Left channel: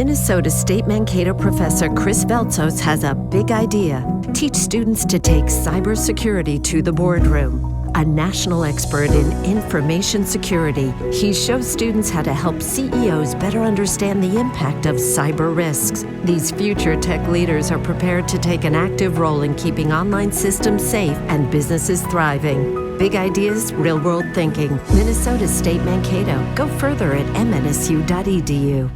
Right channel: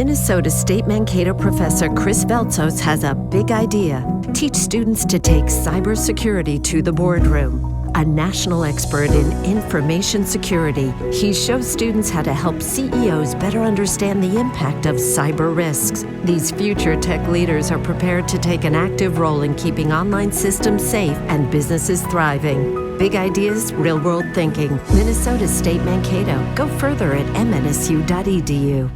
Minnesota State Mankato professor Chris Veltzos has a big idea. Teach students to take cybersecurity to the boardroom. A national expert in information security, he shows students how to help CEOs better understand the impact of cyber risks. These future tech leaders are prepared to take an active role in keeping online systems safe and businesses thriving. Big ideas, real-world thinking. Minnesota State Mankato. Go further at mnsu.edu.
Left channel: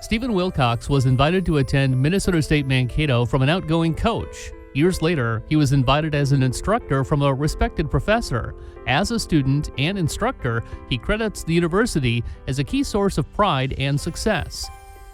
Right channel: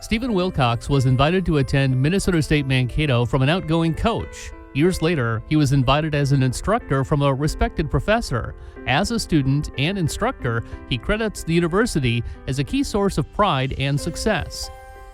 Stephen Wilcox was invited to attend Minnesota State Mankato from an outgoing coach. Years later, he was invited as an instructor from a respected professor. As a student and instructor, he credits the university as a key source of pride and success.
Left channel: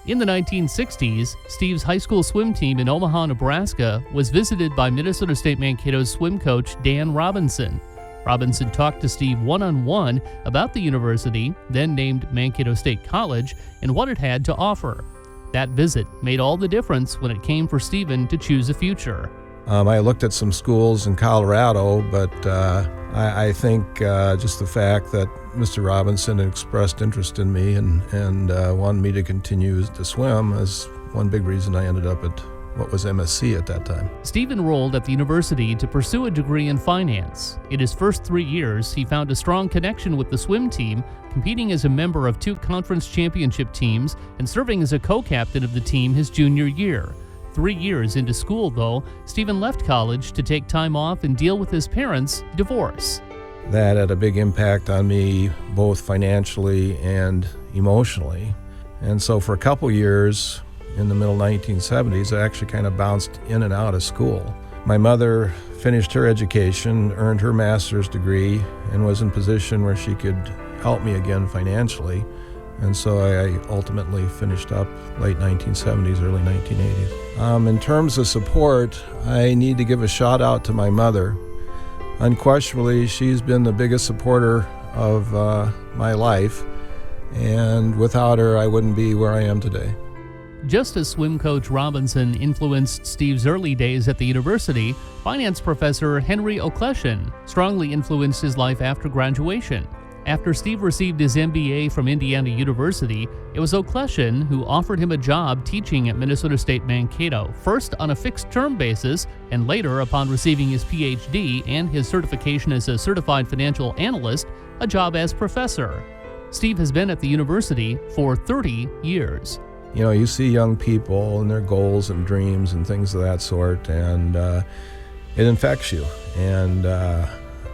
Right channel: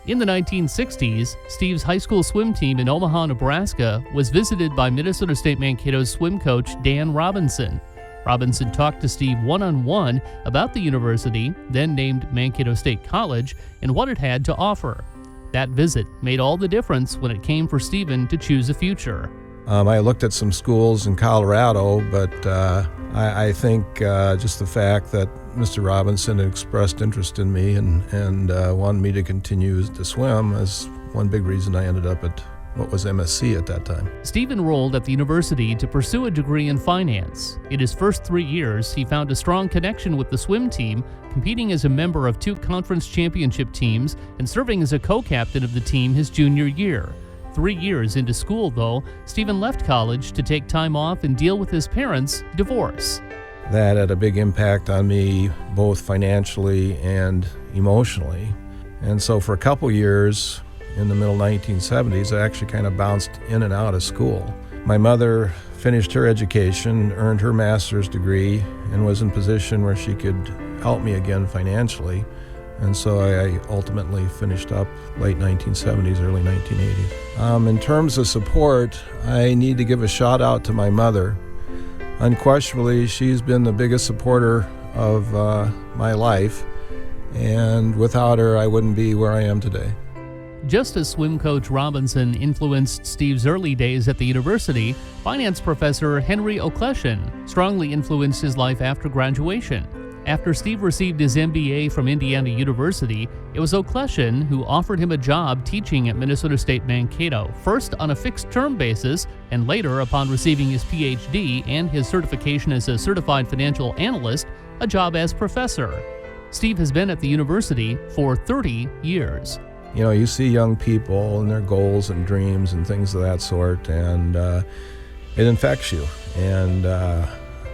In the 1960s, Steve's high school swim team in Omaha, Nebraska was visited by Minnesota State Mankato's swim coach Dan Robinson. Robinson talked to Steve one-on-one about the university, then named Mankato State College, and what it had to offer. That visit made all the difference when it came for Stephen to choose a future. I looked at some schools in Colorado, but I think just the fact that Mr. Robinson had expressed interest in me and wanted me to continue to swim is one big reason I ended up at what was MSC at that time. Steve enrolled at the university to pursue a degree in finance. In his first 3 years, he found a strong connection with the swim team, competing as a member of 2 conference championship teams and serving as a co-captain of the team his junior year. 3 years into school, though, Stephen left college to take time off and deal with his parents' divorce. That had a big impact on me, both financially and emotionally. And so for a couple years, in the middle 1970s, I actually kind of bounced in and out of school. My mother finished her education, earned her master's degree, and was in a position where she could help me again financially. And so I ultimately finished up late 1970s, early 1980s. In terms of support, I need to give a shout out to my mother. Unquestionably, she's been the biggest supporter of my life, and without her, I wouldn't be where I am today. Just as swim coach Robinson influenced Steve's early days at the university, finance professor Henry O'Kleshin strongly influenced his life after graduation. After Steve received his MBA from Indiana University, it was O'Kleshin who offered him a job teaching at Minnesota State Mankato, first on a fixed-term basis, and later, upon receiving his PhD and his certification as a certified financial analyst, a job as professor. Steve has been at the university for 30 years. You know, you see young people and their goals and dreams and things of that sort, and it infects you. And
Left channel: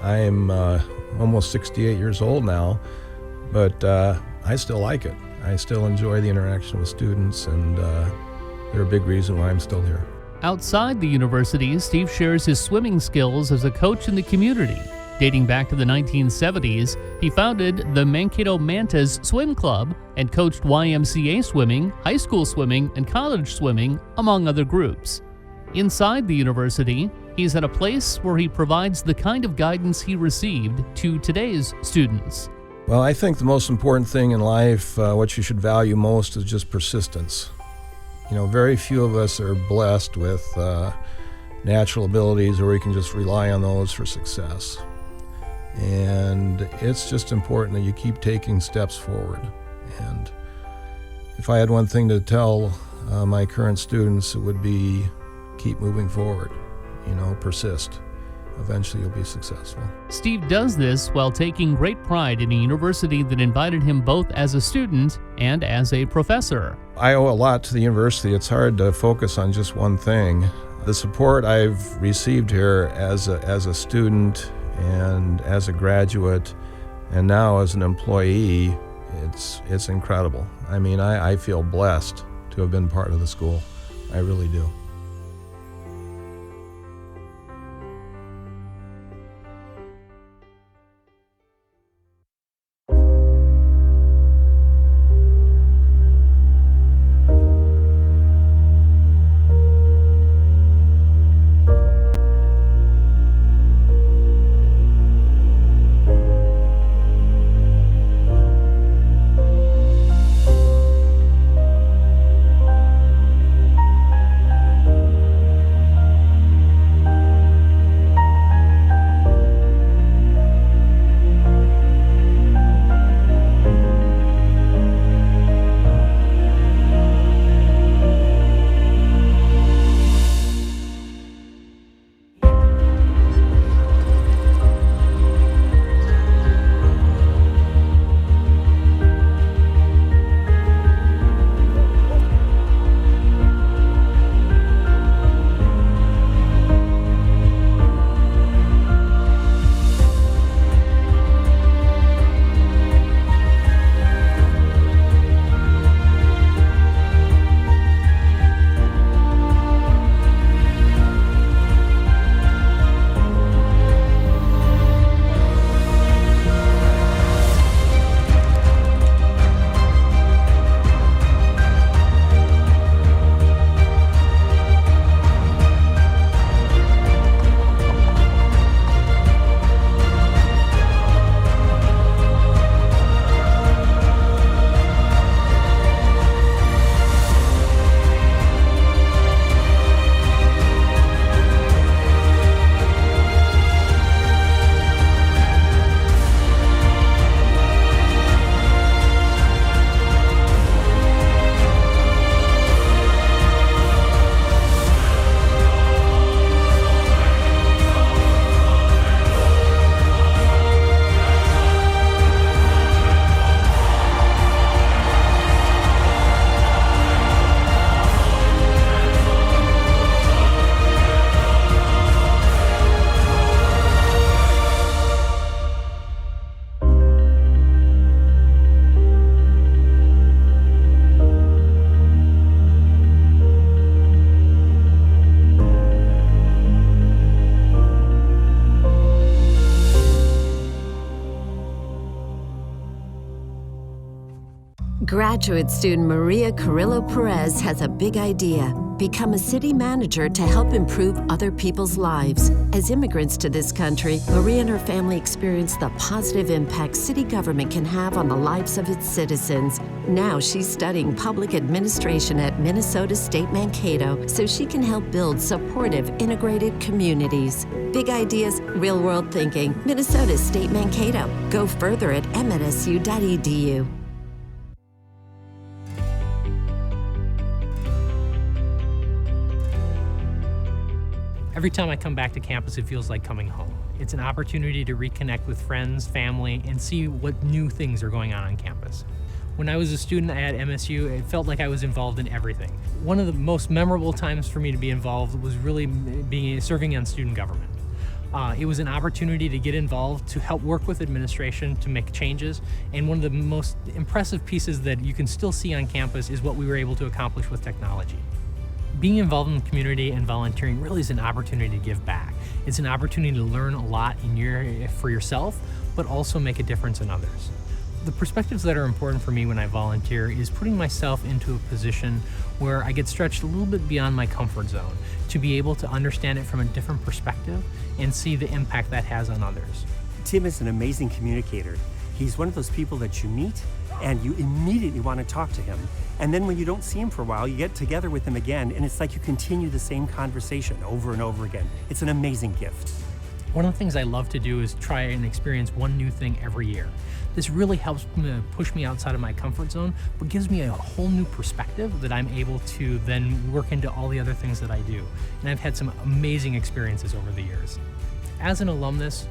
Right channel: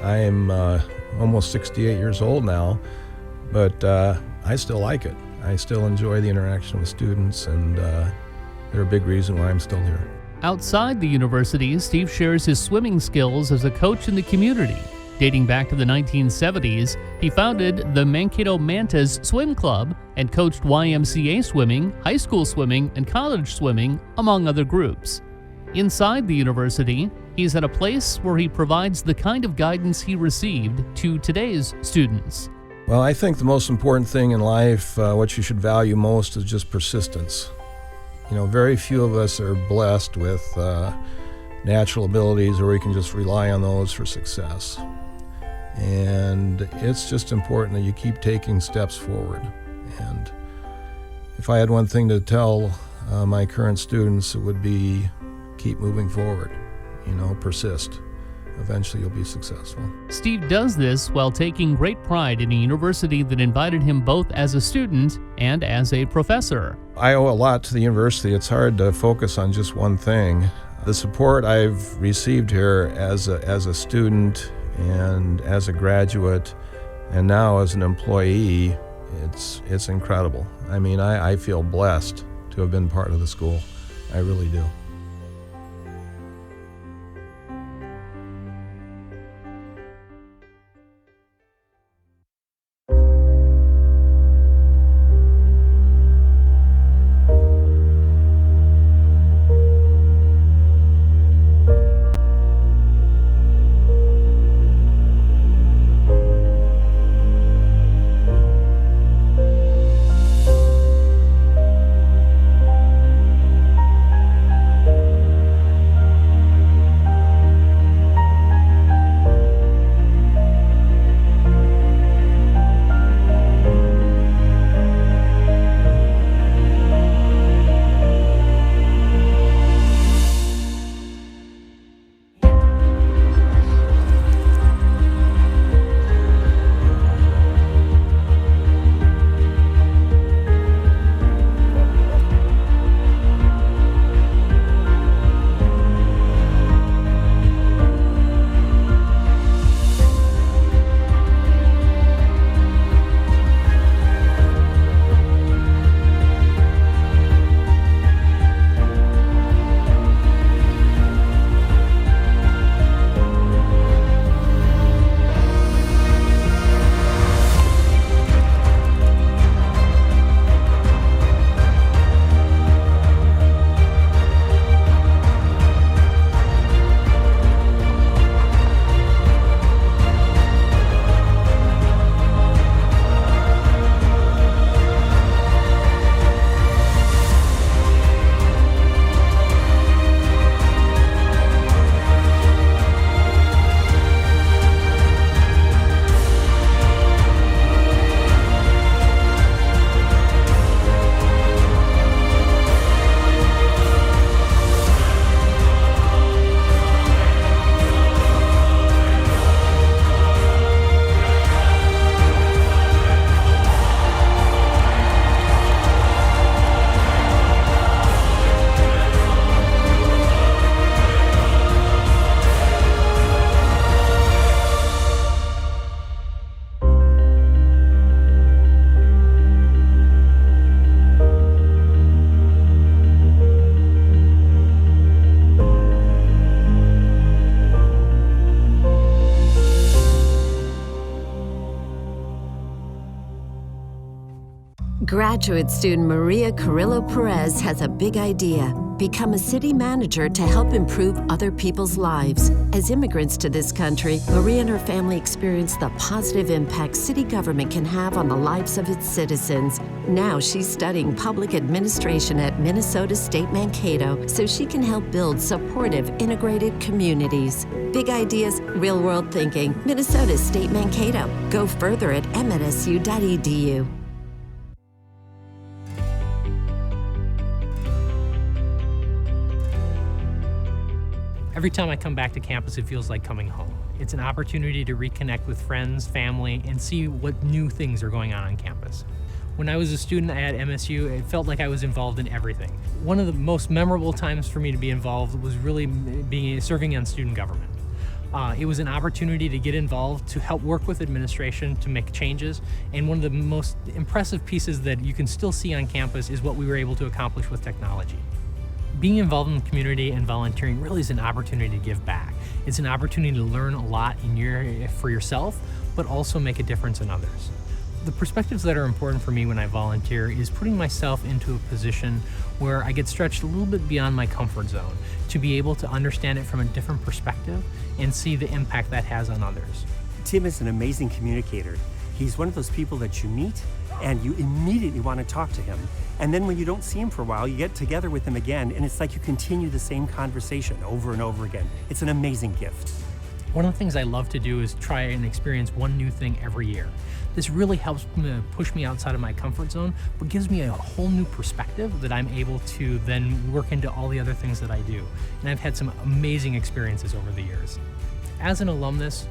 I'm almost 68 years old now, but I still like it. I still enjoy the interaction with students, and they're a big reason why I'm still here. Outside the university, Steve shares his swimming skills as a coach in the community. Dating back to the 1970s, he founded the Mankato Mantas Swim Club and coached YMCA swimming, high school swimming, and college swimming, among other groups. Inside the university, he's at a place where he provides the kind of guidance he received to today's students. Well, I think the most important thing in life, what you should value most, is just persistence. You know, very few of us are blessed with natural abilities where we can just rely on those for success. And it's just important that you keep taking steps forward. And if I had one thing to tell my current students, it would be keep moving forward. You know, persist. Eventually you'll be successful. Steve does this while taking great pride in a university that invited him both as a student and as a professor. I owe a lot to the university. It's hard to focus on just one thing. The support I've received here as a student and as a graduate and now as an employee, it's incredible. I mean, I feel blessed to have been part of the school. I really do. Graduate student Maria Carrillo Perez has a big idea. Become a city manager to help improve other people's lives. As immigrants to this country, Maria and her family experience the positive impact city government can have on the lives of its citizens. Now she's studying public administration at Minnesota State Mankato so she can help build supportive, integrated communities. Big ideas, real-world thinking. Minnesota State Mankato. Go further at mnsu.edu. Every time I come back to campus, it feels like coming home. It's an opportunity to reconnect with friends, family, and see what new things are going on campus. When I was a student at MSU, it felt like I was involved in everything. One of the most memorable times for me to be involved was really serving on student government. It was an opportunity to get involved, to help work with administration, to make changes, and one of the most impressive pieces that you can still see on campus is what we were able to accomplish with technology. Being involved in the community and volunteering really is an opportunity to give back. It's an opportunity to learn a lot for yourself, but also make a difference in others. The perspectives that are important for me when I volunteer is putting myself into a position where I get stretched a little bit beyond my comfort zone to be able to understand it from a different perspective and see the impact that has on others. Tim is an amazing communicator. He's one of those people that you meet and you immediately want to talk to him. And then when you don't see him for a while, you get together with him again, and it's like you continue the same conversation over and over again. It's an amazing gift. One of the things I love to do is try and experience one new thing every year. This really helps me push me outside of my comfort zone, but gives me a whole new perspective that I'm able to then work into all the other things that I do. And I've had some amazing experiences over the years. As an alumnus,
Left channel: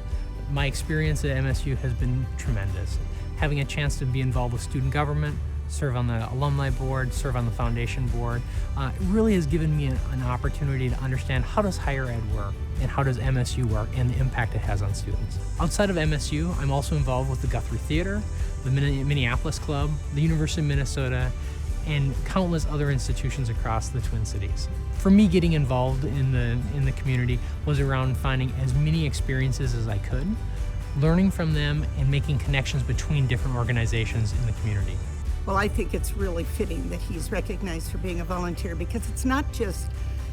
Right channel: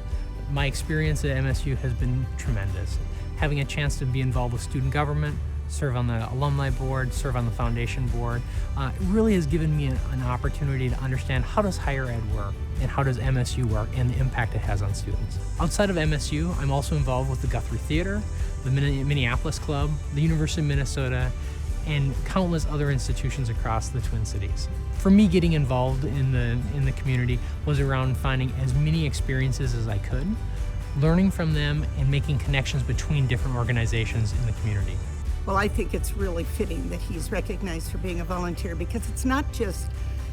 my experience at MSU has been tremendous. Having a chance to be involved with student government, serve on the alumni board, serve on the foundation board, it really has given me an opportunity to understand how does higher ed work and how does MSU work and the impact it has on students. Outside of MSU, I'm also involved with the Guthrie Theater, the Minneapolis Club, the University of Minnesota, and countless other institutions across the Twin Cities. For me, getting involved in the community was around finding as many experiences as I could, learning from them, and making connections between different organizations in the community. Well, I think it's really fitting that he's recognized for being a volunteer, because it's not just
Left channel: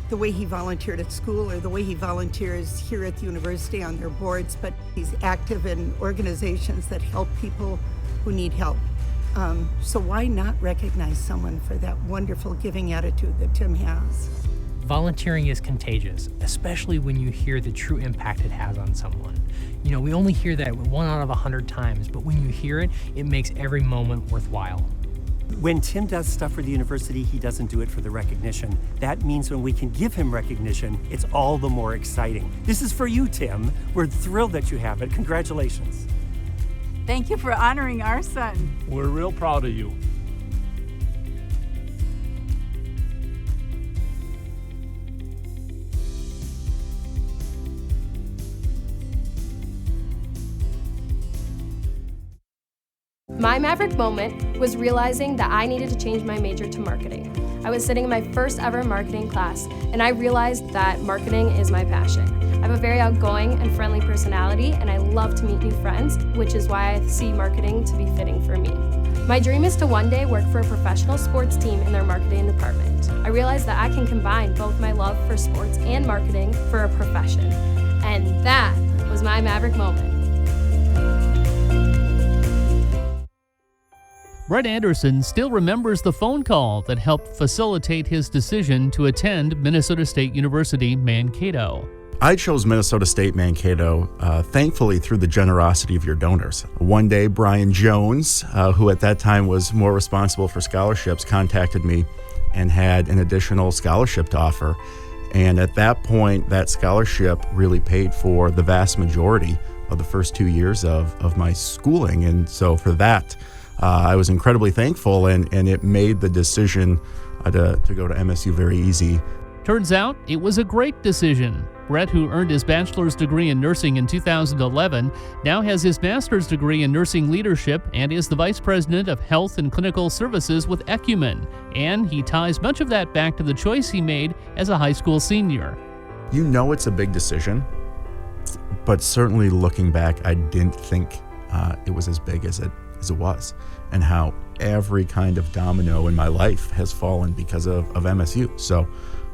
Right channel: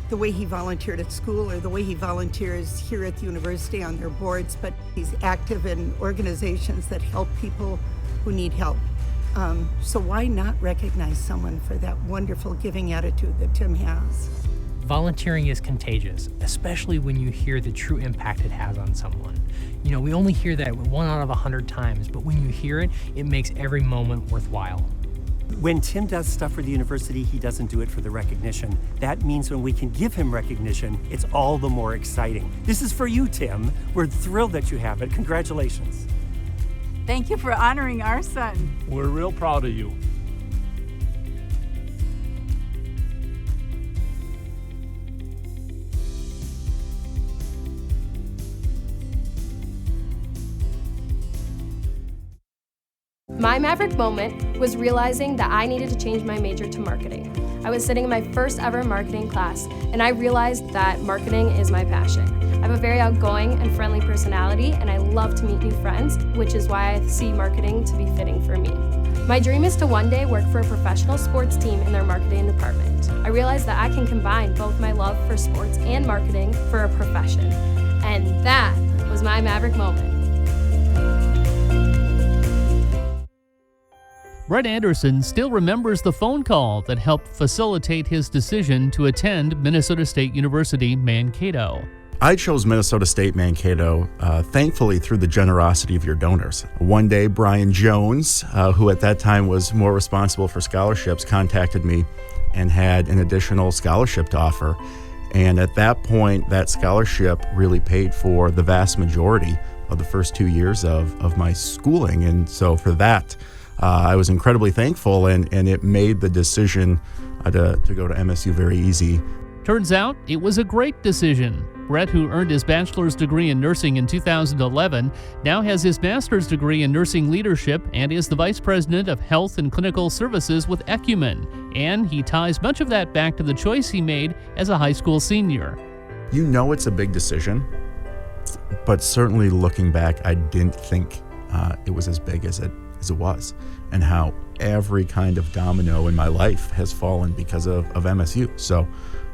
the way he volunteered at school or the way he volunteers here at the university on their boards, but he's active in organizations that help people who need help. So why not recognize someone for that wonderful giving attitude that Tim has? Volunteering is contagious, especially when you hear the true impact it has on someone. You know, we only hear that 1 out of 100 times, but when you hear it, it makes every moment worthwhile. When Tim does stuff for the university, he doesn't do it for the recognition. That means when we can give him recognition, it's all the more exciting. This is for you, Tim. We're thrilled that you have it. Congratulations. Thank you for honoring our son. We're real proud of you. My maverick moment was realizing that I needed to change my major to marketing. I was sitting in my first ever marketing class, and I realized that marketing is my passion. I have a very outgoing and friendly personality, and I love to meet new friends, which is why I see marketing to be fitting for me. My dream is to one day work for a professional sports team in their marketing department. I realized that I can combine both my love for sports and marketing for a profession. And that was my maverick moment. Brett Anderson still remembers the phone call that helped facilitate his decision to attend Minnesota State University, Mankato. I chose Minnesota State Mankato, thankfully through the generosity of your donors. One day, Brian Jones, who at that time was more responsible for scholarships, contacted me and had an additional scholarship to offer. And at that point, that scholarship really paid for the vast majority of the first 2 years of my schooling. And so for that, I was incredibly thankful, and it made the decision to go to MSU very easy. Turns out it was a great decision. Brett, who earned his bachelor's degree in nursing in 2011, now has his master's degree in nursing leadership and is the vice president of health and clinical services with Ecumen. And he ties much of that back to the choice he made as a high school senior. You know it's a big decision, but certainly looking back, I didn't think it was as big as it was. and how every kind of domino in my life has fallen because of MSU. So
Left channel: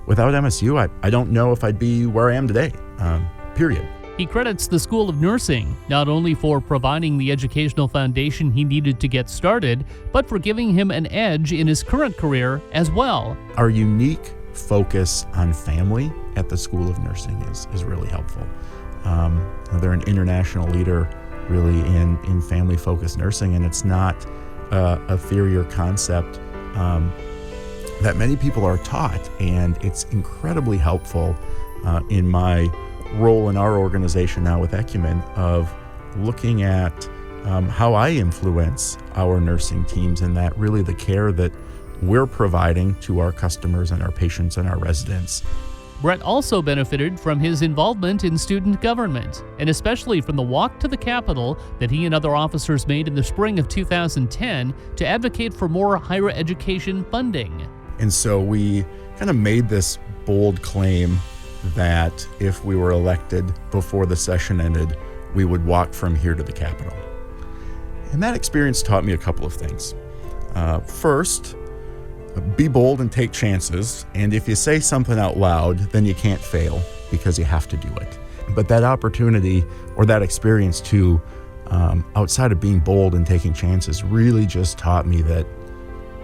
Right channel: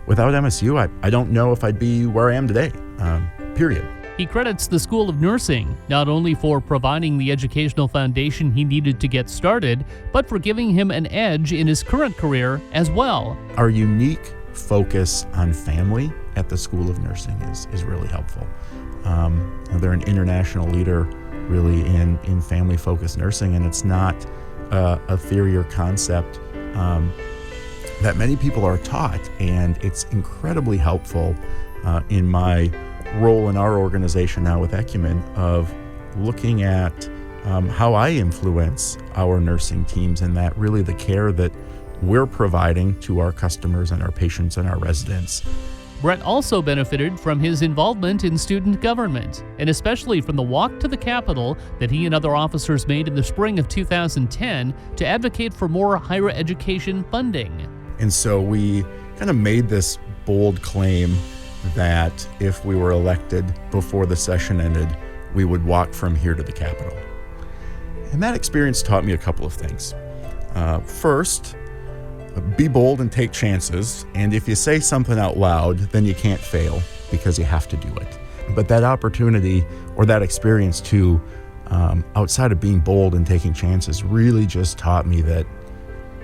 without MSU, I don't know if I'd be where I am today, period. He credits the School of Nursing not only for providing the educational foundation he needed to get started, but for giving him an edge in his current career as well. Our unique focus on family at the School of Nursing is really helpful. They're an international leader really in family-focused nursing, and it's not a theory or concept that many people are taught, and it's incredibly helpful in my role in our organization now with Ecumen of looking at how I influence our nursing teams, and that really the care that we're providing to our customers and our patients and our residents. Brett also benefited from his involvement in student government, and especially from the walk to the Capitol that he and other officers made in the spring of 2010 to advocate for more higher education funding. And so we kind of made this bold claim that if we were elected before the session ended, we would walk from here to the Capitol. And that experience taught me a couple of things. First, be bold and take chances. And if you say something out loud, then you can't fail because you have to do it. But that opportunity or that experience too, outside of being bold and taking chances, really just taught me that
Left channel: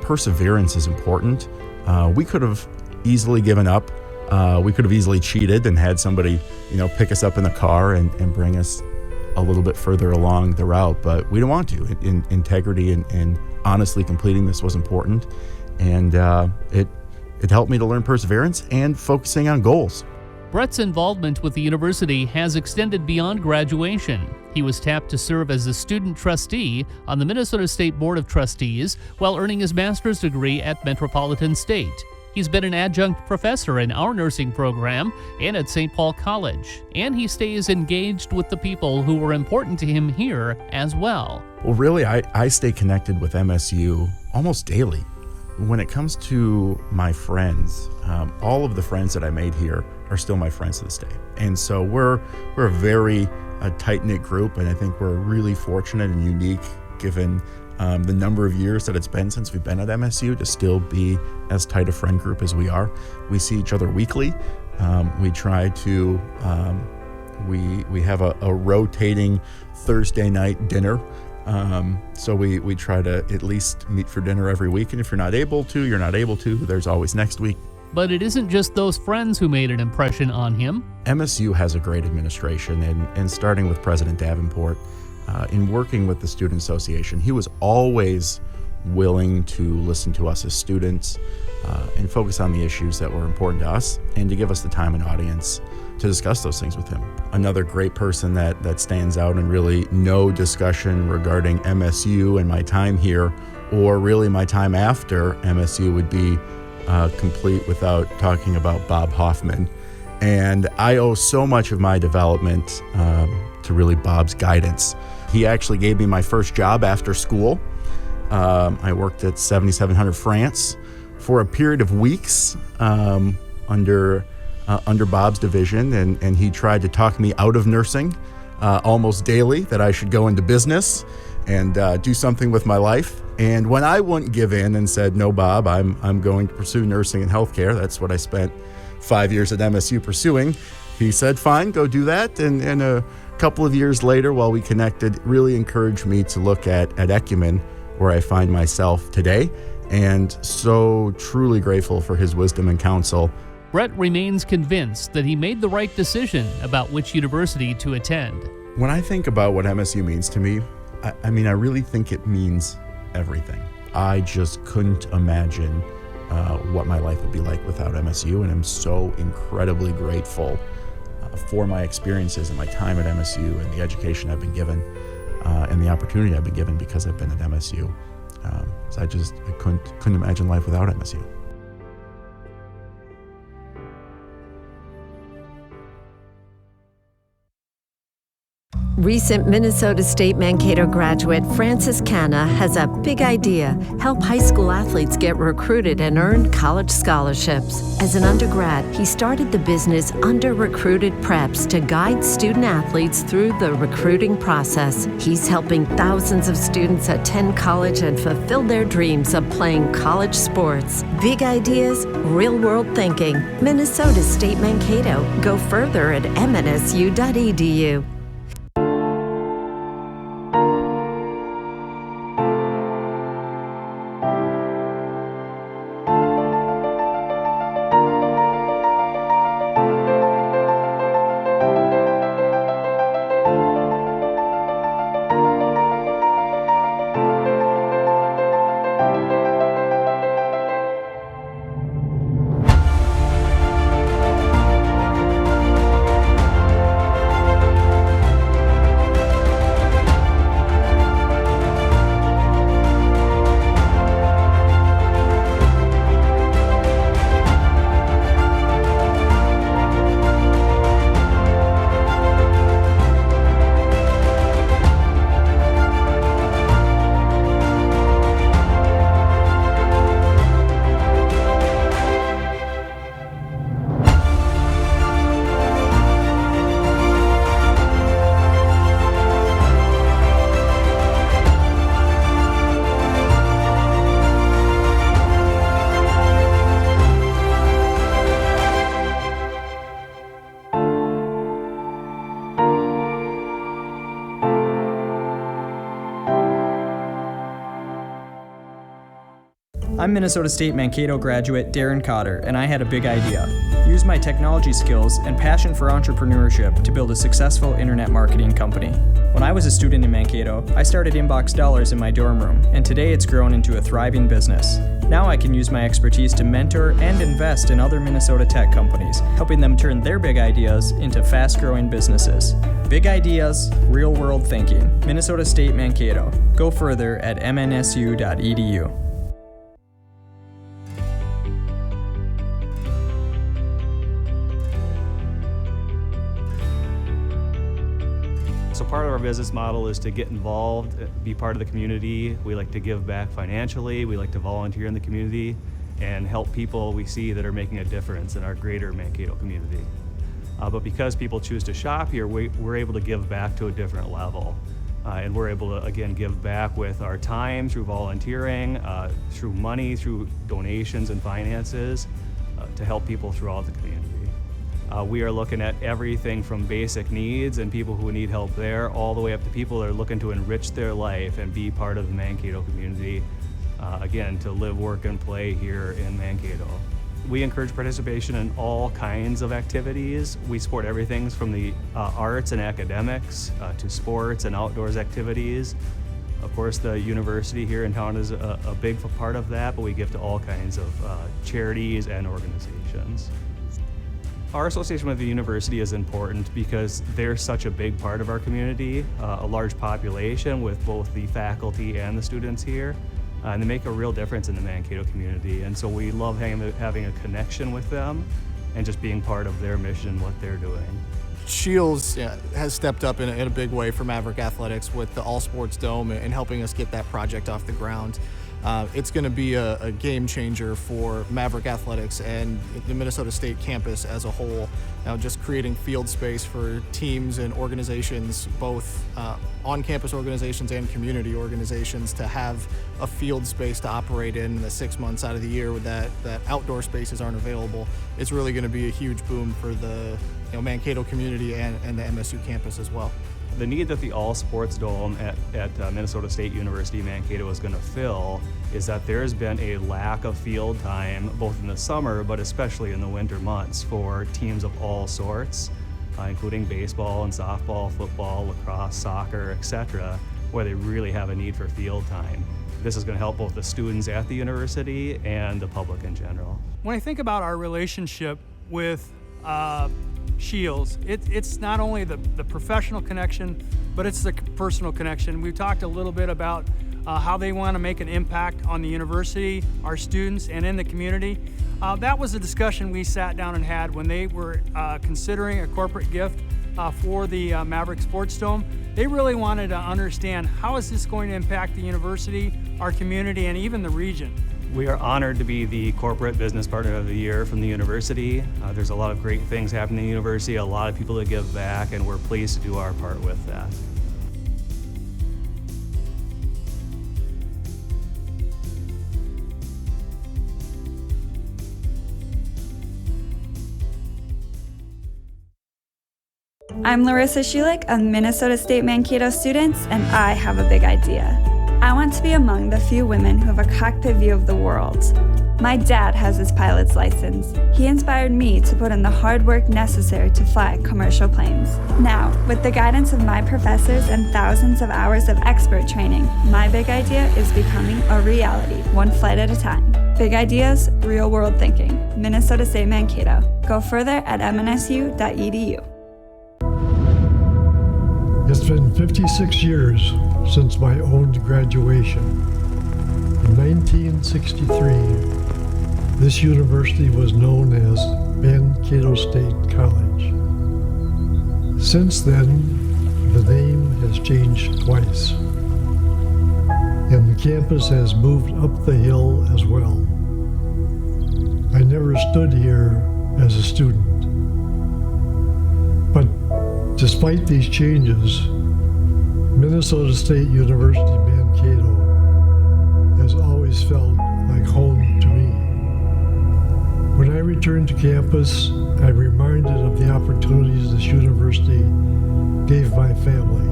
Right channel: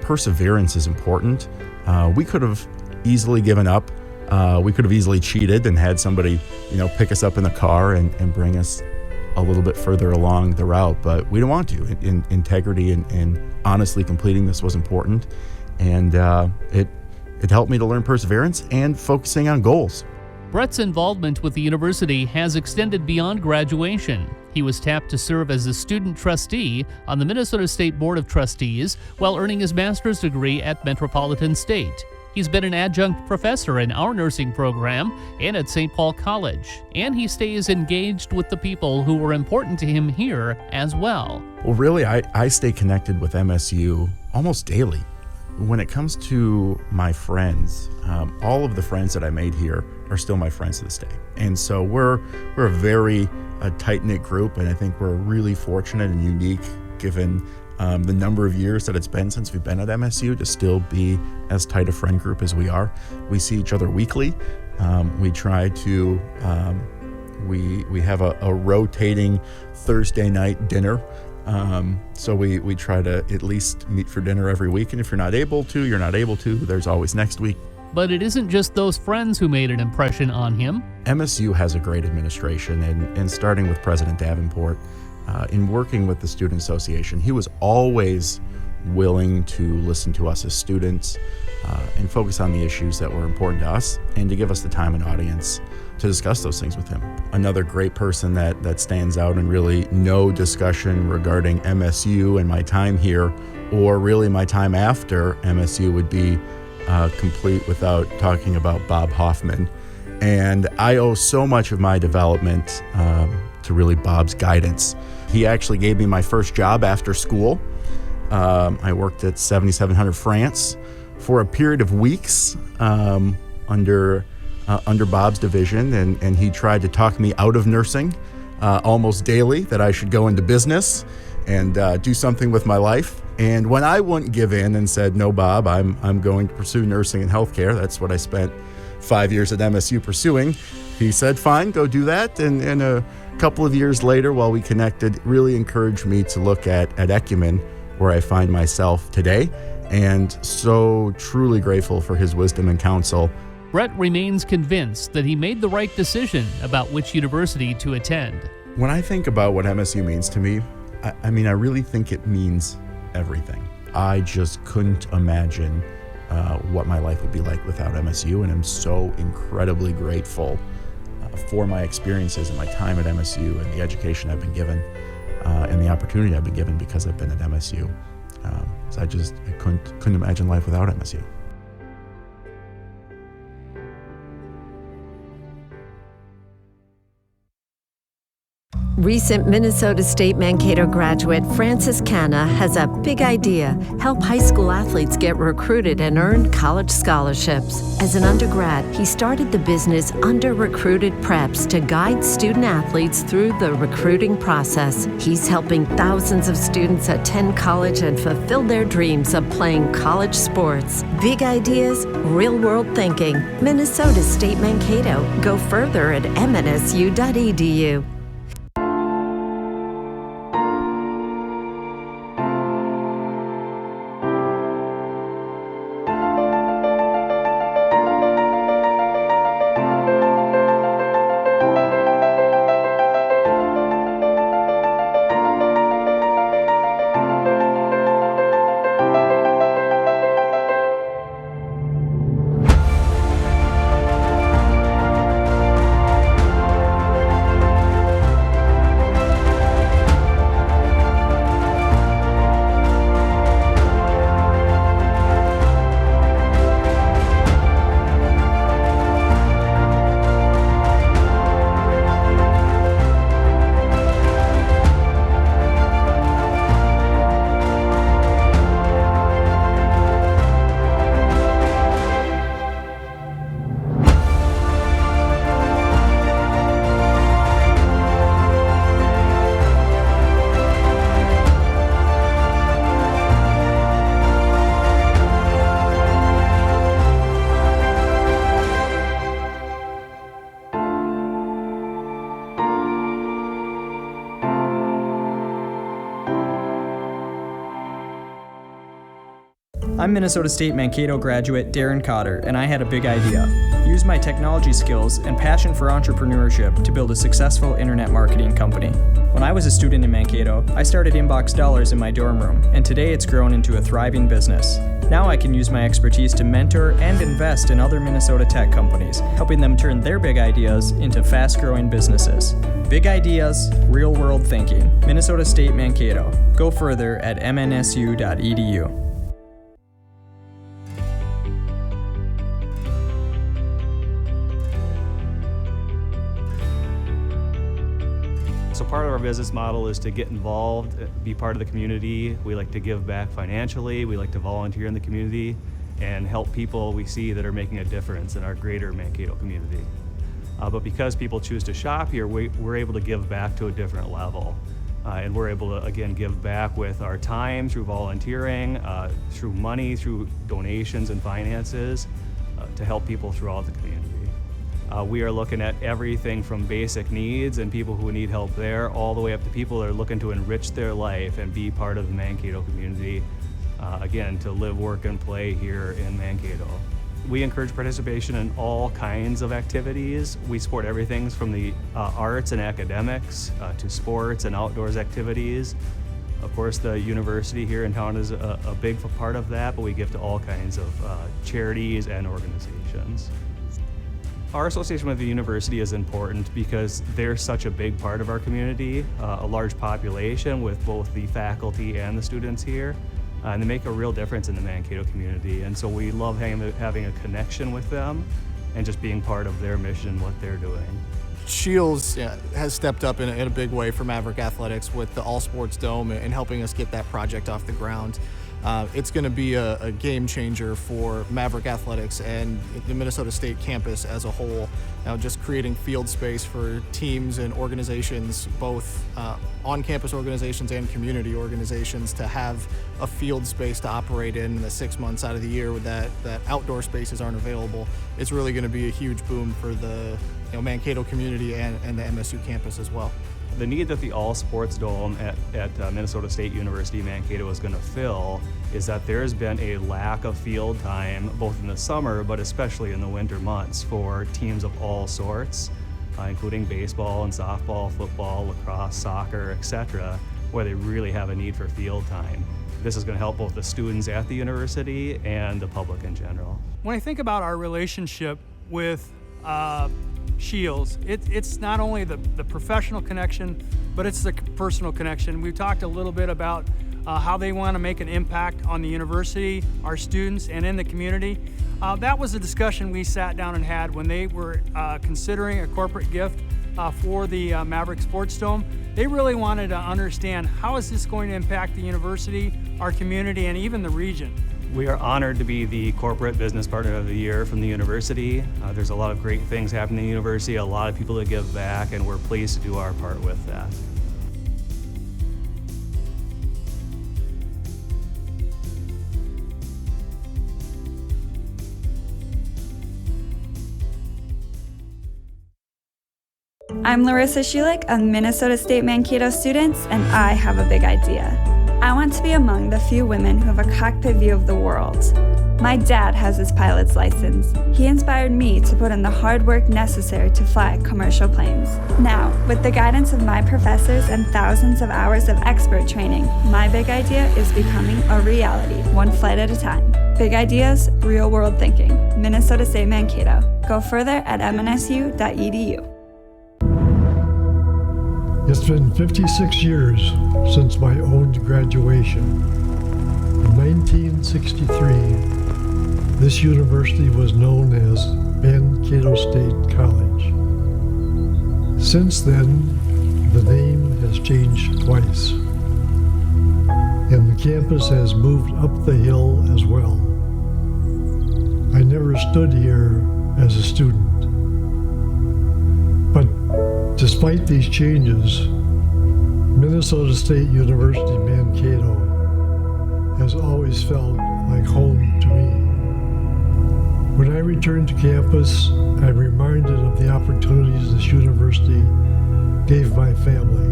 perseverance is important. We could have easily given up. We could have easily cheated and had somebody, pick us up in the car and bring us a little bit further along the route, but we don't want to. Integrity and honestly completing this was important, and it helped me to learn perseverance and focusing on goals. Brett's involvement with the university has extended beyond graduation. He was tapped to serve as a student trustee on the Minnesota State Board of Trustees while earning his master's degree at Metropolitan State. He's been an adjunct professor in our nursing program and at St. Paul College, and he stays engaged with the people who were important to him here as well. Well, really, I stay connected with MSU almost daily. When it comes to my friends, all of the friends that I made here are still my friends to this day. And so we're a very tight-knit group, and I think we're really fortunate and unique given the number of years that it's been since we've been at MSU to still be as tight a friend group as we are. We see each other weekly. We try to, we have a rotating Thursday night dinner. So we try to at least meet for dinner every week. And if you're not able to, you're not able to. There's always next week. But it isn't just those friends who made an impression on him. MSU has a great administration, and starting with President Davenport, in working with the Student Association, he was always willing to listen to us as students and focus on the issues that were important to us and to give us the time and audience to discuss those things with him. Another great person that stands out, and really no discussion regarding MSU and my time here or really my time after MSU would be complete without talking about Bob Hoffman. And I owe so much of my development to really Bob's guidance. He actually gave me my first job after school. I worked at 7700 France for a period of weeks under Bob's division, and he tried to talk me out of nursing almost daily, that I should go into business and do something with my life. And when I wouldn't give in and said, no, Bob, I'm going to pursue nursing and healthcare, that's what I spent 5 years at MSU pursuing, he said, fine, go do that. And a couple of years later, while we connected, it really encouraged me to look at Ecumen, where I find myself today, and so truly grateful for his wisdom and counsel. Brett remains convinced that he made the right decision about which university to attend. When I think about what MSU means to me, I really think it means everything. I just couldn't imagine what my life would be like without MSU, and I'm so incredibly grateful for my experiences and my time at MSU and the education I've been given and the opportunity I've been given because I've been at MSU. So I couldn't imagine life without MSU. Recent Minnesota State Mankato graduate Francis Canna has a big idea: help high school athletes get recruited and earn college scholarships. As an undergrad, he started the business Under Recruited Preps to guide student athletes through the recruiting process. He's helping thousands of students attend college and fulfill their dreams of playing college sports. Big ideas, real-world thinking. Minnesota State Mankato. Go further at mnsu.edu. I'm Minnesota State Mankato graduate Darren Cotter, and I had a big idea. Use my technology skills and passion for entrepreneurship to build a successful internet marketing company. When I was a student in Mankato, I started Inbox Dollars in my dorm room, and today it's grown into a thriving business. Now I can use my expertise to mentor and invest in other Minnesota tech companies, helping them turn their big ideas into fast-growing businesses. Big ideas, real-world thinking. Minnesota State Mankato. Go further at mnsu.edu. So part of our business model is to get involved, be part of the community. We like to give back financially. We like to volunteer in the community and help people we see that are making a difference in our greater Mankato community. But because people choose to shop here, we're able to give back to a different level. And we're able to, again, give back with our time, through volunteering, through money, through donations and finances, to help people throughout the community. We are looking at everything from basic needs and people who need help there, all the way up to people that are looking to enrich their life and be part of the Mankato community, again, to live, work, and play here in Mankato. We encourage participation in all kinds of activities. We support everything from the arts and academics to sports and outdoors activities. Of course, the university here in town is a big part of that, but we give to all kinds of charities and organizations. Our association with the university is important because they're such a big part of our community, a large population with both the faculty and the students here, and they make a real difference in the Mankato community. And so we love having a connection with them and just being part of their mission and what they're doing. Shields has stepped up in a big way for Maverick Athletics with the All Sports Dome and helping us get that project off the ground. It's going to be a game changer for Maverick Athletics and the Minnesota State campus as a whole. Just creating field space for teams and organizations, both on-campus organizations and community organizations, to have a field space to operate in the 6 months out of the year with that outdoor spaces aren't available. It's really going to be a huge boom for the Mankato community and the MSU campus as well. The need that the All Sports Dome at Minnesota State University Mankato is going to fill is that there's been a lack of field time, both in the summer, but especially in the winter months, for teams of all sorts, including baseball and softball, football, lacrosse, soccer, etc., where they really have a need for field time. This is going to help both the students at the university and the public in general. When I think about our relationship with Shields, it's not only the professional connection, but it's the personal connection. We've talked a little bit about how they want to make an impact on the university, our students, and in the community. That was a discussion we sat down and had when they were considering a corporate gift for the Maverick Sports Dome. They really wanted to understand how is this going to impact the university, our community, and even the region. We are honored to be the Corporate Business Partner of the Year from the university. There's a lot of great things happening in the university, a lot of people that give back, and we're pleased to do our part with that. I'm Larissa Schulich, a Minnesota State Mankato student, and I have a big idea. I want to be among the few women who have a cockpit view of the world. My dad has his pilot's license. He inspired me to put in the hard work necessary to fly commercial planes. Now, with the guidance of my professors and thousands of hours of expert training, my big idea is becoming a reality, one flight at a time. Big ideas, real world thinking. Minnesota State Mankato. Go further at mnsu.edu. It's been 56 years since my own graduation. In 1963, this university was known as Mankato State College. Since then, the name has changed twice, and the campus has moved up the hill as well. I never stood here as a student, but despite these changes, Minnesota State University Mankato has always felt like home to me. When I return to campus, I'm reminded of the opportunities this university gave my family.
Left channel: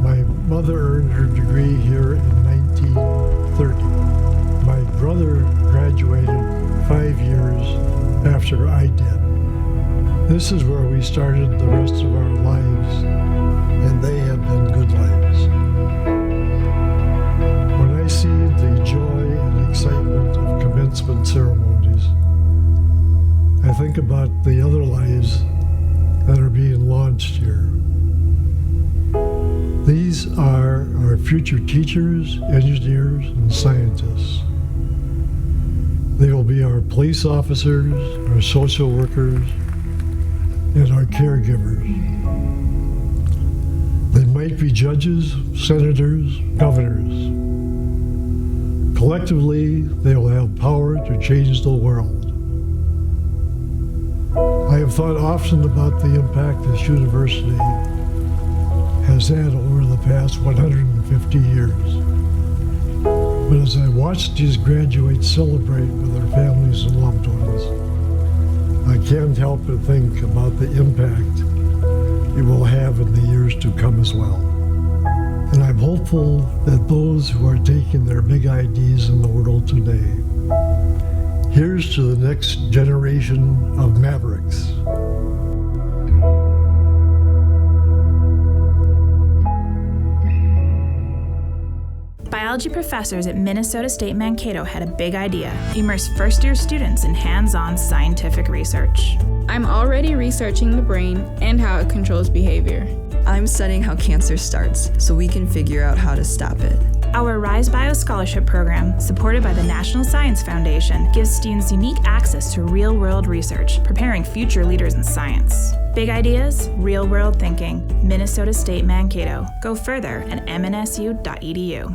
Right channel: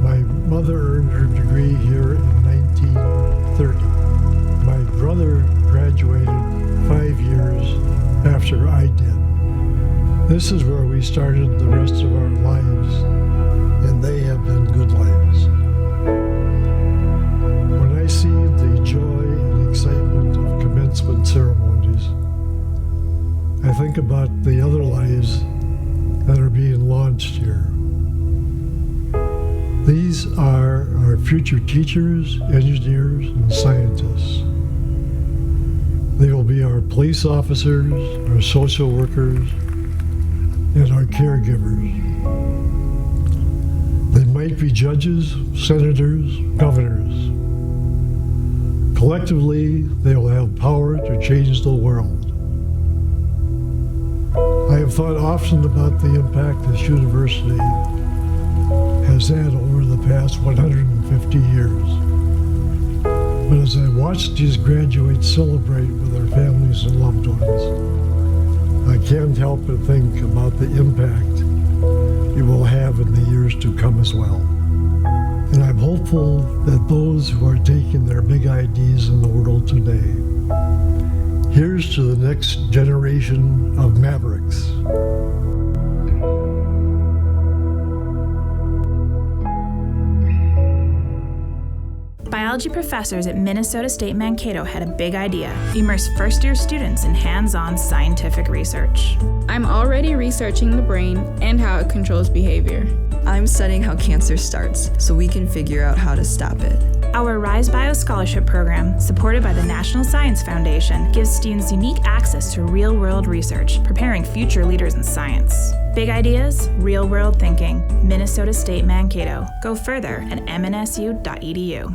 My mother earned her degree here in 1930. My brother graduated 5 years after I did. This is where we started the rest of our lives, and they have been good lives. When I see the joy and excitement of commencement ceremonies, I think about the other lives that are being launched here. These are our future teachers, engineers, and scientists. They will be our police officers, our social workers, and our caregivers. They might be judges, senators, governors. Collectively, they will have power to change the world. I have thought often about the impact this university has had over the past 150 years. But as I watch these graduates celebrate with their families and loved ones, I can't help but think about the impact it will have in the years to come as well. And I'm hopeful that those who are taking their big ideas in the world today, here's to the next generation of Mavericks. Biology professors at Minnesota State Mankato had a big idea: immerse first-year students in hands-on scientific research. I'm already researching the brain and how it controls behavior. I'm studying how cancer starts so we can figure out how to stop it. Our Rise Bio Scholarship Program, supported by the National Science Foundation, gives students unique access to real-world research, preparing future leaders in science. Big ideas, real-world thinking. Minnesota State Mankato. Go further at mnsu.edu.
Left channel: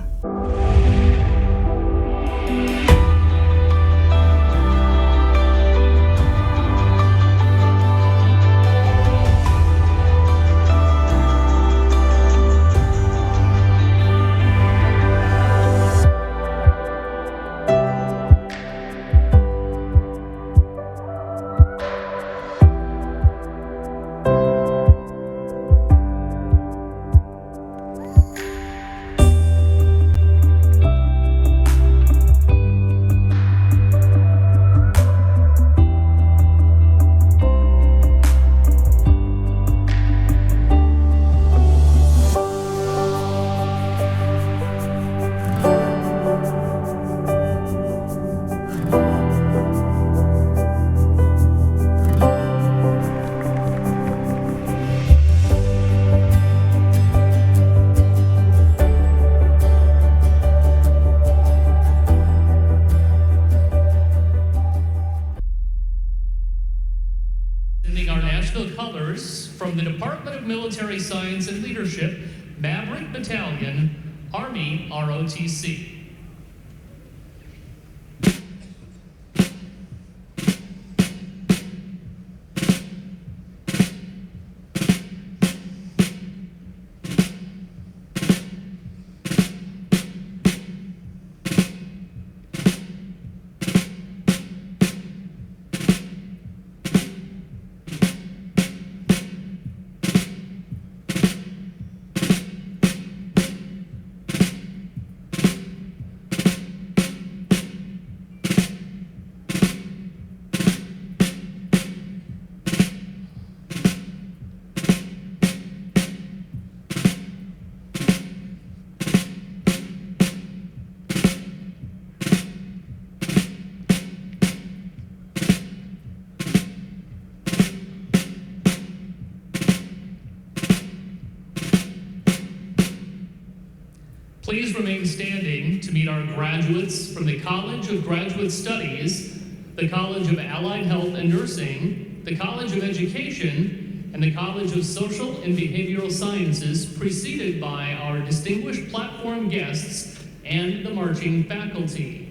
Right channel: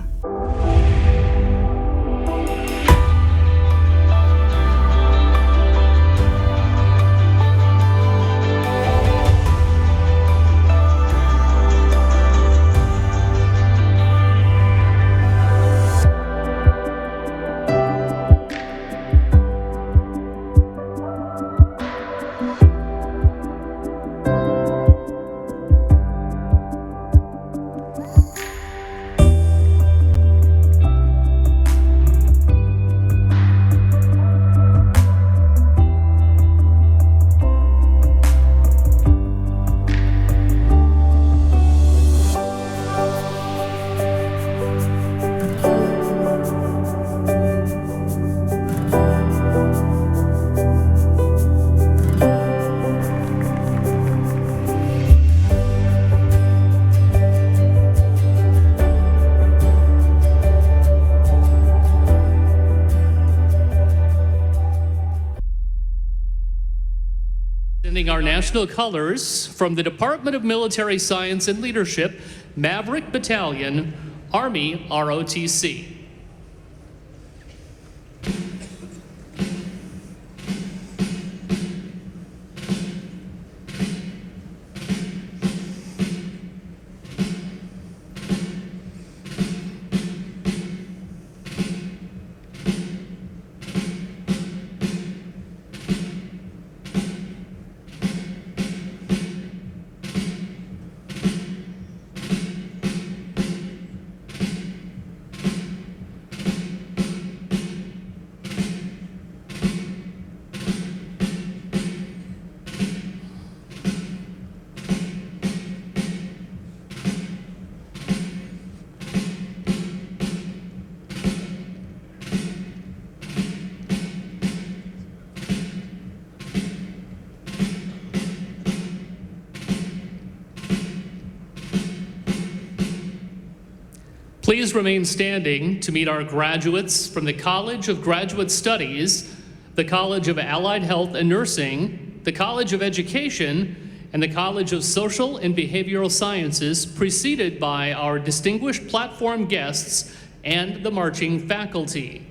National Colors from the Department of Military Science and Leadership, Maverick Battalion, Army ROTC. Please remain standing to meet our graduates from the College of Graduate Studies, the College of Allied Health and Nursing, the College of Education, and the College of Social and Behavioral Sciences, preceded by our distinguished platform guests and the marching faculty.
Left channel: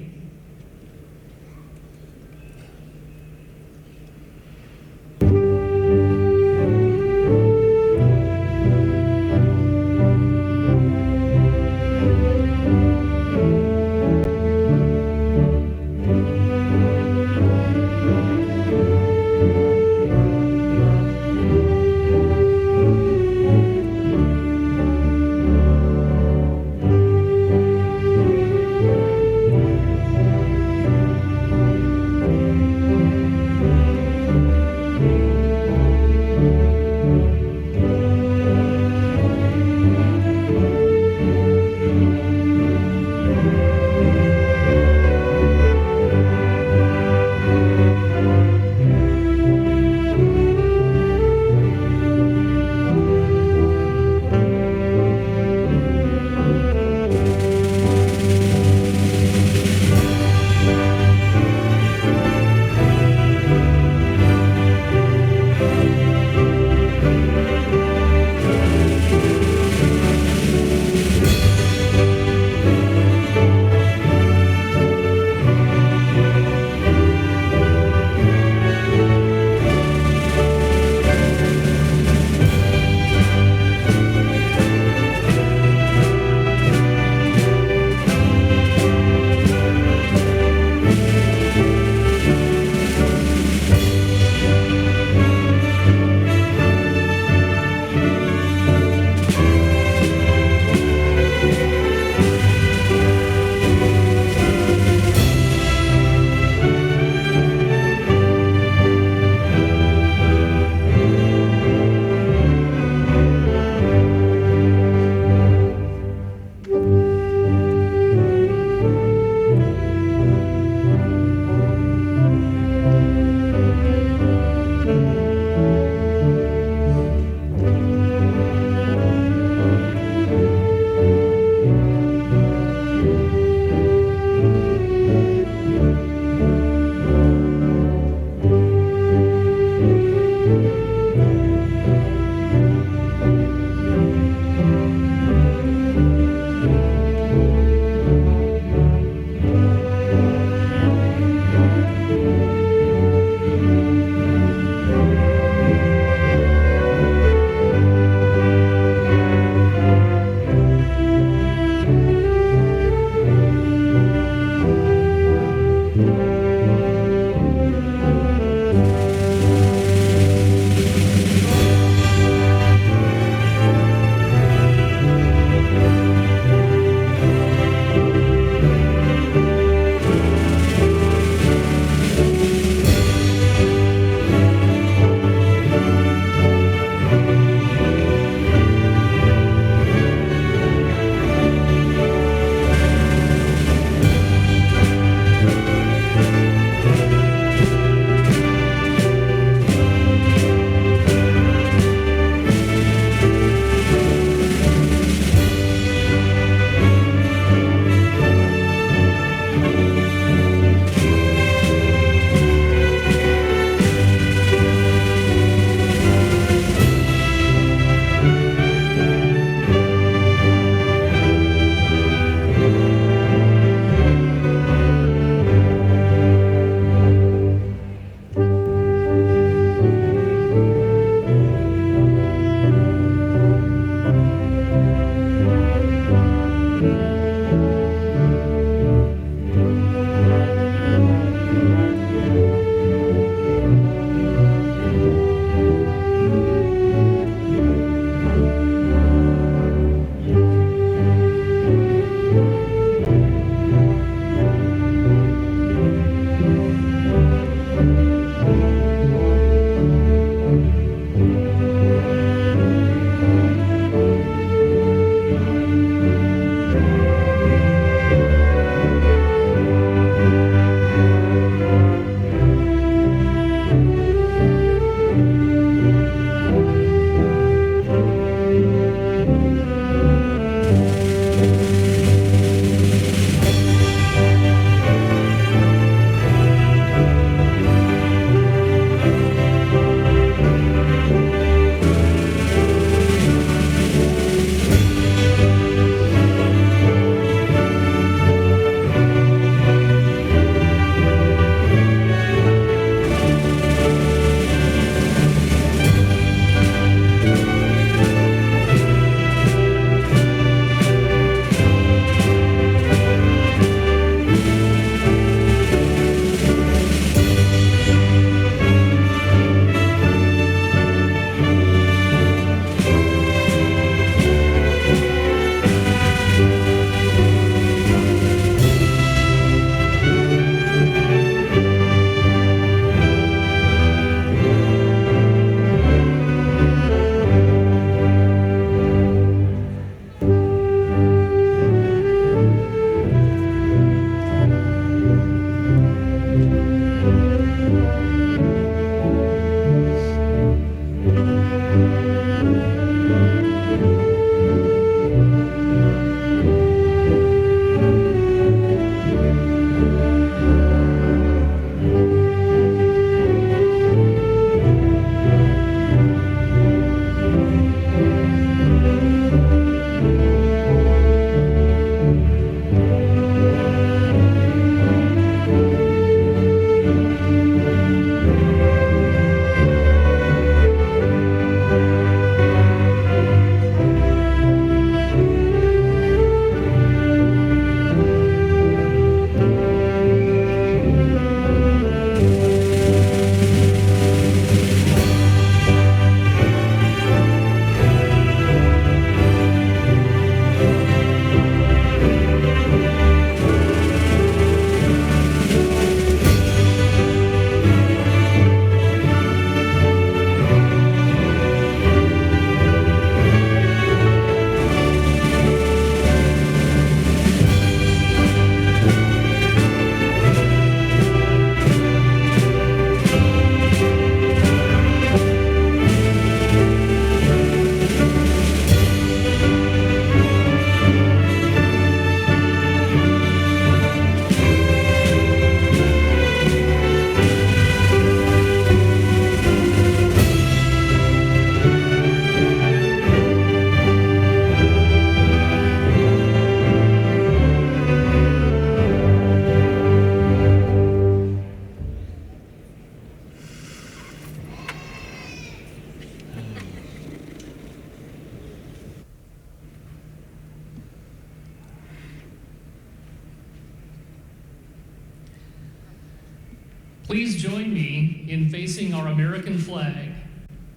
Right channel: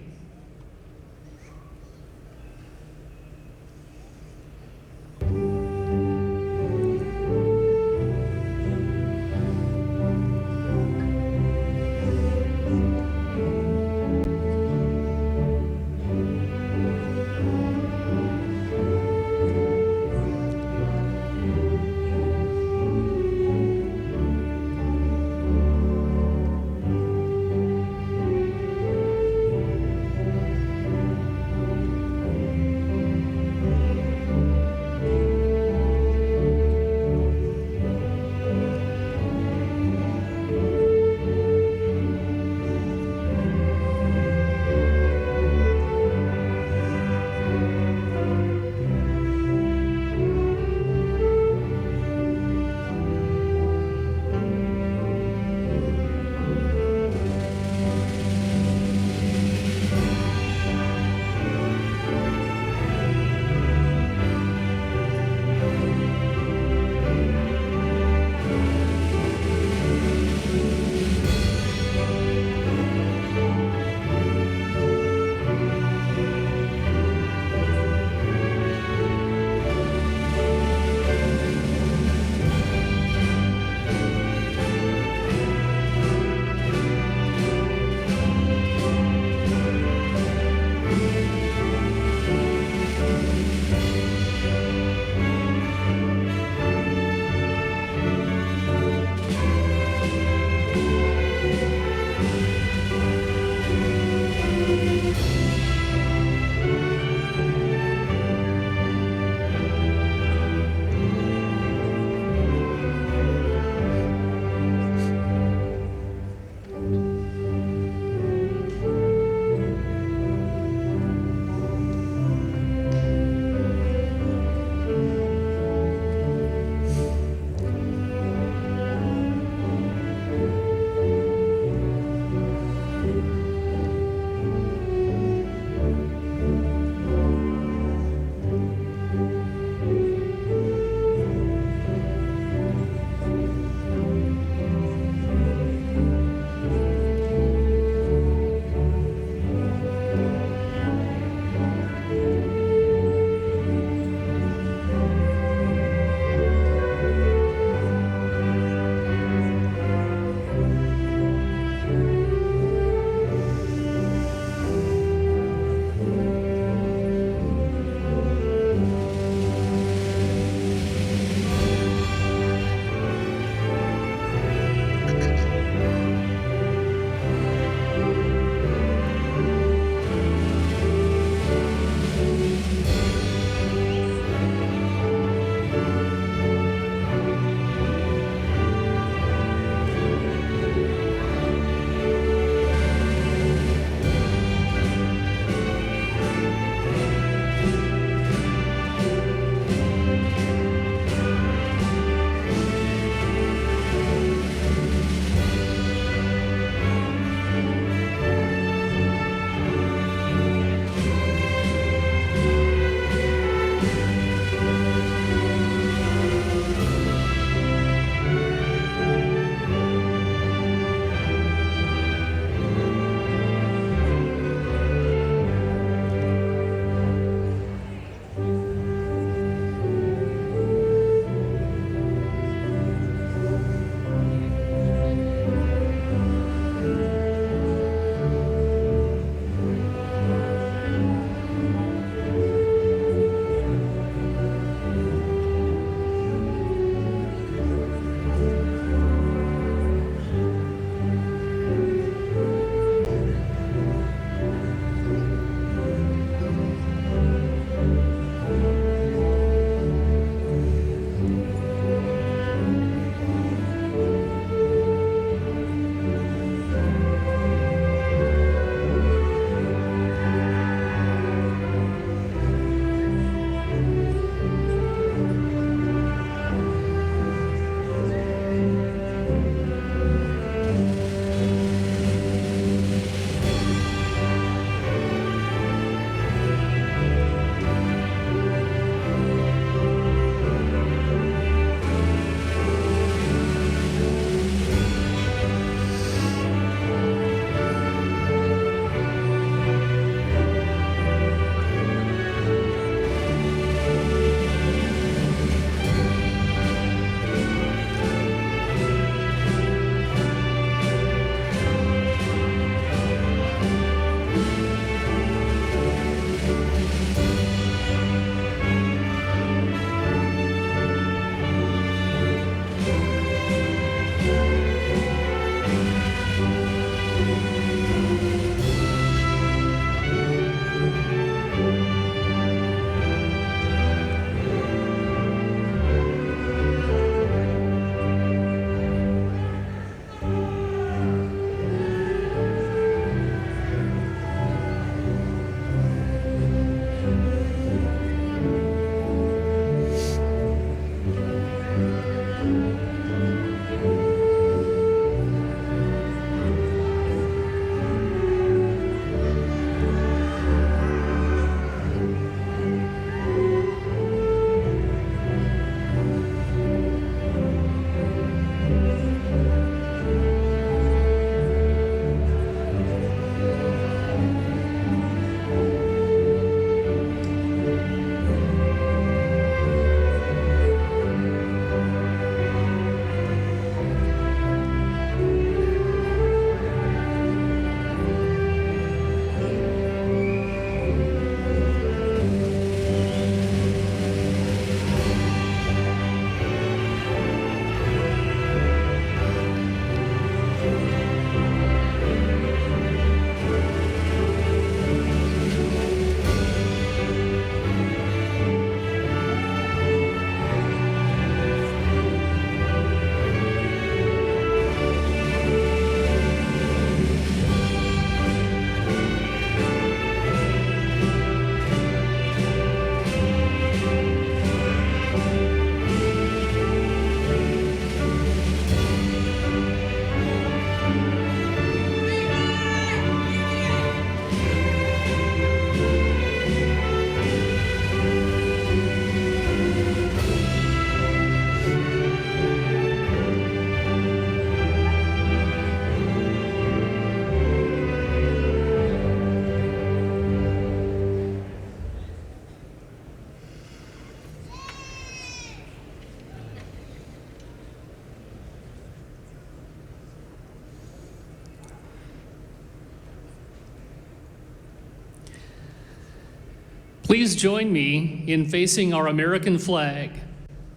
Please join me in facing our American flag.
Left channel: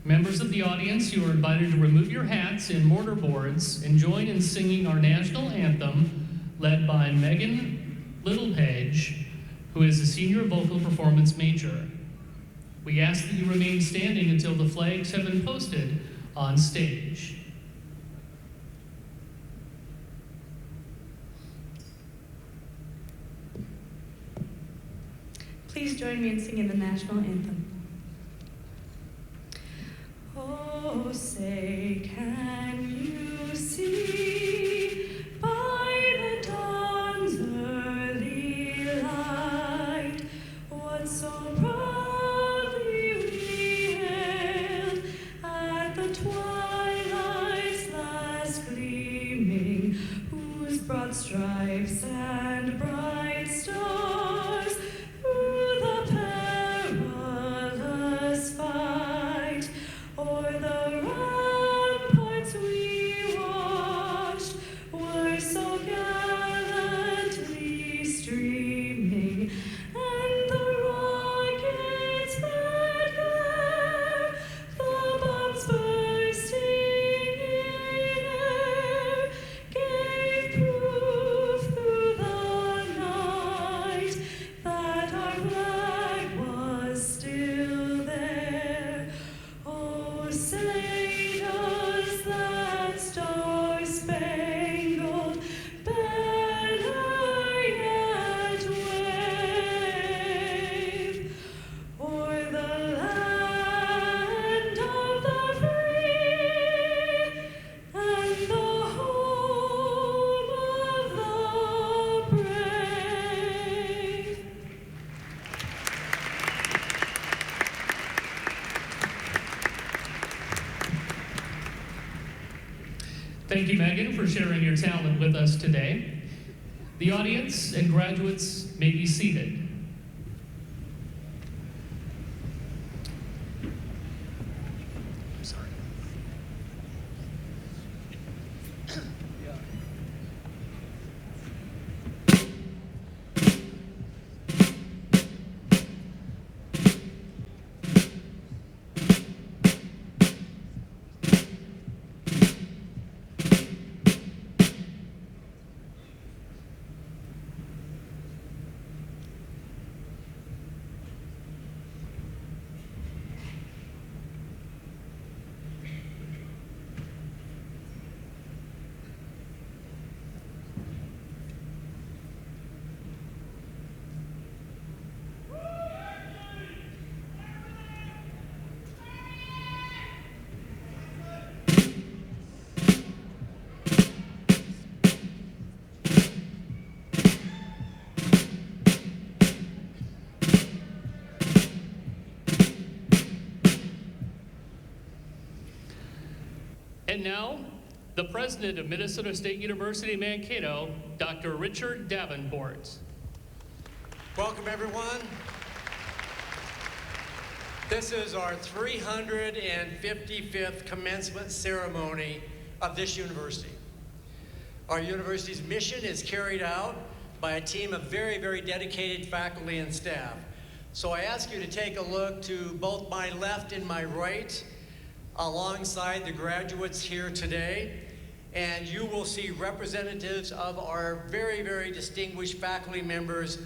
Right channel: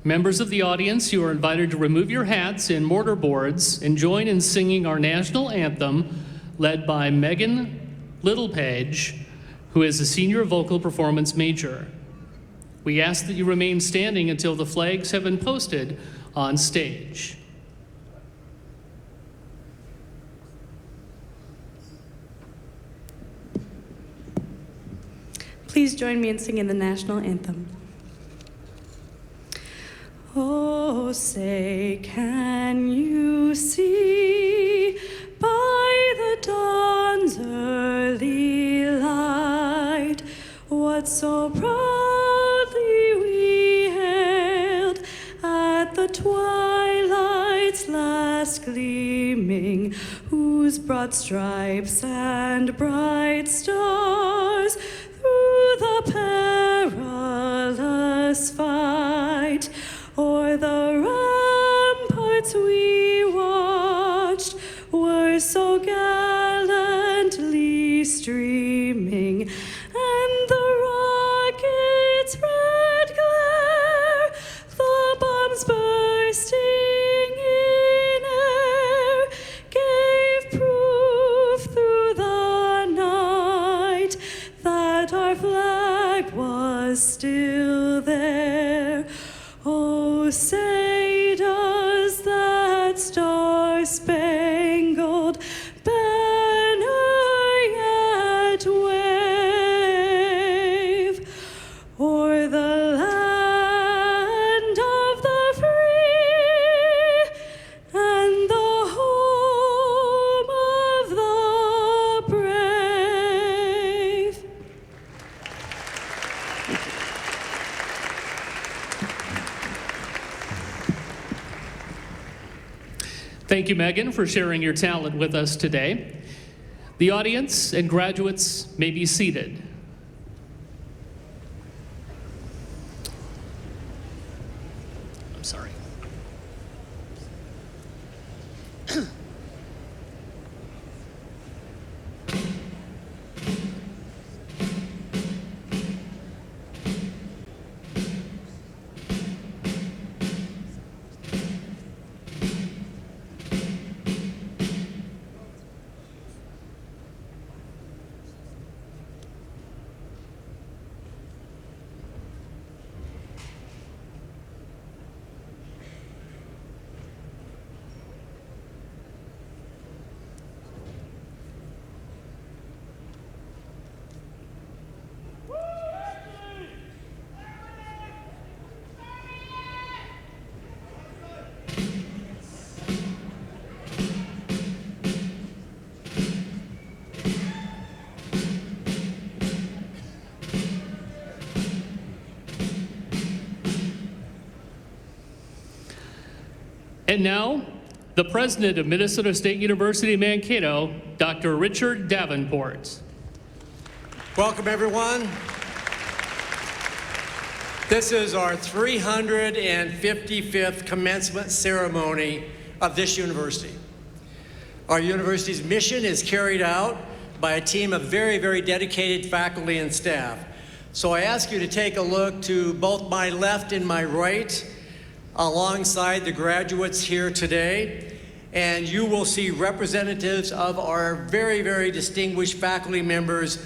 Members of the audience, you are invited to remove your hats and mortarboards and join in singing our national anthem, led by Megan Littlepage, who is a senior vocal performance major. We ask that you remain standing until the flags have been posted on stage. Please join me in singing the national anthem. Oh, say, can you see by the dawn's early light what so proudly we hailed at the twilight's last gleaming, whose broad stripes and bright stars through the perilous fight o'er the ramparts we watched were so gallantly streaming, and the rocket's red glare, the bombs bursting in air, gave proof through the night that our flag was still there. Oh, say does that star-spangled banner yet wave o'er the land of the free and the home of the brave? Thank you, Megan, for sharing your talent with us today. The audience and graduates may be seated. I'm sorry. And now, the president of Minnesota State University Mankato, Dr. Richard Davenport. Welcome, everyone. This is our 355th commencement ceremony of this university. Our university's mission is carried out by a team of very, very dedicated faculty and staff. So I ask you to take a look to both my left and my right, alongside the graduates here today, and you will see representatives of our very, very distinguished faculty members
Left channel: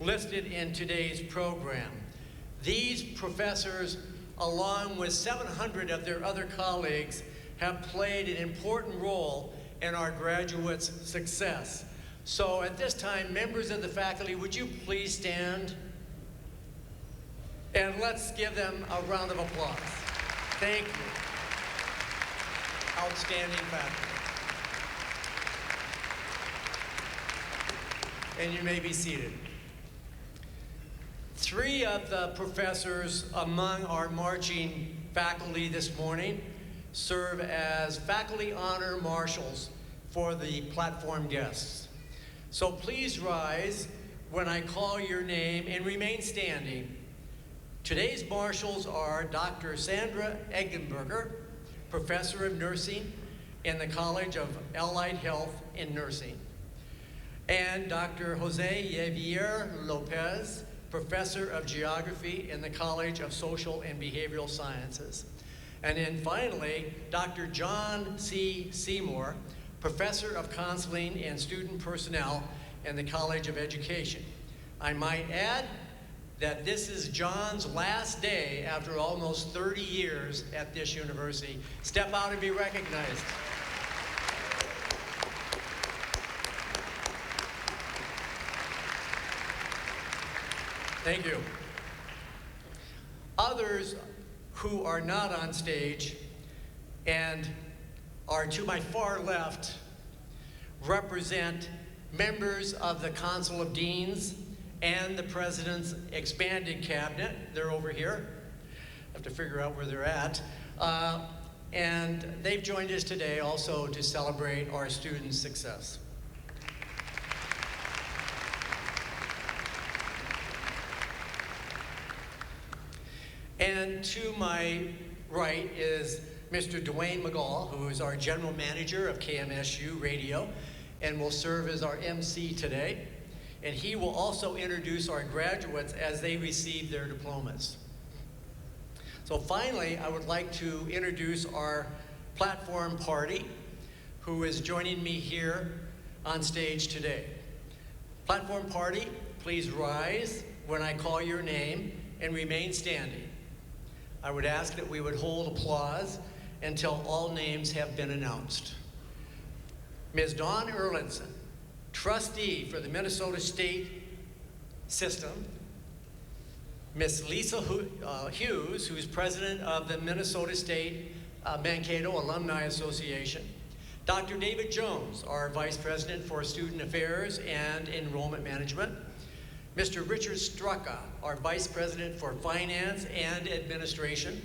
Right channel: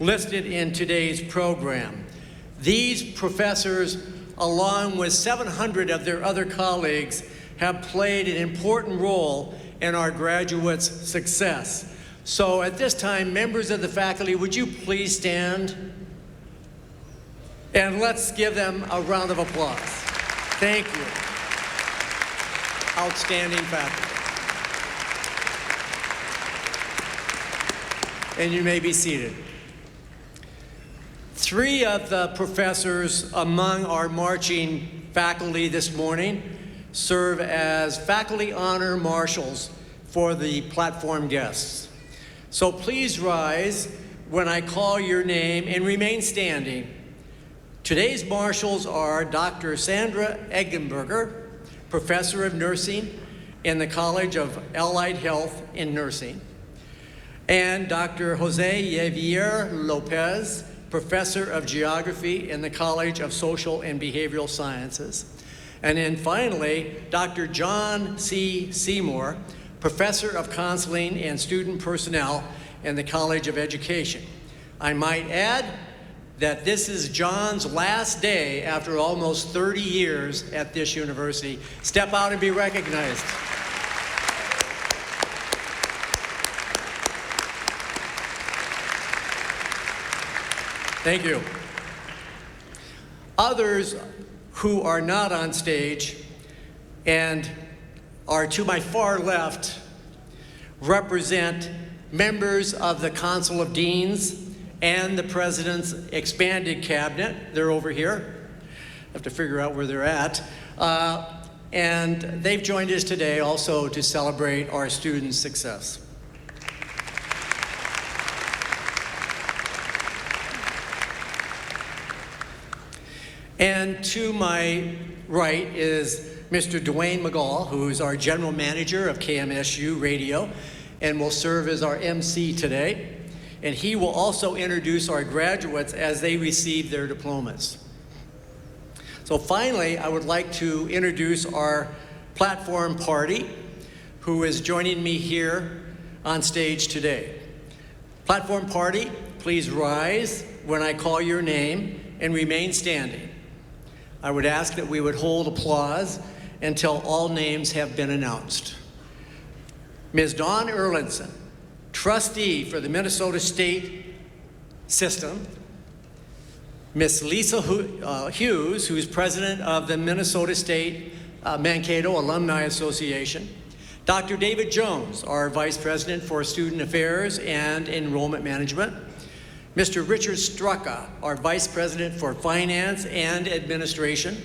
listed in today's program. These professors, along with 700 of their other colleagues, have played an important role in our graduates' success. So at this time, members of the faculty, would you please stand? And let's give them a round of applause. Thank you. Outstanding faculty. And you may be seated. Three of the professors among our marching faculty this morning serve as faculty honor marshals for the platform guests. So please rise when I call your name and remain standing. Today's marshals are Dr. Sandra Eggenberger, Professor of Nursing in the College of Allied Health in Nursing, and Dr. Jose Javier Lopez, Professor of Geography in the College of Social and Behavioral Sciences. And then finally, Dr. John C. Seymour, Professor of Counseling and Student Personnel in the College of Education. I might add that this is John's last day after almost 30 years at this university. Step out and be recognized. Thank you. Others who are not on stage and are to my far left represent members of the Council of Deans and the President's expanded cabinet. They're over here. I have to figure out where they're at. And they've joined us today also to celebrate our students' success. And to my right is Mr. Dwayne McGall, who's our General Manager of KMSU Radio and will serve as our MC today. And he will also introduce our graduates as they receive their diplomas. So finally, I would like to introduce our platform party, who is joining me here on stage today. Platform party, please rise when I call your name and remain standing. I would ask that we would hold applause until all names have been announced. Ms. Dawn Erlinson, trustee for the Minnesota State System. Ms. Lisa Hughes, who's president of the Minnesota State Mankato Alumni Association. Dr. David Jones, our vice president for Student Affairs and Enrollment Management. Mr. Richard Straka, our Vice President for Finance and Administration.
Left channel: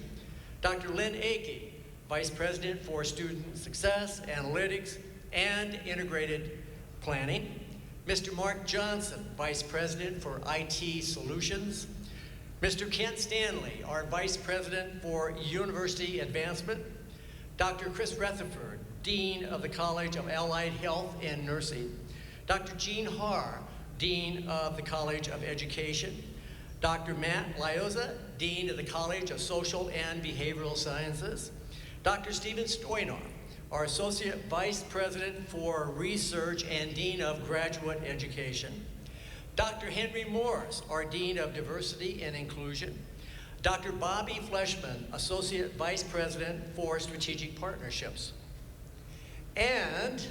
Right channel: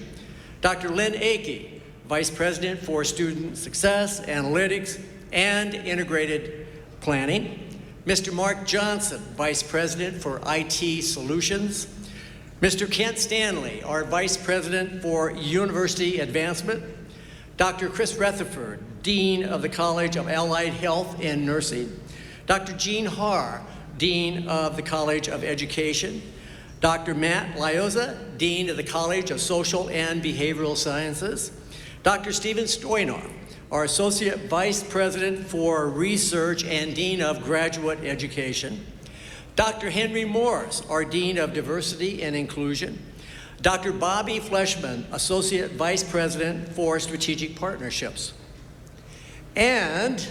Dr. Lynn Akey, Vice President for Student Success, Analytics, and Integrated Planning. Mr. Mark Johnson, Vice President for IT Solutions. Mr. Kent Stanley, our Vice President for University Advancement. Dr. Chris Rutherford, Dean of the College of Allied Health and Nursing. Dr. Jean Haar, Dean of the College of Education. Dr. Matt Lioza, Dean of the College of Social and Behavioral Sciences. Dr. Stephen Stoynoff, our Associate Vice President for Research and Dean of Graduate Education. Dr. Henry Morris, our Dean of Diversity and Inclusion. Dr. Bobby Fleshman, Associate Vice President for Strategic Partnerships. And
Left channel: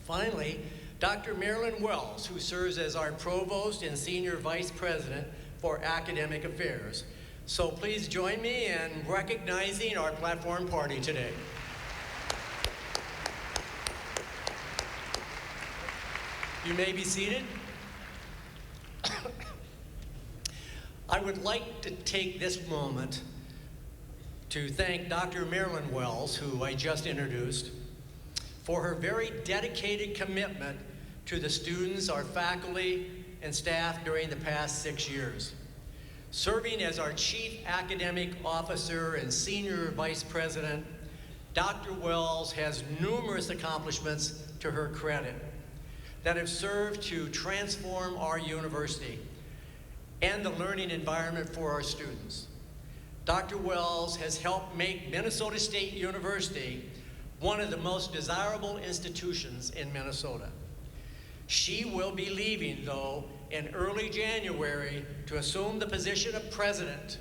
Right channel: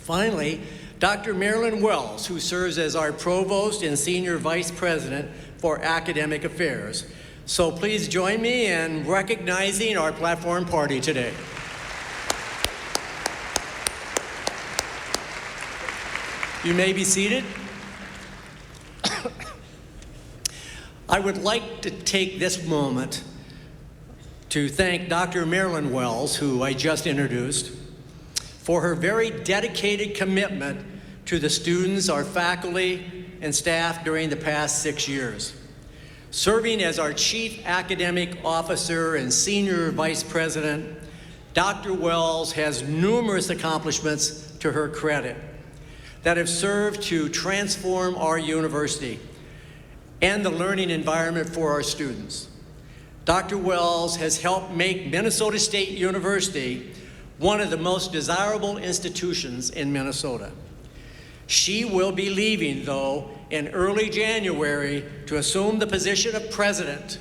finally, Dr. Marilyn Wells, who serves as our Provost and Senior Vice President for Academic Affairs. So please join me in recognizing our platform party today. You may be seated. I would like to take this moment to thank Dr. Marilyn Wells, who I just introduced, for her very dedicated commitment to the students, our faculty, and staff during the past 6 years. Serving as our Chief Academic Officer and Senior Vice President, Dr. Wells has numerous accomplishments to her credit that have served to transform our university and the learning environment for our students. Dr. Wells has helped make Minnesota State University one of the most desirable institutions in Minnesota. She will be leaving, though, in early January to assume the position of president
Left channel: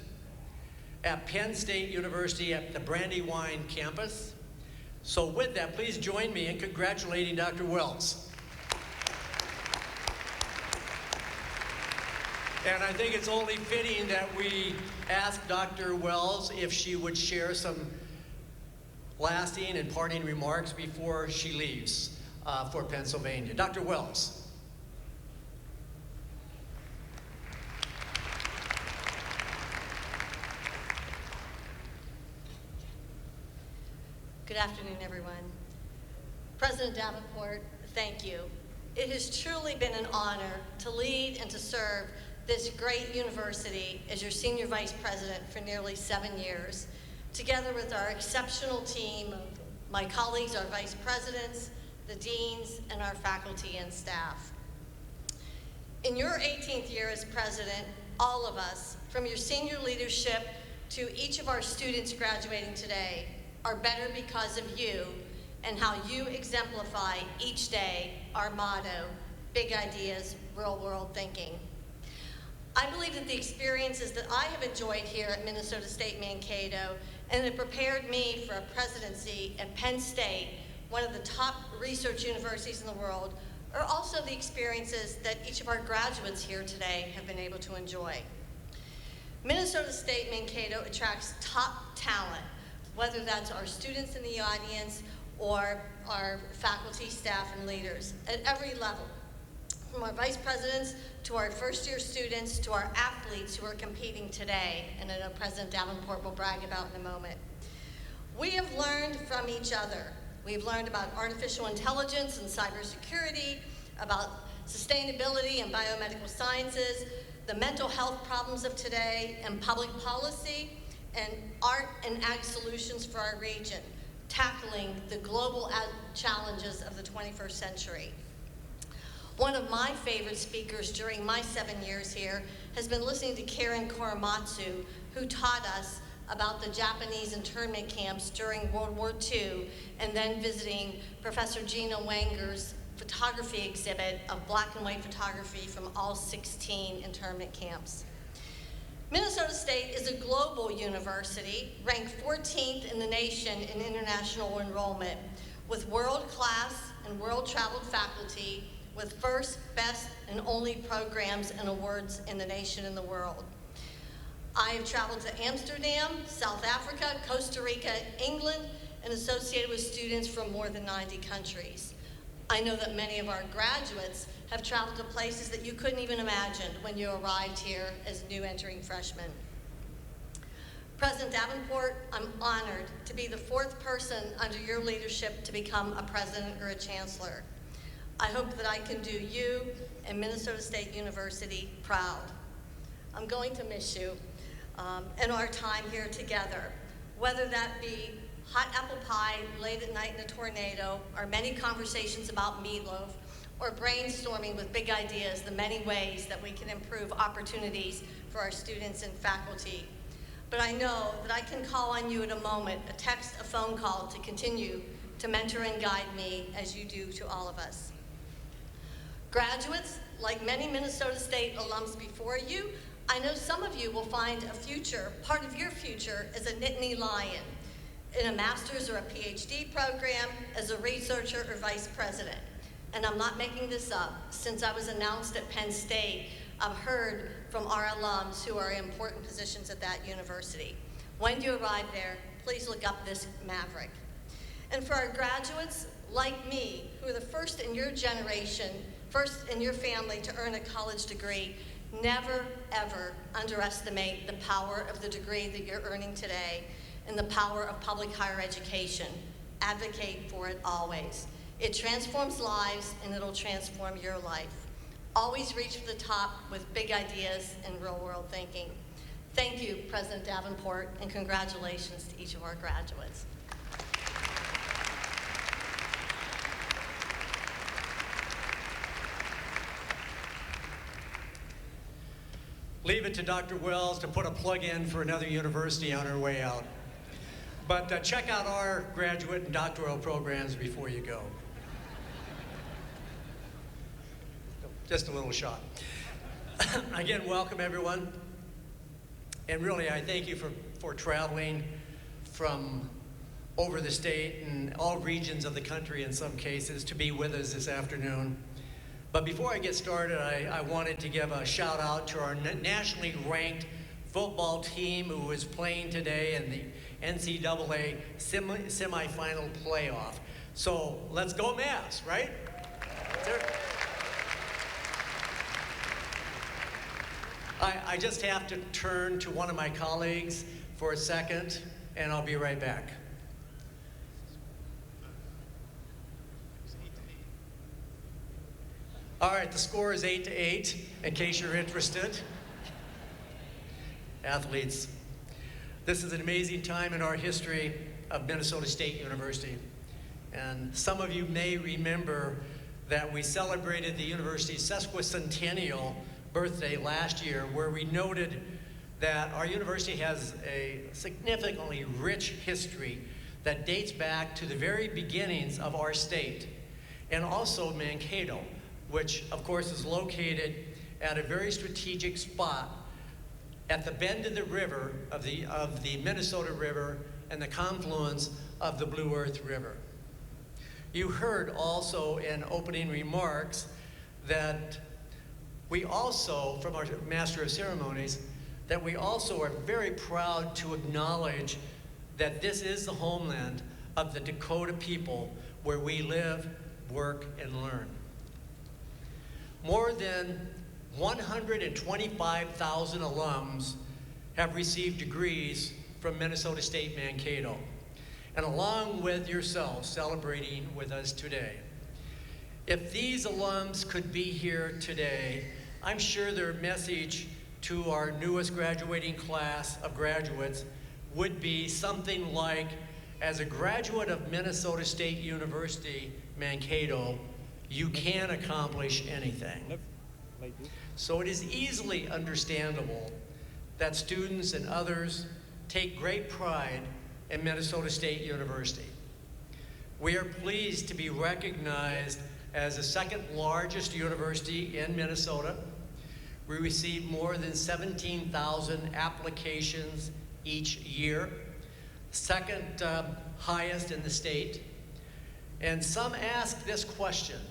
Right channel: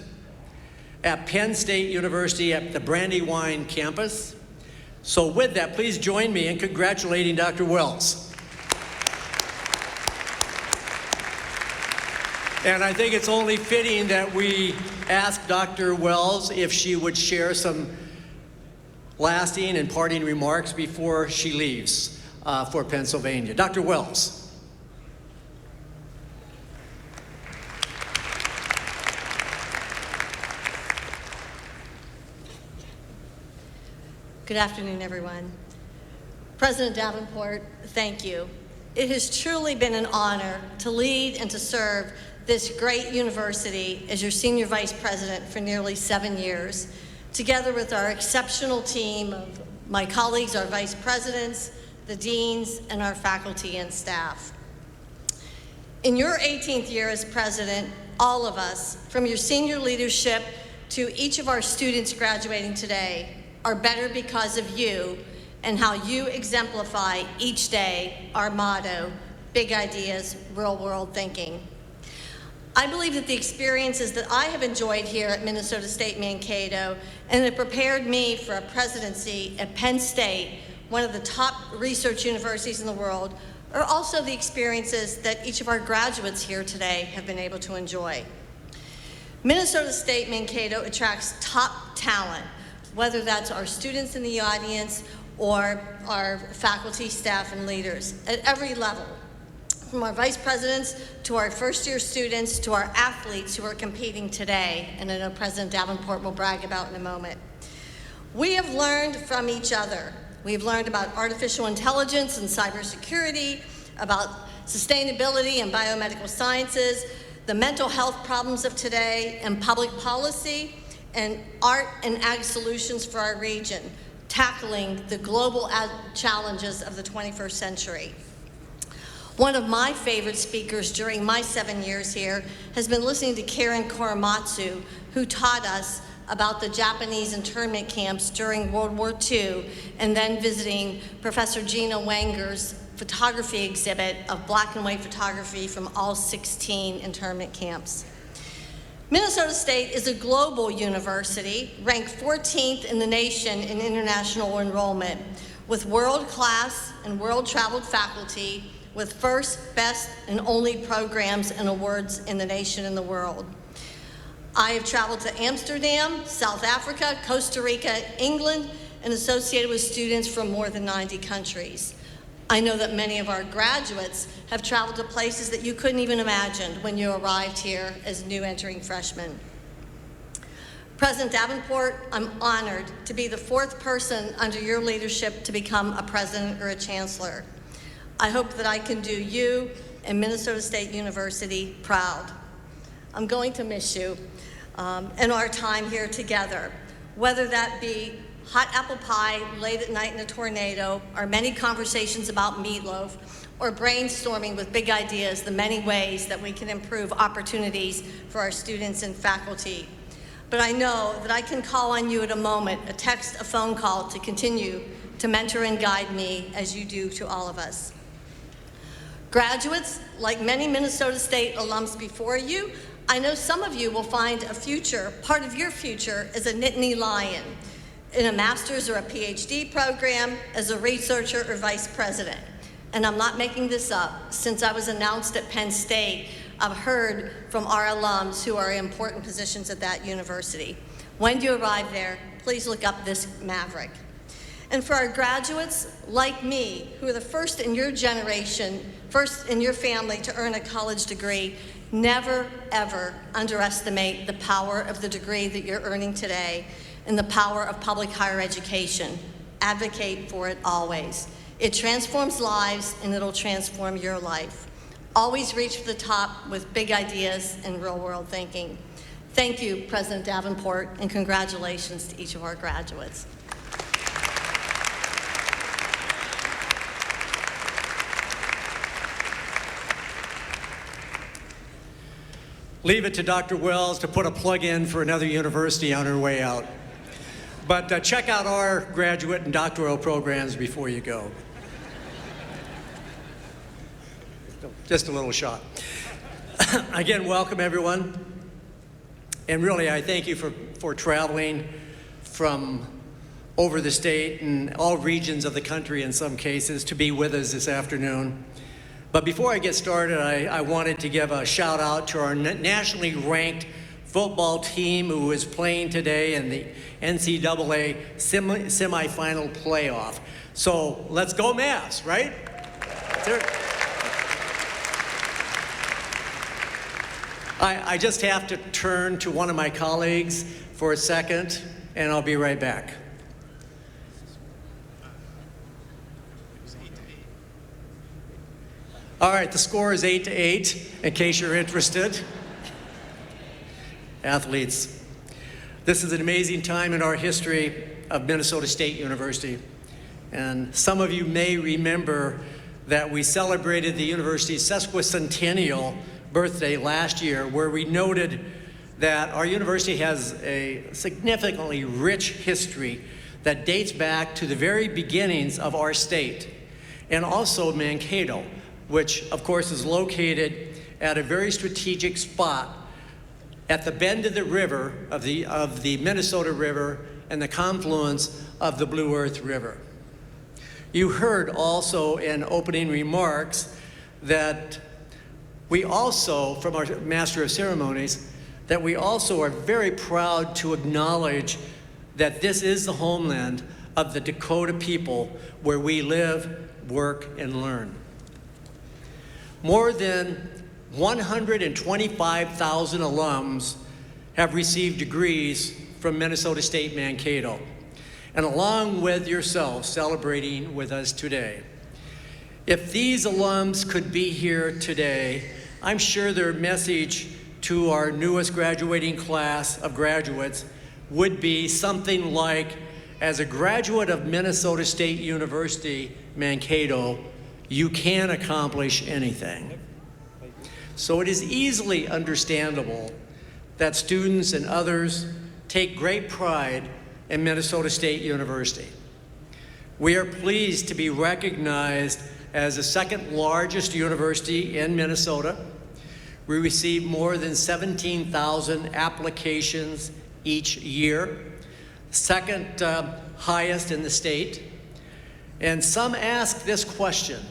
at Penn State University at the Brandywine campus. So with that, please join me in congratulating Dr. Wells. And I think it's only fitting that we ask Dr. Wells if she would share some lasting and parting remarks before she leaves for Pennsylvania. Dr. Wells. Good afternoon, everyone. President Davenport, thank you. It has truly been an honor to lead and to serve this great university as your Senior Vice President for nearly 7 years, together with our exceptional team of my colleagues, our Vice Presidents, the Deans, and our faculty and staff. In your 18th year as President, all of us, from your senior leadership to each of our students graduating today, are better because of you and how you exemplify each day our motto, big ideas, real world thinking. I believe that the experiences that I have enjoyed here at Minnesota State Mankato and that prepared me for a presidency at Penn State, one of the top research universities in the world, are also the experiences that each of our graduates here today have been able to enjoy. Minnesota State Mankato attracts top talent, whether that's our students in the audience or our faculty, staff, and leaders at every level, from our vice presidents to our first-year students to our athletes who are competing today, and I know President Davenport will brag about in a moment. We have learned from each other. We've learned about artificial intelligence and cybersecurity, about sustainability and biomedical sciences, the mental health problems of today, and public policy, and art and ag solutions for our region, tackling the global challenges of the 21st century. One of my favorite speakers during my 7 years here has been listening to Karen Korematsu, who taught us about the Japanese internment camps during World War II, and then visiting Professor Gina Wenger's photography exhibit of black and white photography from all 16 internment camps. Minnesota State is a global university, ranked 14th in the nation in international enrollment, with world-class and world-traveled faculty, with first, best, and only programs and awards in the nation and the world. I have traveled to Amsterdam, South Africa, Costa Rica, England, and associated with students from more than 90 countries. I know that many of our graduates have traveled to places that you couldn't even imagine when you arrived here as new entering freshmen. President Davenport, I'm honored to be the fourth person under your leadership to become a president or a chancellor. I hope that I can do you and Minnesota State University proud. I'm going to miss you and our time here together, whether that be hot apple pie late at night in a tornado, or many conversations about meatloaf, or brainstorming with big ideas, the many ways that we can improve opportunities for our students and faculty. But I know that I can call on you at a moment, a text, a phone call, to continue to mentor and guide me as you do to all of us. Graduates, like many Minnesota State alums before you, I know some of you will find a future, part of your future, as a Nittany Lion, in a master's or a PhD program, as a researcher or vice president. And I'm not making this up. Since I was announced at Penn State, I've heard from our alums who are in important positions at that university. When you arrive there, please look up this maverick. And for our graduates, like me, who are the first in your generation, first in your family to earn a college degree, never, ever underestimate the power of the degree that you're earning today and the power of public higher education. Advocate for it always. It transforms lives, and it'll transform your life. Always reach for the top with big ideas and real-world thinking. Thank you, President Davenport, and congratulations to each of our graduates. Leave it to Dr. Wells to put a plug in for another university on her way out. But check out our graduate and doctoral programs before you go. Just a little shot. Again, welcome everyone. And really, I thank you for traveling from over the state and all regions of the country in some cases to be with us this afternoon. But before I get started, I wanted to give a shout out to our nationally ranked football team who is playing today in the NCAA semifinal playoff. So let's go Mavs, right? I just have to turn to one of my colleagues for a second, and I'll be right back. All right, the score is 8-8, in case you're interested. Athletes, this is an amazing time in our history of Minnesota State University. And some of you may remember that we celebrated the university's sesquicentennial birthday last year, where we noted that our university has a significantly rich history that dates back to the very beginnings of our state, and also Mankato, which of course is located at a very strategic spot at the bend of the river, of the Minnesota River, and the confluence of the Blue Earth River. You heard also in opening remarks that we also, from our Master of Ceremonies, that we also are very proud to acknowledge that this is the homeland of the Dakota people where we live, work, and learn. More than 125,000 alums have received degrees from Minnesota State Mankato, and along with yourself celebrating with us today. If these alums could be here today, I'm sure their message to our newest graduating class of graduates would be something like, as a graduate of Minnesota State University, Mankato, you can accomplish anything. So it is easily understandable that students and others take great pride in Minnesota State University. We are pleased to be recognized as the second largest university in Minnesota. We receive more than 17,000 applications each year, second highest in the state. And some ask this question:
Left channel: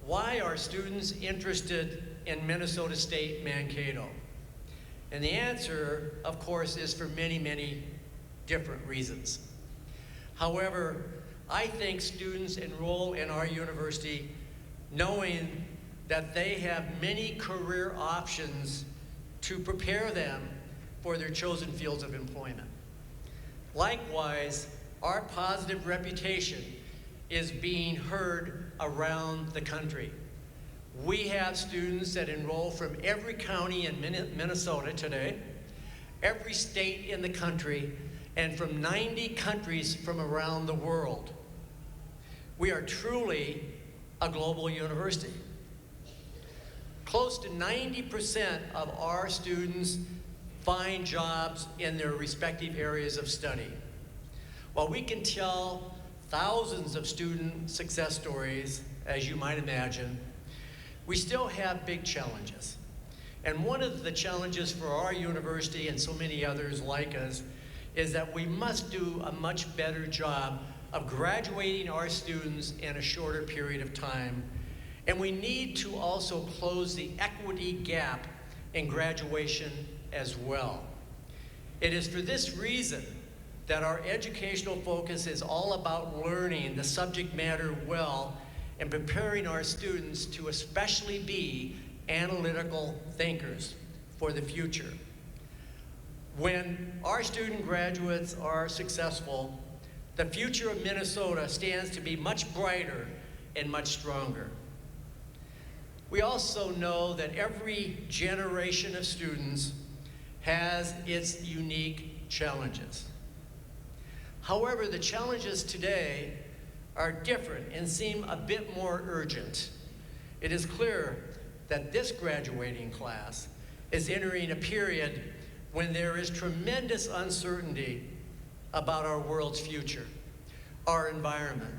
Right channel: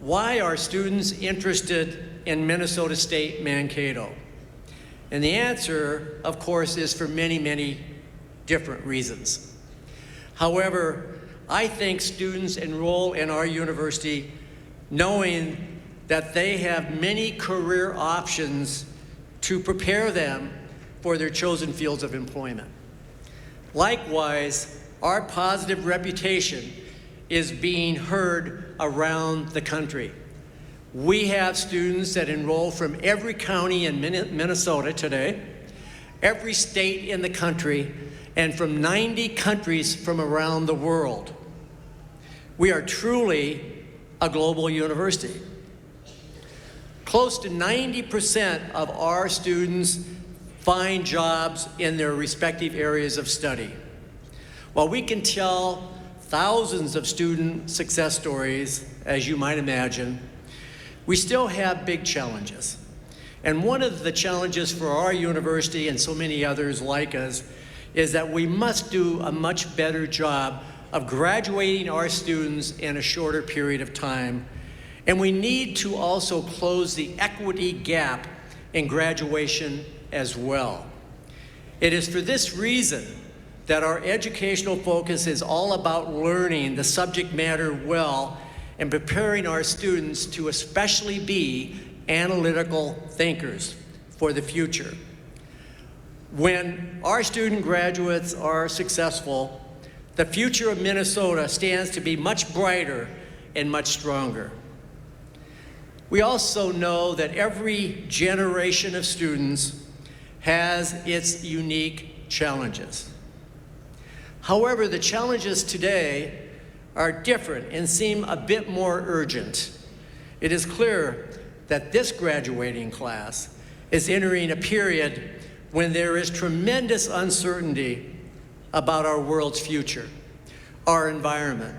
why are students interested in Minnesota State Mankato? And the answer, of course, is for many, many different reasons. However, I think students enroll in our university knowing that they have many career options to prepare them for their chosen fields of employment. Likewise, our positive reputation is being heard around the country. We have students that enroll from every county in Minnesota today, every state in the country, and from 90 countries from around the world. We are truly a global university. Close to 90% of our students find jobs in their respective areas of study. While we can tell thousands of student success stories, as you might imagine, we still have big challenges. And one of the challenges for our university and so many others like us is that we must do a much better job of graduating our students in a shorter period of time. And we need to also close the equity gap in graduation as well. It is for this reason that our educational focus is all about learning the subject matter well and preparing our students to especially be analytical thinkers for the future. When our student graduates are successful, the future of Minnesota stands to be much brighter and much stronger. We also know that every generation of students has its unique challenges. However, the challenges today are different and seem a bit more urgent. It is clear that this graduating class is entering a period when there is tremendous uncertainty about our world's future, our environment,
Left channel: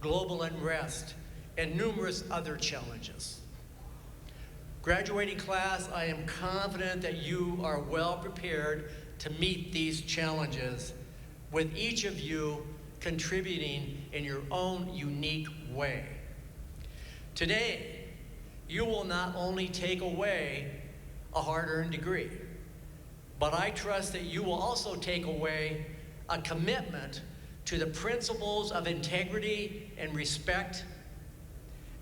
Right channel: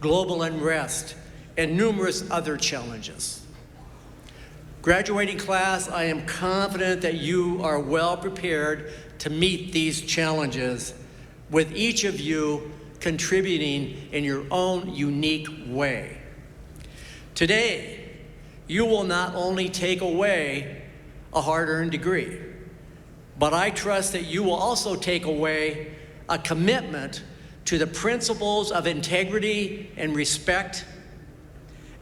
global unrest, and numerous other challenges. Graduating class, I am confident that you are well prepared to meet these challenges, with each of you contributing in your own unique way. Today, you will not only take away a hard-earned degree, but I trust that you will also take away a commitment to the principles of integrity and respect,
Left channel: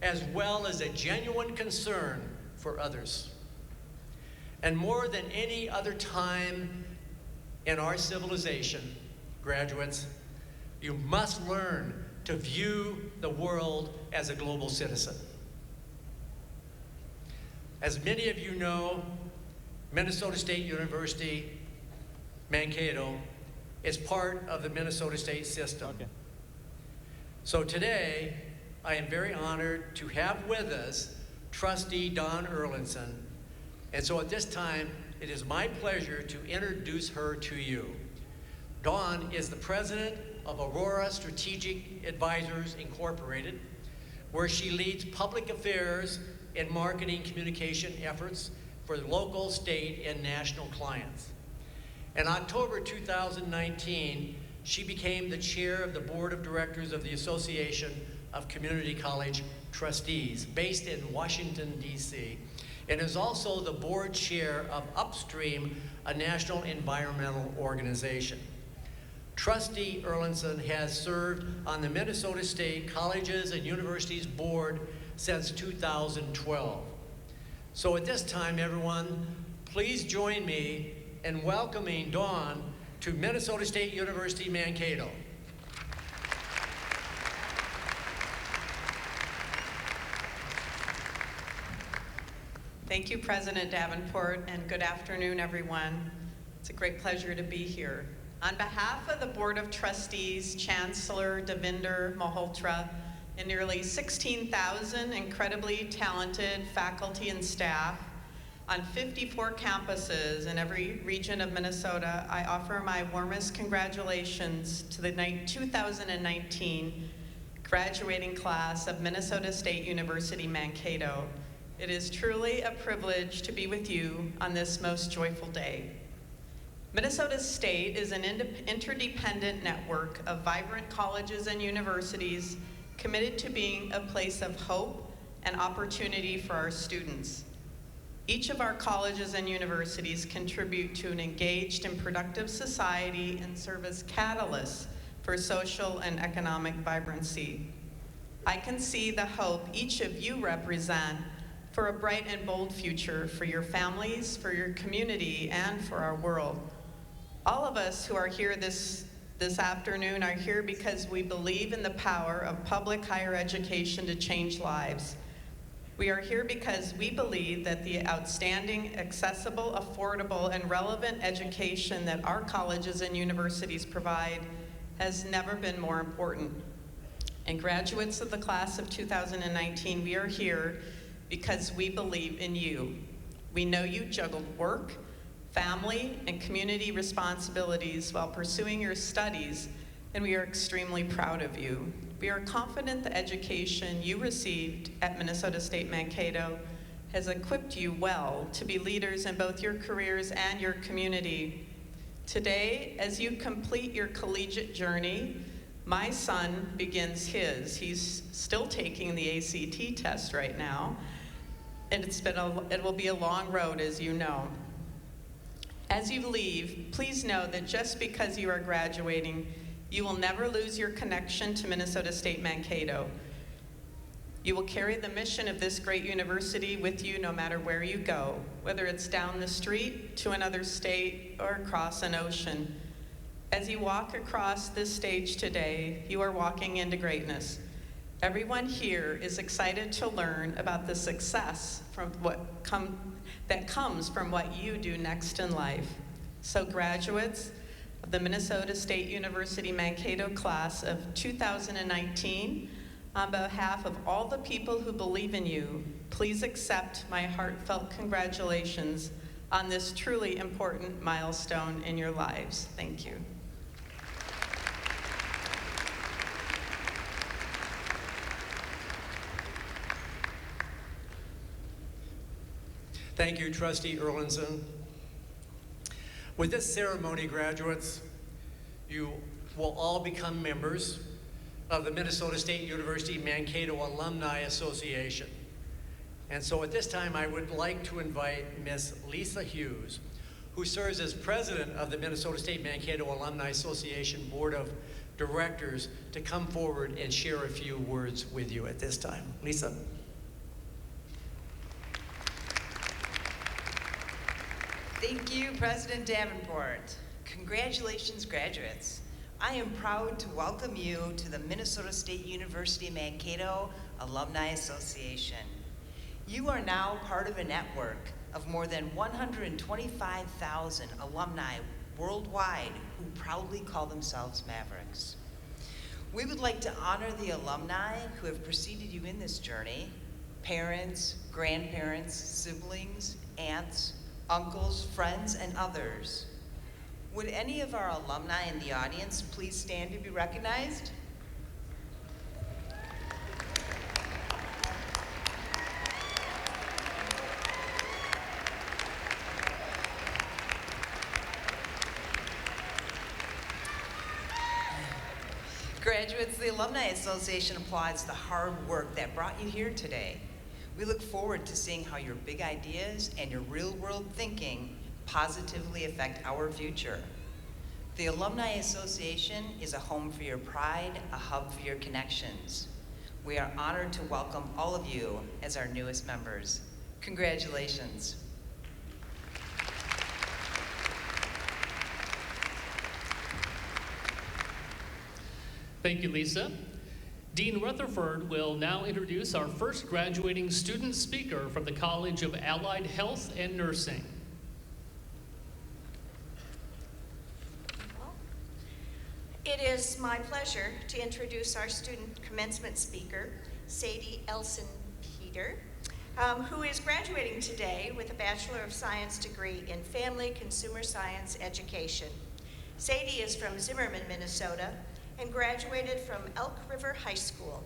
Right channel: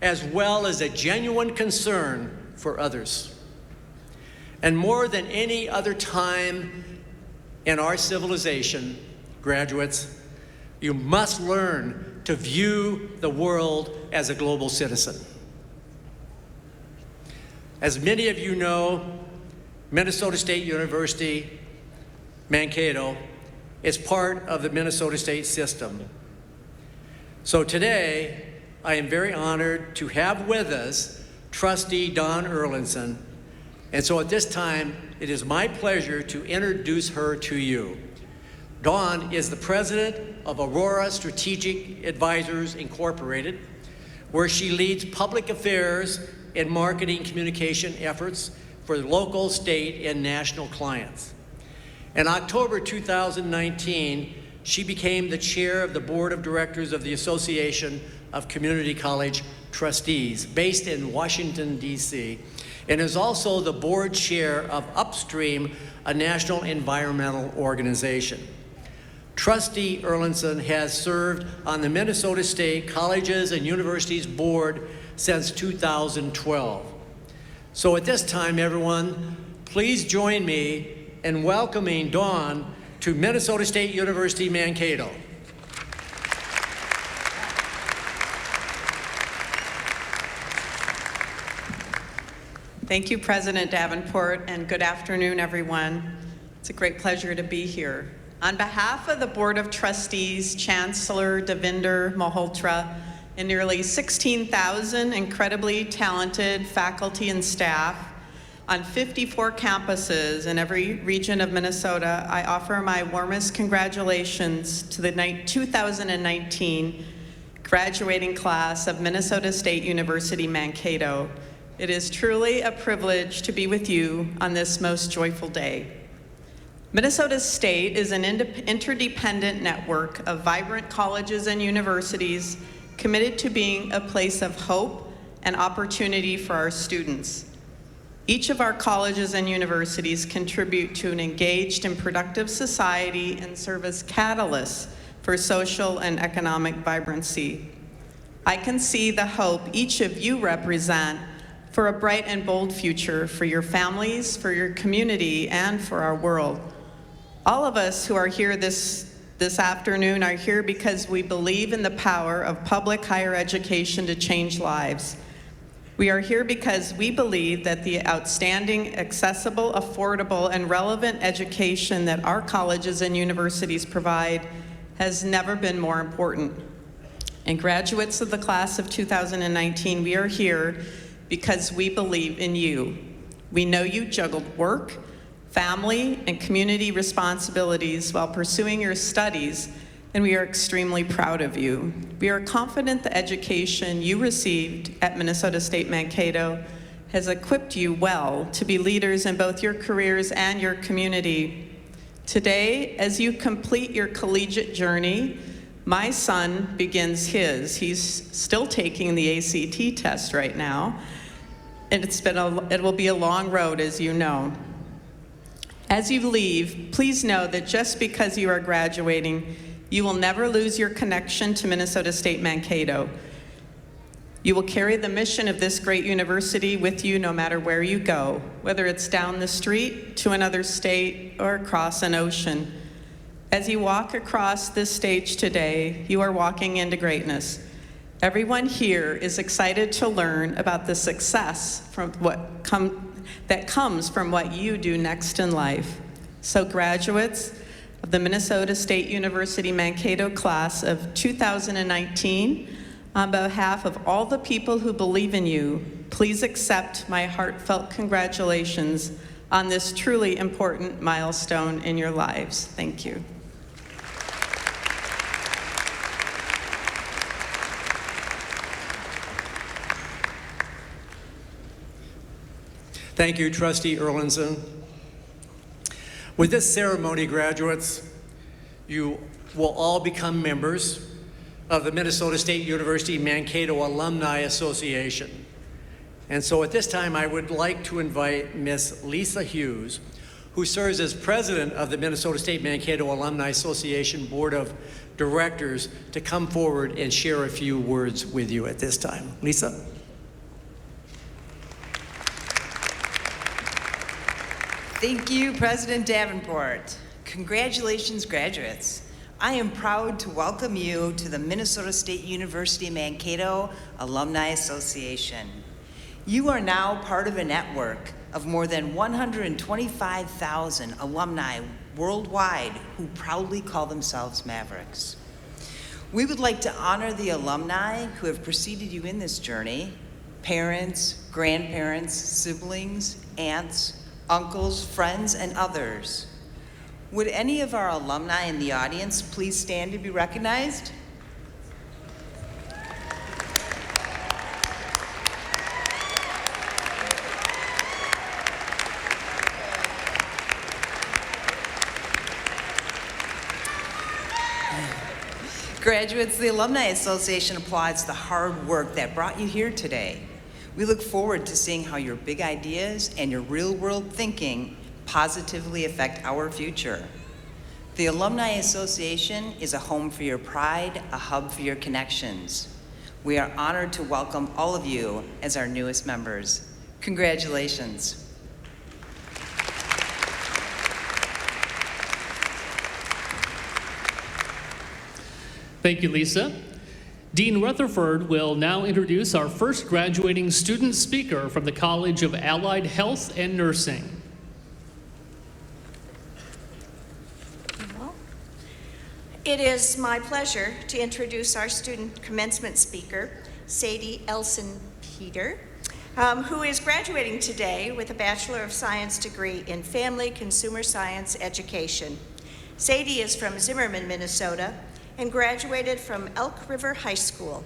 as well as a genuine concern for others. And more than any other time in our civilization, graduates, you must learn to view the world as a global citizen. As many of you know, Minnesota State University, Mankato, is part of the Minnesota State system. Okay. So today, I am very honored to have with us Trustee Don Erlinson, And so at this time, it is my pleasure to introduce her to you. Dawn is the president of Aurora Strategic Advisors Incorporated, where she leads public affairs and marketing communication efforts for local, state, and national clients. In October 2019, she became the chair of the board of directors of the Association of Community College Trustees, based in Washington, D.C., and is also the board chair of Upstream, a national environmental organization. Trustee Erlandson has served on the Minnesota State Colleges and Universities Board since 2012. So at this time, everyone, please join me in welcoming Dawn to Minnesota State University, Mankato. Thank you, President Davenport, and good afternoon, everyone. It's a great pleasure to be here. On behalf of the Board of Trustees, Chancellor Devinder Malhotra, and nearly 16,000 incredibly talented faculty and staff on 54 campuses in every region of Minnesota, I offer my warmest congratulations to the 2019 graduating class of Minnesota State University, Mankato. It is truly a privilege to be with you on this most joyful day. Minnesota State is an interdependent network of vibrant colleges and universities committed to being a place of hope and opportunity for our students. Each of our colleges and universities contribute to an engaged and productive society and serve as catalysts for social and economic vibrancy. I can see the hope each of you represent for a bright and bold future for your families, for your community, and for our world. All of us who are here this afternoon are here because we believe in the power of public higher education to change lives. We are here because we believe that the outstanding, accessible, affordable, and relevant education that our colleges and universities provide has never been more important. And graduates of the class of 2019, we are here because we believe in you. We know you juggled work, family, and community responsibilities while pursuing your studies, and we are extremely proud of you. We are confident the education you received at Minnesota State Mankato has equipped you well to be leaders in both your careers and your community. Today, as you complete your collegiate journey, my son begins his. He's still taking the ACT test right now, and it will be a long road, as you know. As you leave, please know that just because you are graduating, you will never lose your connection to Minnesota State Mankato. You will carry the mission of this great university with you no matter where you go, whether it's down the street, to another state, or across an ocean. As you walk across this stage today, you are walking into greatness. Everyone here is excited to learn about the success that comes from what you do next in life. So graduates of the Minnesota State University Mankato class of 2019, on behalf of all the people who believe in you, please accept my heartfelt congratulations on this truly important milestone in your lives. Thank you. Thank you, Trustee Erlandson. With this ceremony, graduates, you will all become members of the Minnesota State University Mankato Alumni Association. And so at this time, I would like to invite Miss Lisa Hughes, who serves as president of the Minnesota State Mankato Alumni Association Board of Directors, to come forward and share a few words with you at this time. Lisa? Thank you, President Davenport. Congratulations, graduates. I am proud to welcome you to the Minnesota State University Mankato Alumni Association. You are now part of a network of more than 125,000 alumni worldwide who proudly call themselves Mavericks. We would like to honor the alumni who have preceded you in this journey, parents, grandparents, siblings, aunts, uncles, friends, and others. Would any of our alumni in the audience please stand to be recognized? Graduates, the Alumni Association applauds the hard work that brought you here today. We look forward to seeing how your big ideas and your real-world thinking positively affect our future. The Alumni Association is a home for your pride, a hub for your connections. We are honored to welcome all of you as our newest members. Congratulations. Thank you, Lisa. Dean Rutherford will now introduce our first graduating student speaker from the College of Allied Health and Nursing. It is my pleasure to introduce our student commencement speaker, Sadie Elson-Peter, who is graduating today with a Bachelor of Science degree in Family Consumer Science Education. Sadie is from Zimmerman, Minnesota, and graduated from Elk River High School.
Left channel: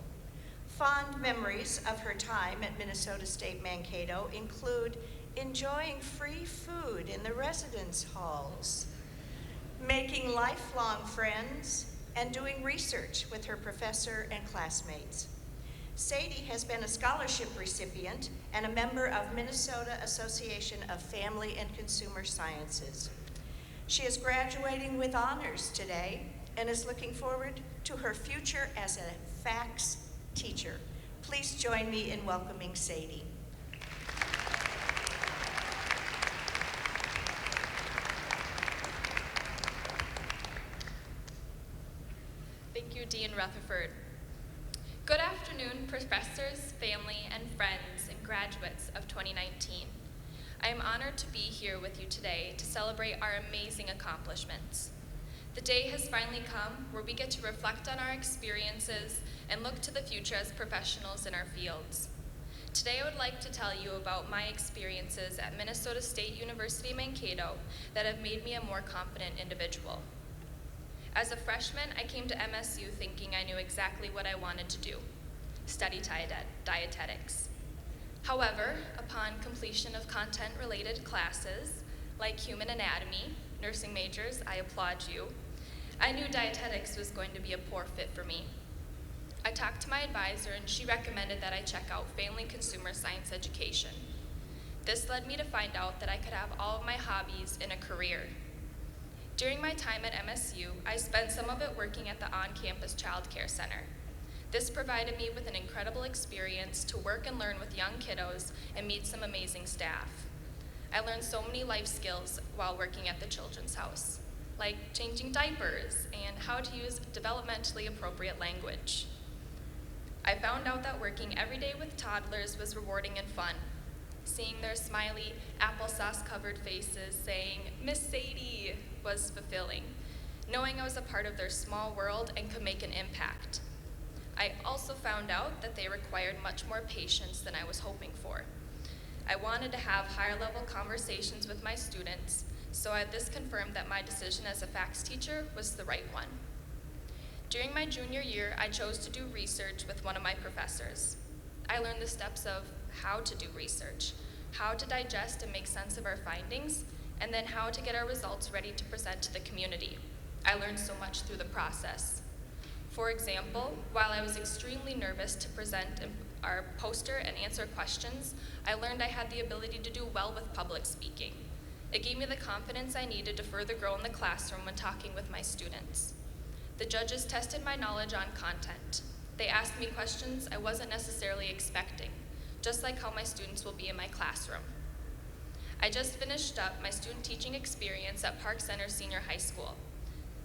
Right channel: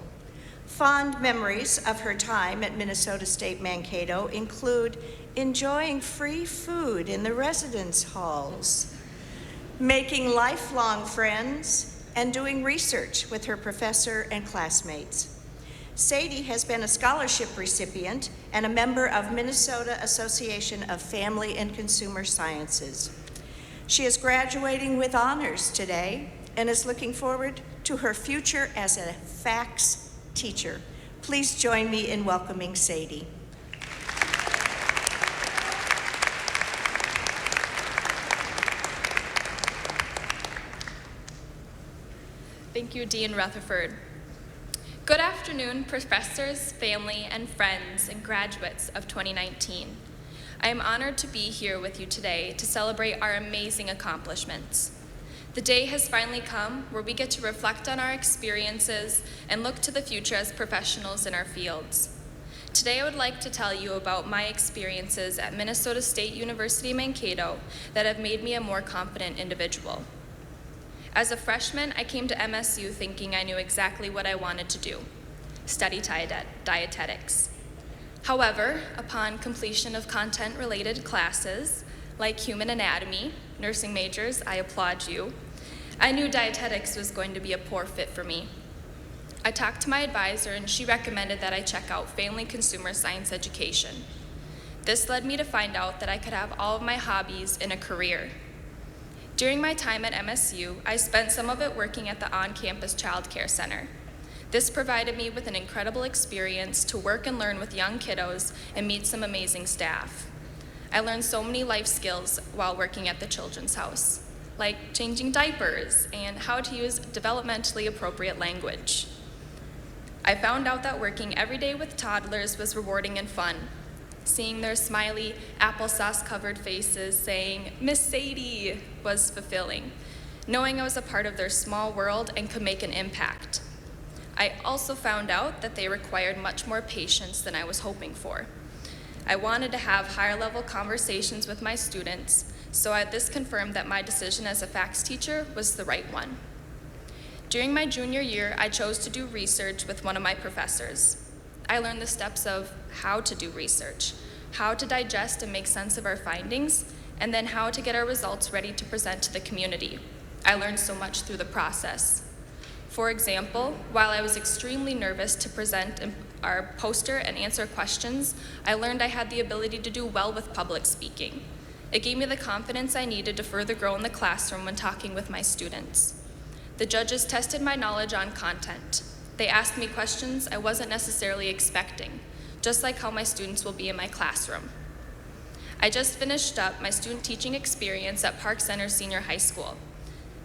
Fond memories of her time at Minnesota State Mankato include enjoying free food in the residence halls, making lifelong friends, and doing research with her professor and classmates. Sadie has been a scholarship recipient and a member of Minnesota Association of Family and Consumer Sciences. She is graduating with honors today and is looking forward to her future as a FACS teacher. Please join me in welcoming Sadie. Thank you, Dean Rutherford. Good afternoon, professors, family, and friends, and graduates of 2019. I am honored to be here with you today to celebrate our amazing accomplishments. The day has finally come where we get to reflect on our experiences and look to the future as professionals in our fields. Today I would like to tell you about my experiences at Minnesota State University Mankato that have made me a more confident individual. As a freshman, I came to MSU thinking I knew exactly what I wanted to do, study dietetics. However, upon completion of content-related classes, like human anatomy, nursing majors, I applaud you, I knew dietetics was going to be a poor fit for me. I talked to my advisor and she recommended that I check out Family Consumer Science Education. This led me to find out that I could have all of my hobbies in a career. During my time at MSU, I spent some of it working at the on-campus child care center. This provided me with an incredible experience to work and learn with young kiddos and meet some amazing staff. I learned so many life skills while working at the Children's House, like changing diapers and how to use developmentally appropriate language. I found out that working every day with toddlers was rewarding and fun. Seeing their smiley, applesauce-covered faces saying, "Miss Sadie," was fulfilling, knowing I was a part of their small world and could make an impact. I also found out that they required much more patience than I was hoping for. I wanted to have higher-level conversations with my students, so this confirmed that my decision as a FACS teacher was the right one. During my junior year, I chose to do research with one of my professors. I learned the steps of how to do research, how to digest and make sense of our findings, and then how to get our results ready to present to the community. I learned so much through the process. For example, while I was extremely nervous to present our poster and answer questions, I learned I had the ability to do well with public speaking. It gave me the confidence I needed to further grow in the classroom when talking with my students. The judges tested my knowledge on content. They asked me questions I wasn't necessarily expecting, just like how my students will be in my classroom. I just finished up my student teaching experience at Park Center Senior High School.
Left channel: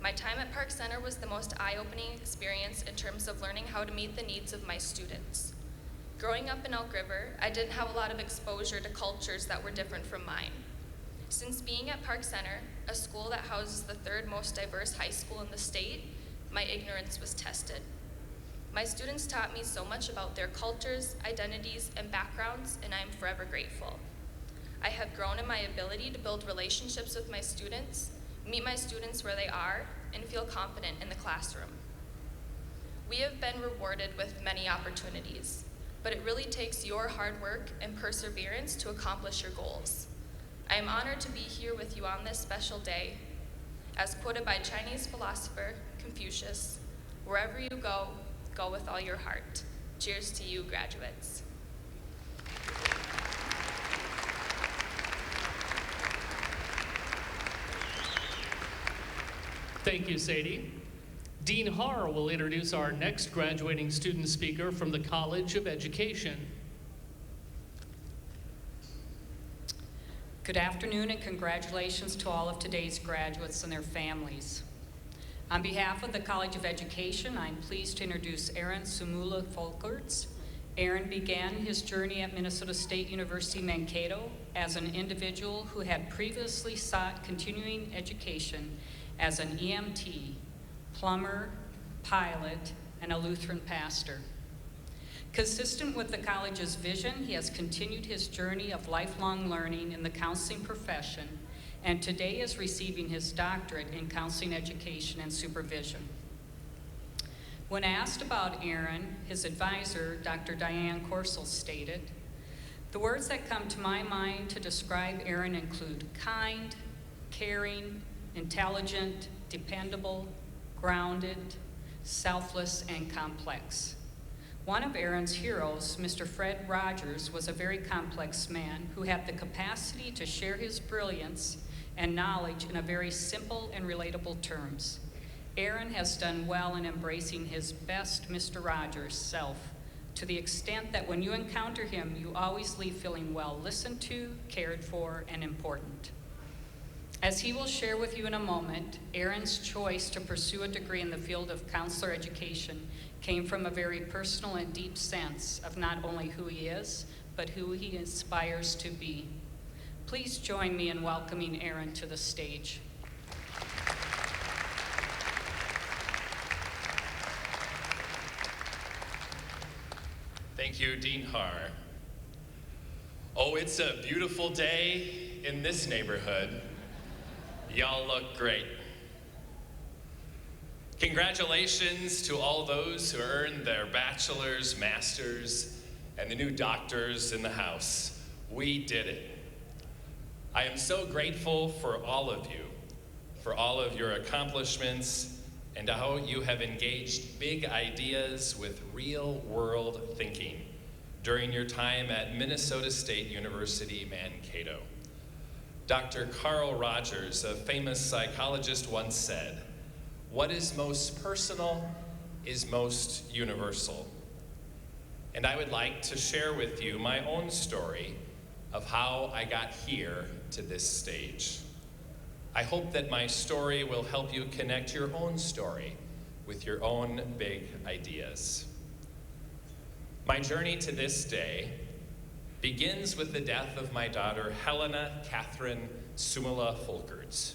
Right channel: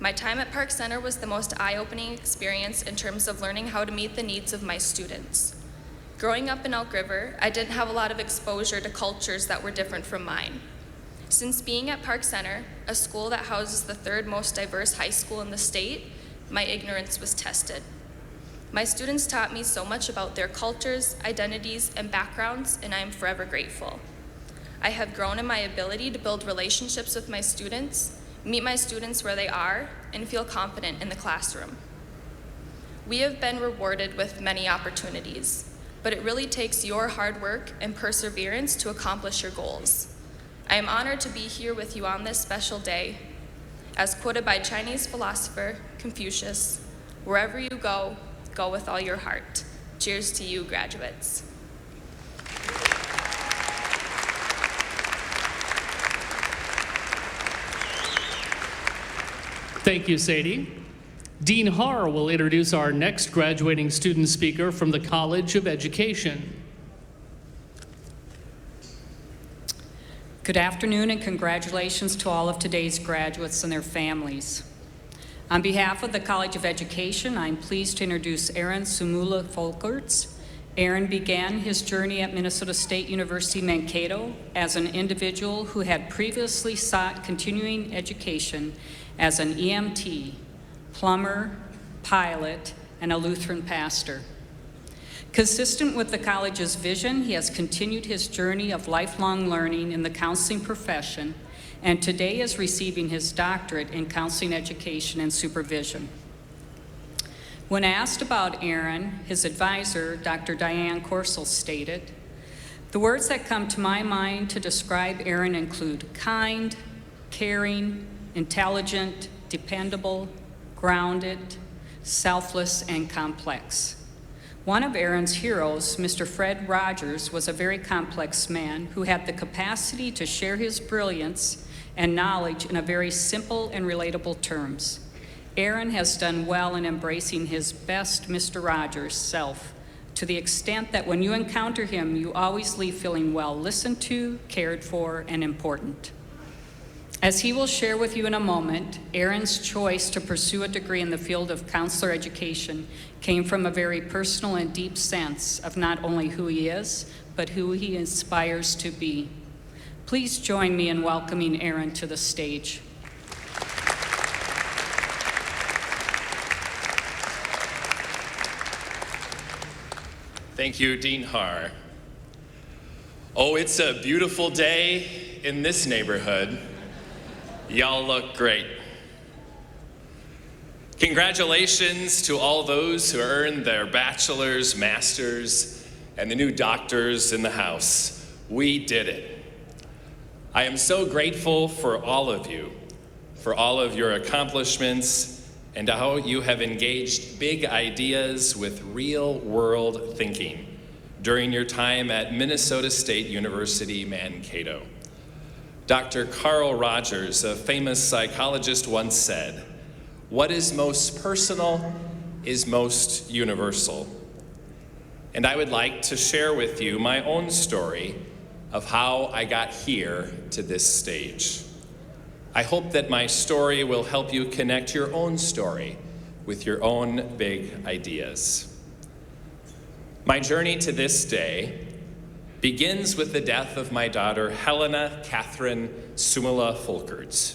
My time at Park Center was the most eye-opening experience in terms of learning how to meet the needs of my students. Growing up in Elk River, I didn't have a lot of exposure to cultures that were different from mine. Since being at Park Center, a school that houses the third most diverse high school in the state, my ignorance was tested. My students taught me so much about their cultures, identities, and backgrounds, and I am forever grateful. I have grown in my ability to build relationships with my students, meet my students where they are, and feel confident in the classroom. We have been rewarded with many opportunities, but it really takes your hard work and perseverance to accomplish your goals. I am honored to be here with you on this special day. As quoted by Chinese philosopher Confucius, "Wherever you go, go with all your heart." Cheers to you, graduates. Thank you, Sadie. Dean Haar will introduce our next graduating student speaker from the College of Education. Good afternoon and congratulations to all of today's graduates and their families. On behalf of the College of Education, I'm pleased to introduce Aaron Sumula Folkerts. Aaron began his journey at Minnesota State University Mankato as an individual who had previously sought continuing education as an EMT, plumber, pilot, and a Lutheran pastor. Consistent with the college's vision, he has continued his journey of lifelong learning in the counseling profession, and today is receiving his doctorate in counseling education and supervision. When asked about Aaron, his advisor, Dr. Diane Corsell, stated, "The words that come to my mind to describe Aaron include kind, caring, intelligent, dependable, grounded, selfless, and complex." One of Aaron's heroes, Mr. Fred Rogers, was a very complex man who had the capacity to share his brilliance and knowledge in a very simple and relatable terms. Aaron has done well in embracing his best Mr. Rogers self, to the extent that when you encounter him, you always leave feeling well listened to, cared for, and important. As he will share with you in a moment, Aaron's choice to pursue a degree in the field of counselor education came from a very personal and deep sense of not only who he is, but who he aspires to be. Please join me in welcoming Aaron to the stage. Thank you, Dean Haar. Oh, it's a beautiful day in this neighborhood. Y'all look great. Congratulations to all those who earned their bachelor's, master's, and the new doctors in the house. We did it. I am so grateful for all of you, for all of your accomplishments, and how you have engaged big ideas with real-world thinking during your time at Minnesota State University, Mankato. Dr. Carl Rogers, a famous psychologist, once said, "What is most personal is most universal." And I would like to share with you my own story of how I got here to this stage. I hope that my story will help you connect your own story with your own big ideas. My journey to this day begins with the death of my daughter, Helena Catherine Sumula Folkerts,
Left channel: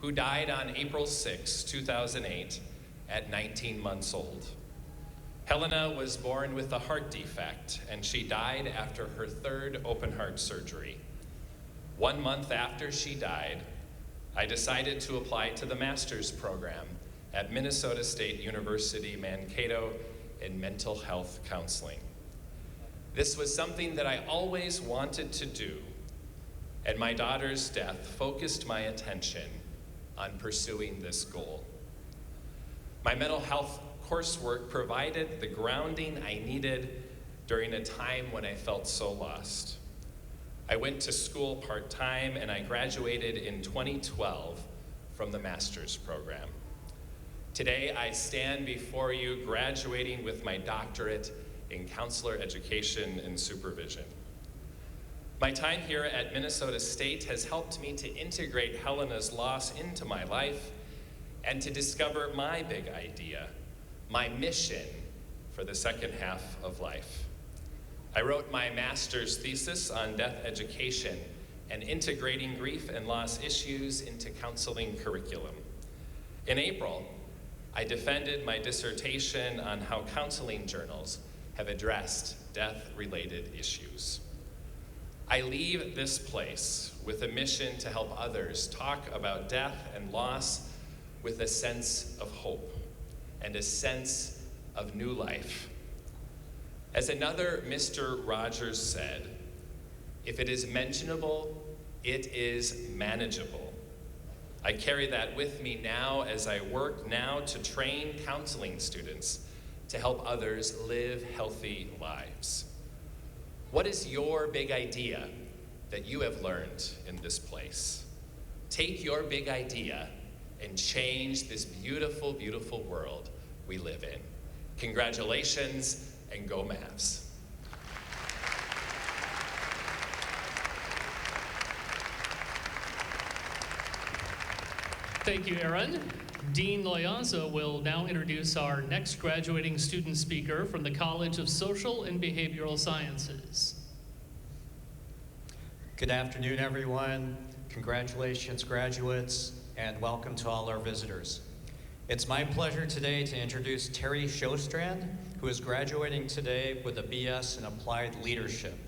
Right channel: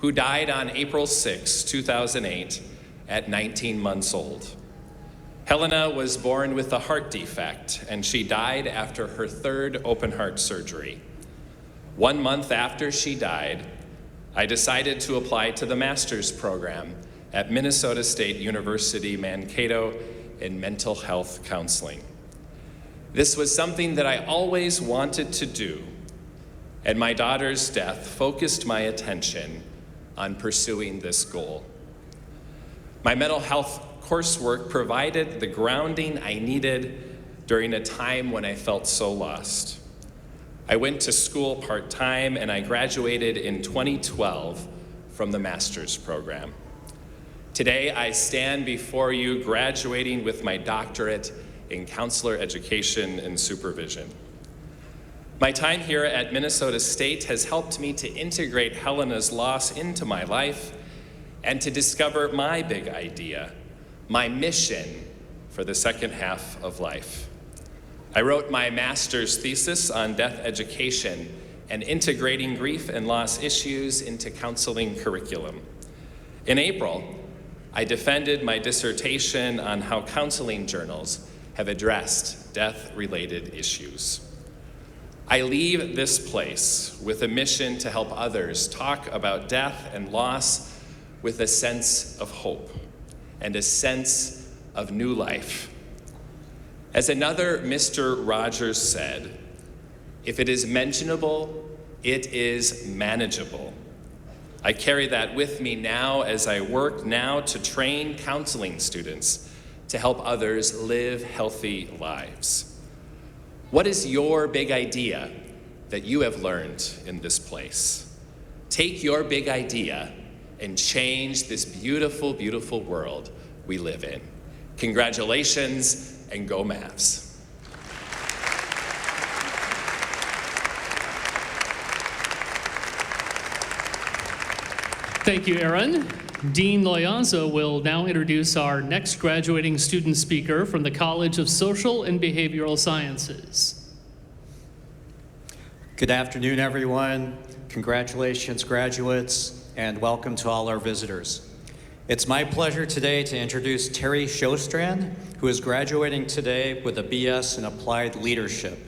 who died on April 6, 2008, at 19 months old. Helena was born with a heart defect, and she died after her third open heart surgery. 1 month after she died, I decided to apply to the master's program at Minnesota State University, Mankato, in mental health counseling. This was something that I always wanted to do, and my daughter's death focused my attention on pursuing this goal. My mental health coursework provided the grounding I needed during a time when I felt so lost. I went to school part-time, and I graduated in 2012 from the master's program. Today, I stand before you graduating with my doctorate in counselor education and supervision. My time here at Minnesota State has helped me to integrate Helena's loss into my life and to discover my big idea, my mission for the second half of life. I wrote my master's thesis on death education and integrating grief and loss issues into counseling curriculum. In April, I defended my dissertation on how counseling journals have addressed death-related issues. I leave this place with a mission to help others talk about death and loss with a sense of hope and a sense of new life. As another Mr. Rogers said, if it is mentionable, it is manageable. I carry that with me now as I work now to train counseling students to help others live healthy lives. What is your big idea that you have learned in this place? Take your big idea and change this beautiful, beautiful world we live in. Congratulations and go Mavs. Thank you, Aaron. Dean Loyanza will now introduce our next graduating student speaker from the College of Social and Behavioral Sciences. Good afternoon, everyone. Congratulations, graduates, and welcome to all our visitors. It's my pleasure today to introduce Terry Shostrand, who is graduating today with a BS in Applied Leadership.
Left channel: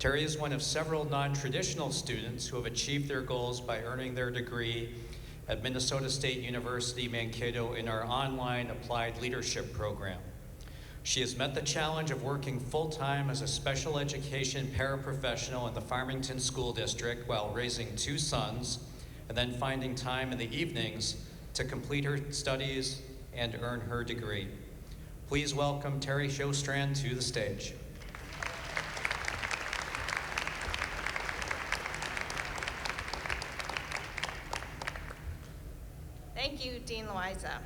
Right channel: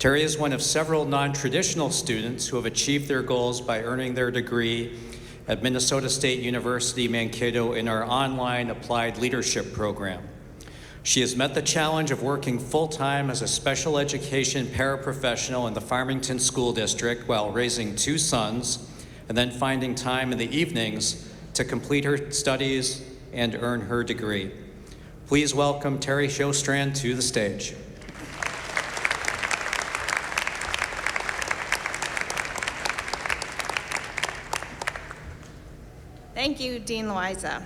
Terry is one of several non-traditional students who have achieved their goals by earning their degree at Minnesota State University Mankato in our online Applied Leadership program. She has met the challenge of working full-time as a special education paraprofessional in the Farmington School District while raising 2 sons, and then finding time in the evenings to complete her studies and earn her degree. Please welcome Terry Shostrand to the stage. Thank you, Dean Loiza.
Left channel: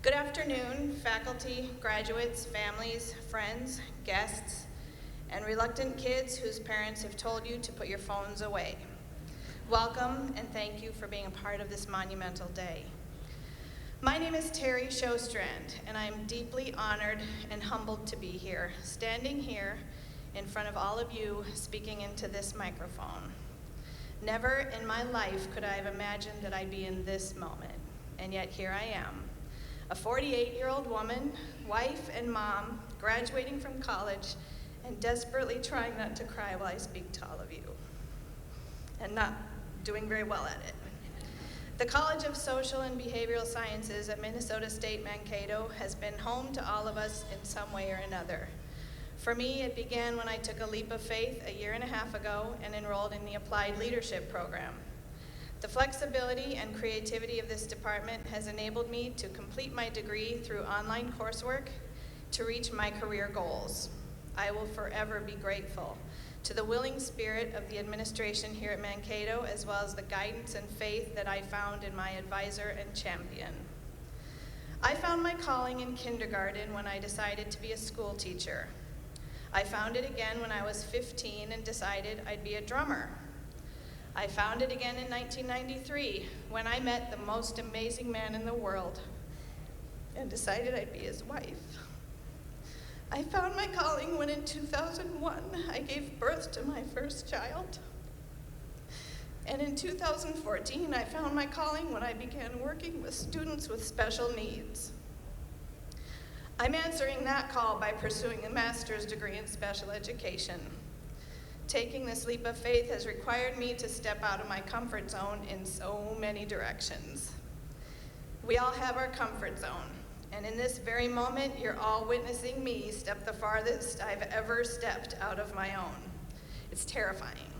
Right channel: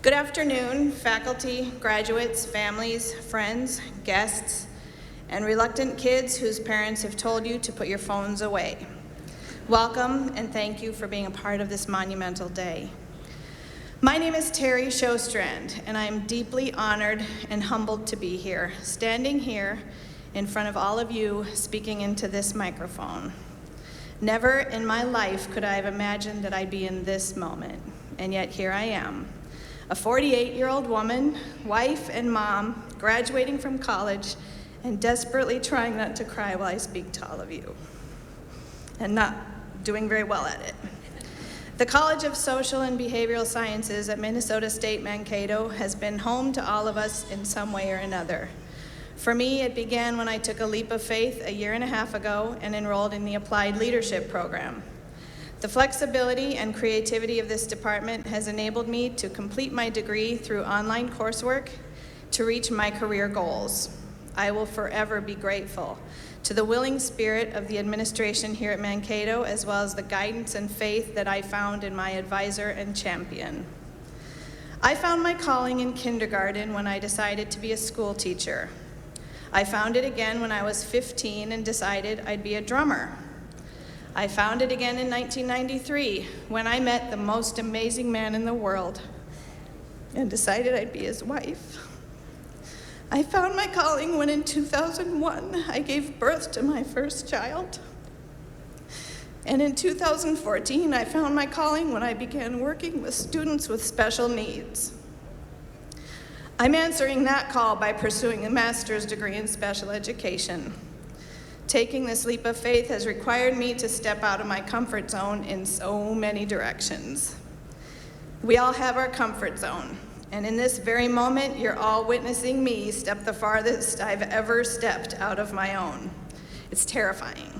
Good afternoon, faculty, graduates, families, friends, guests, and reluctant kids whose parents have told you to put your phones away. Welcome, and thank you for being a part of this monumental day. My name is Terry Shostrand, and I am deeply honored and humbled to be here, standing here in front of all of you, speaking into this microphone. Never in my life could I have imagined that I'd be in this moment, and yet here I am, a 48-year-old woman, wife and mom, graduating from college, and desperately trying not to cry while I speak to all of you, and not doing very well at it. The College of Social and Behavioral Sciences at Minnesota State Mankato has been home to all of us in some way or another. For me, it began when I took a leap of faith a 1.5 years ago and enrolled in the Applied Leadership program. The flexibility and creativity of this department has enabled me to complete my degree through online coursework to reach my career goals. I will forever be grateful to the willing spirit of the administration here at Mankato, as well as the guidance and faith that I found in my advisor and champion. I found my calling in kindergarten when I decided to be a school teacher. I found it again when I was 15 and decided I'd be a drummer. I found it again in 1993 when I met the most amazing man in the world and decided I'd be his wife. I found my calling when in 2001 I gave birth to my first child. And in 2014 I found my calling when I began working with students with special needs. I'm answering that call by pursuing a master's degree in special education. Taking this leap of faith has required me to step out of my comfort zone in so many directions. We all have our comfort zone, and in this very moment, you're all witnessing me step the farthest I've ever stepped out of my own. It's terrifying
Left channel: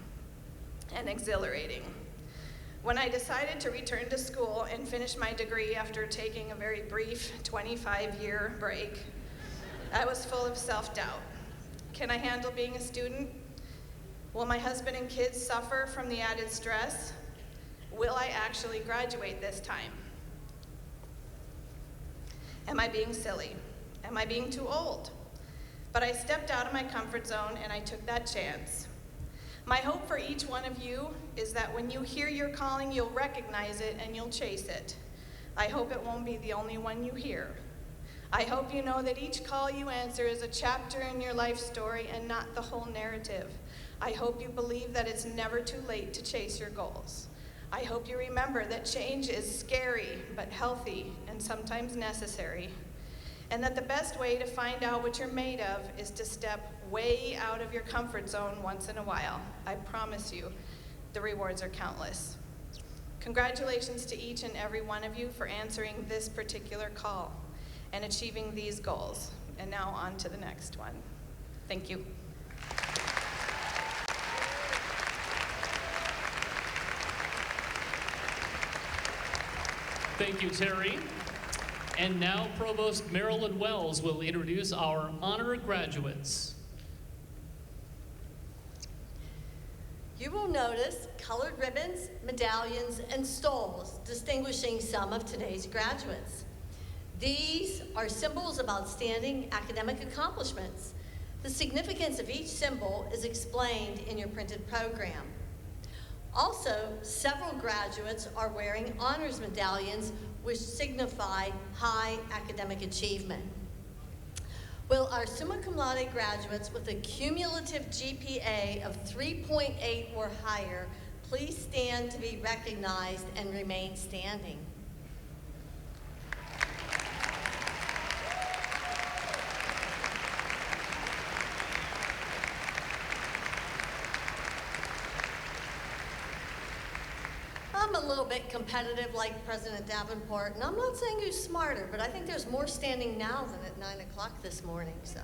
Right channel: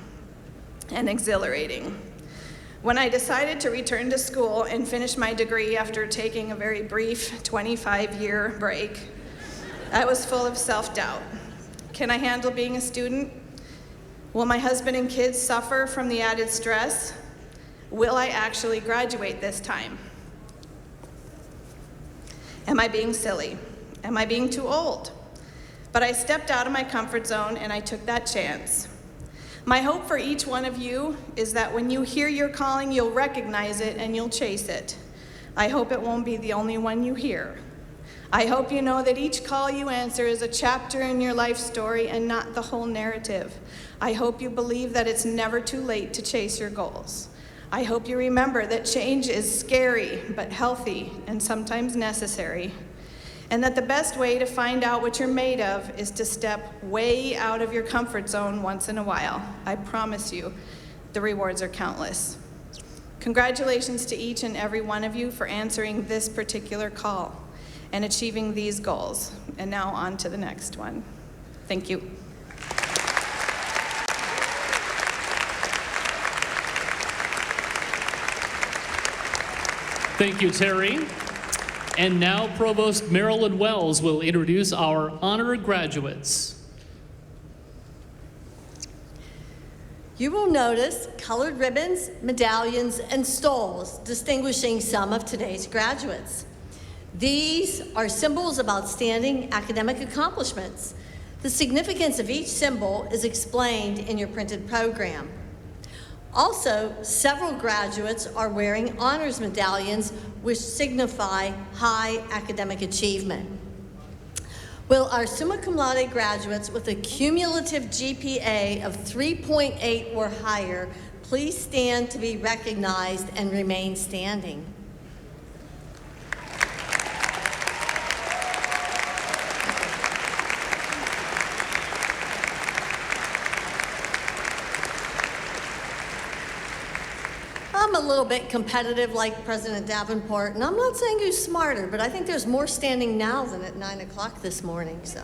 and exhilarating. When I decided to return to school and finish my degree after taking a very brief 25-year break, I was full of self-doubt. Can I handle being a student? Will my husband and kids suffer from the added stress? Will I actually graduate this time? Am I being silly? Am I being too old? But I stepped out of my comfort zone and I took that chance. My hope for each one of you is that when you hear your calling, you'll recognize it and you'll chase it. I hope it won't be the only one you hear. I hope you know that each call you answer is a chapter in your life story and not the whole narrative. I hope you believe that it's never too late to chase your goals. I hope you remember that change is scary but healthy and sometimes necessary. and that the best way to find out what you're made of is to step way out of your comfort zone once in a while. I promise you, the rewards are countless. Congratulations to each and every one of you for answering this particular call and achieving these goals. And now on to the next one. Thank you. Thank you, Terry. And now Provost Marilyn Wells will introduce our honor graduates. You will notice colored ribbons, medallions, and stoles distinguishing some of today's graduates. These are symbols of outstanding academic accomplishments. The significance of each symbol is explained in your printed program. Also, several graduates are wearing honors medallions which signify high academic achievement. Will our summa cum laude graduates with a cumulative GPA of 3.8 or higher please stand to be recognized and remain standing? I'm a little bit competitive like President Davenport, and I'm not saying who's smarter, but I think there's more standing now than at 9 o'clock this morning, so.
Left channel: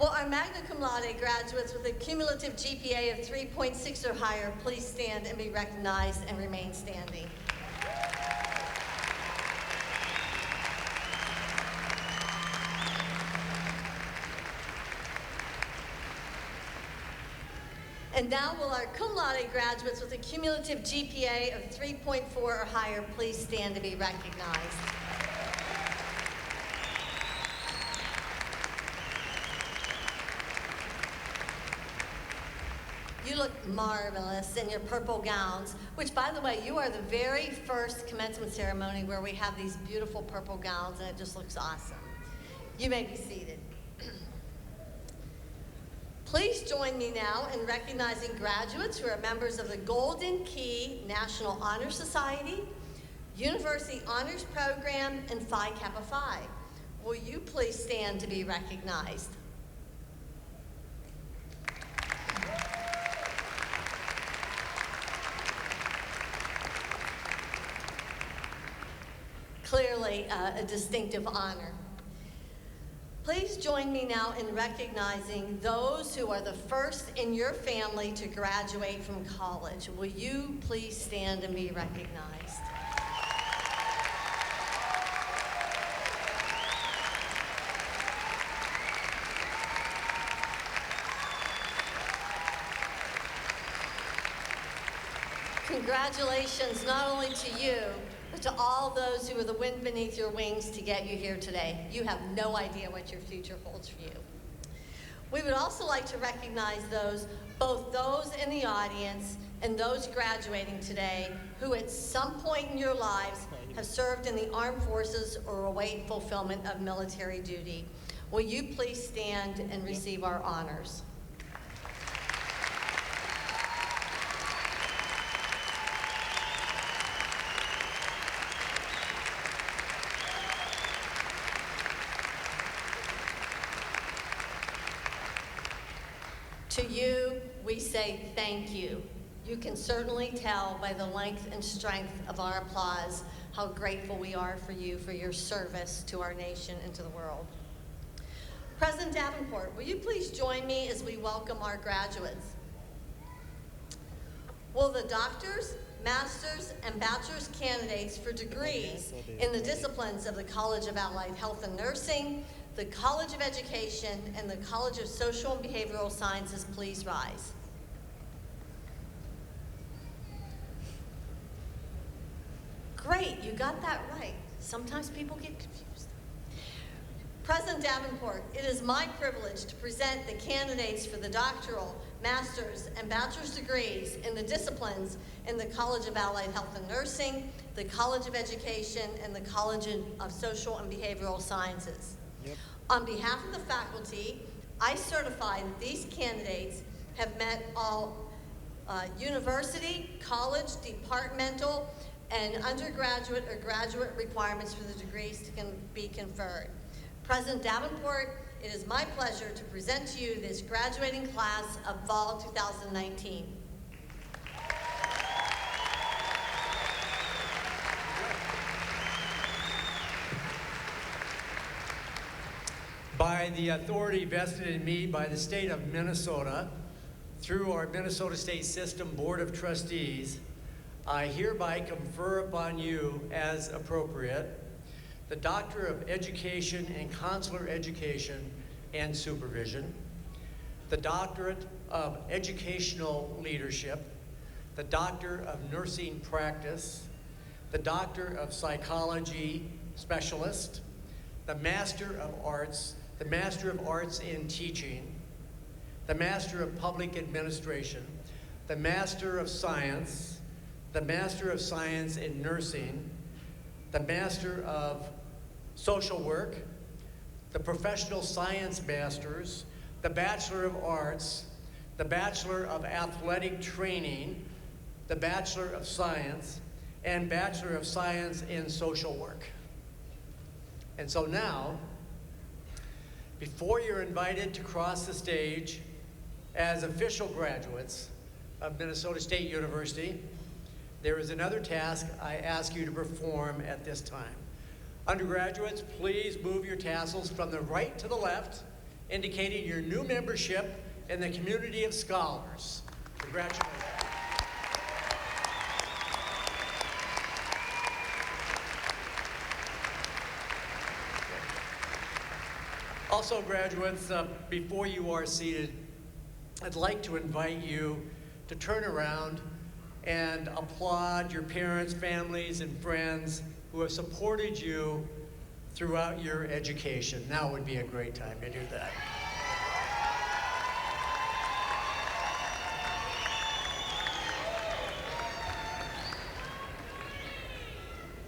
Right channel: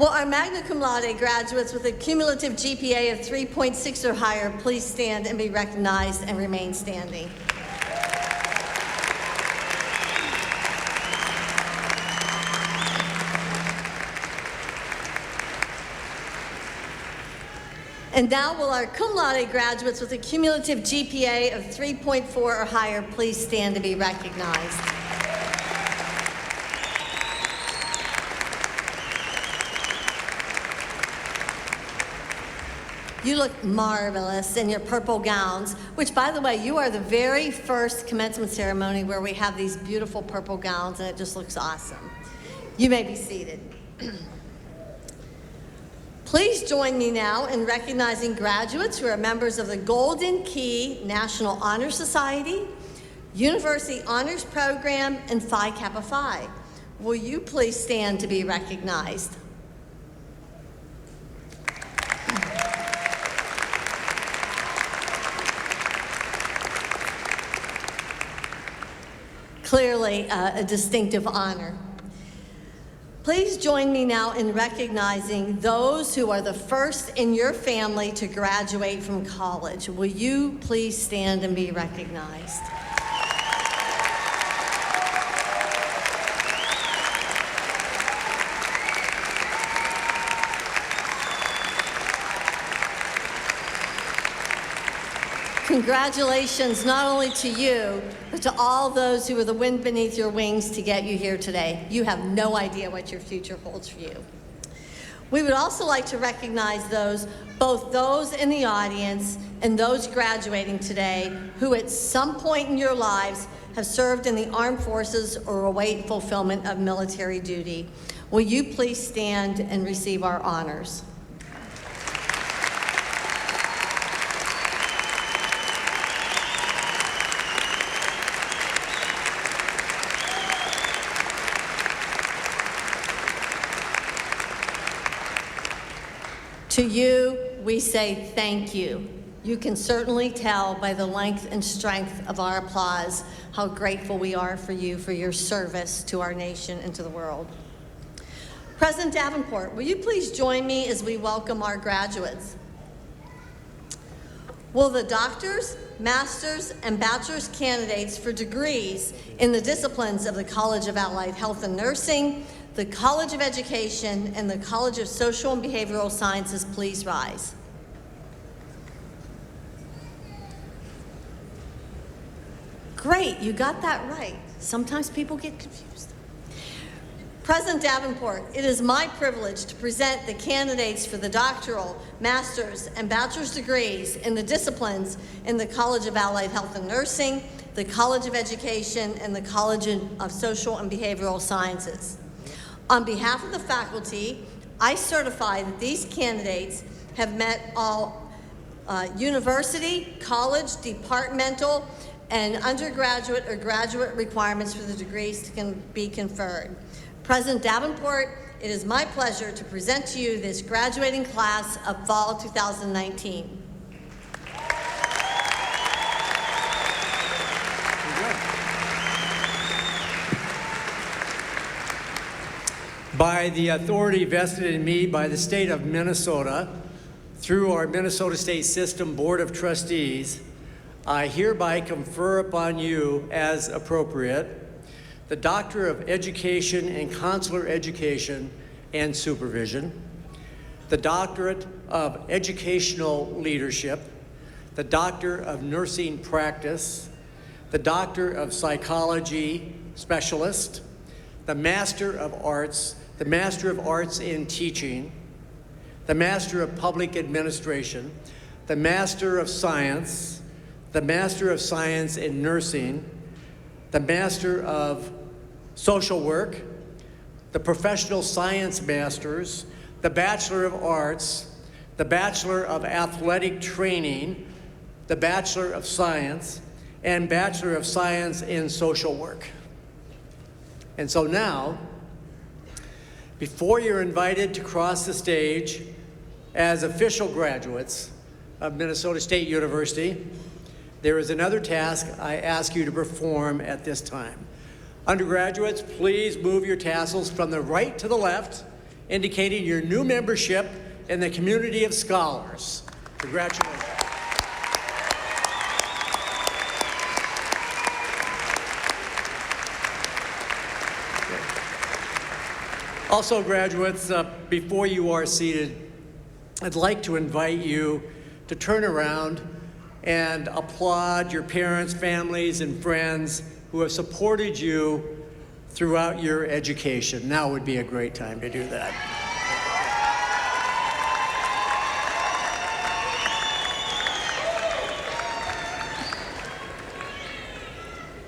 Will our magna cum laude graduates with a cumulative GPA of 3.6 or higher please stand and be recognized and remain standing? And now will our cum laude graduates with a cumulative GPA of 3.4 or higher please stand to be recognized. You look marvelous in your purple gowns, which, by the way, you are the very first commencement ceremony where we have these beautiful purple gowns, and it just looks awesome. You may be seated. Please join me now in recognizing graduates who are members of the Golden Key National Honor Society, University Honors Program, and Phi Kappa Phi. Will you please stand to be recognized? Clearly a distinctive honor. Please join me now in recognizing those who are the first in your family to graduate from college. Will you please stand and be recognized? Congratulations not only to you, but to all those who are the wind beneath your wings to get you here today. You have no idea what your future holds for you. We would also like to recognize both those in the audience and those graduating today who at some point in your lives have served in the armed forces or await fulfillment of military duty. Will you please stand and receive our honors? To you, we say thank you. You can certainly tell by the length and strength of our applause how grateful we are for you for your service to our nation and to the world. President Davenport, will you please join me as we welcome our graduates? Will the doctors, masters, and bachelor's candidates for degrees in the disciplines of the College of Allied Health and Nursing, the College of Education, and the College of Social and Behavioral Sciences please rise? Great, you got that right. Sometimes people get confused. President Davenport, it is my privilege to present the candidates for the doctoral, master's, and bachelor's degrees in the disciplines in the College of Allied Health and Nursing, the College of Education, and the College of Social and Behavioral Sciences. On behalf of the faculty, I certify that these candidates have met all university, college, departmental, and undergraduate or graduate requirements for the degrees to be conferred. President Davenport, it is my pleasure to present to you this graduating class of fall 2019. By the authority vested in me by the state of Minnesota, through our Minnesota State System Board of Trustees, I hereby confer upon you as appropriate the Doctor of Education in Consular Education and Supervision, the Doctorate of Educational Leadership, the Doctor of Nursing Practice, the Doctor of Psychology Specialist, the Master of Arts, the Master of Arts in Teaching, the Master of Public Administration, the Master of Science, the Master of Science in Nursing, the Master of Social Work, the Professional Science Masters, the Bachelor of Arts, the Bachelor of Athletic Training, the Bachelor of Science, and Bachelor of Science in Social Work. And so now, before you're invited to cross the stage as official graduates of Minnesota State University, there is another task I ask you to perform at this time. Undergraduates, please move your tassels from the right to the left, indicating your new membership in the community of scholars. Congratulations. Also, graduates, before you are seated, I'd like to invite you to turn around and applaud your parents, families, and friends who have supported you throughout your education. Now would be a great time to do that.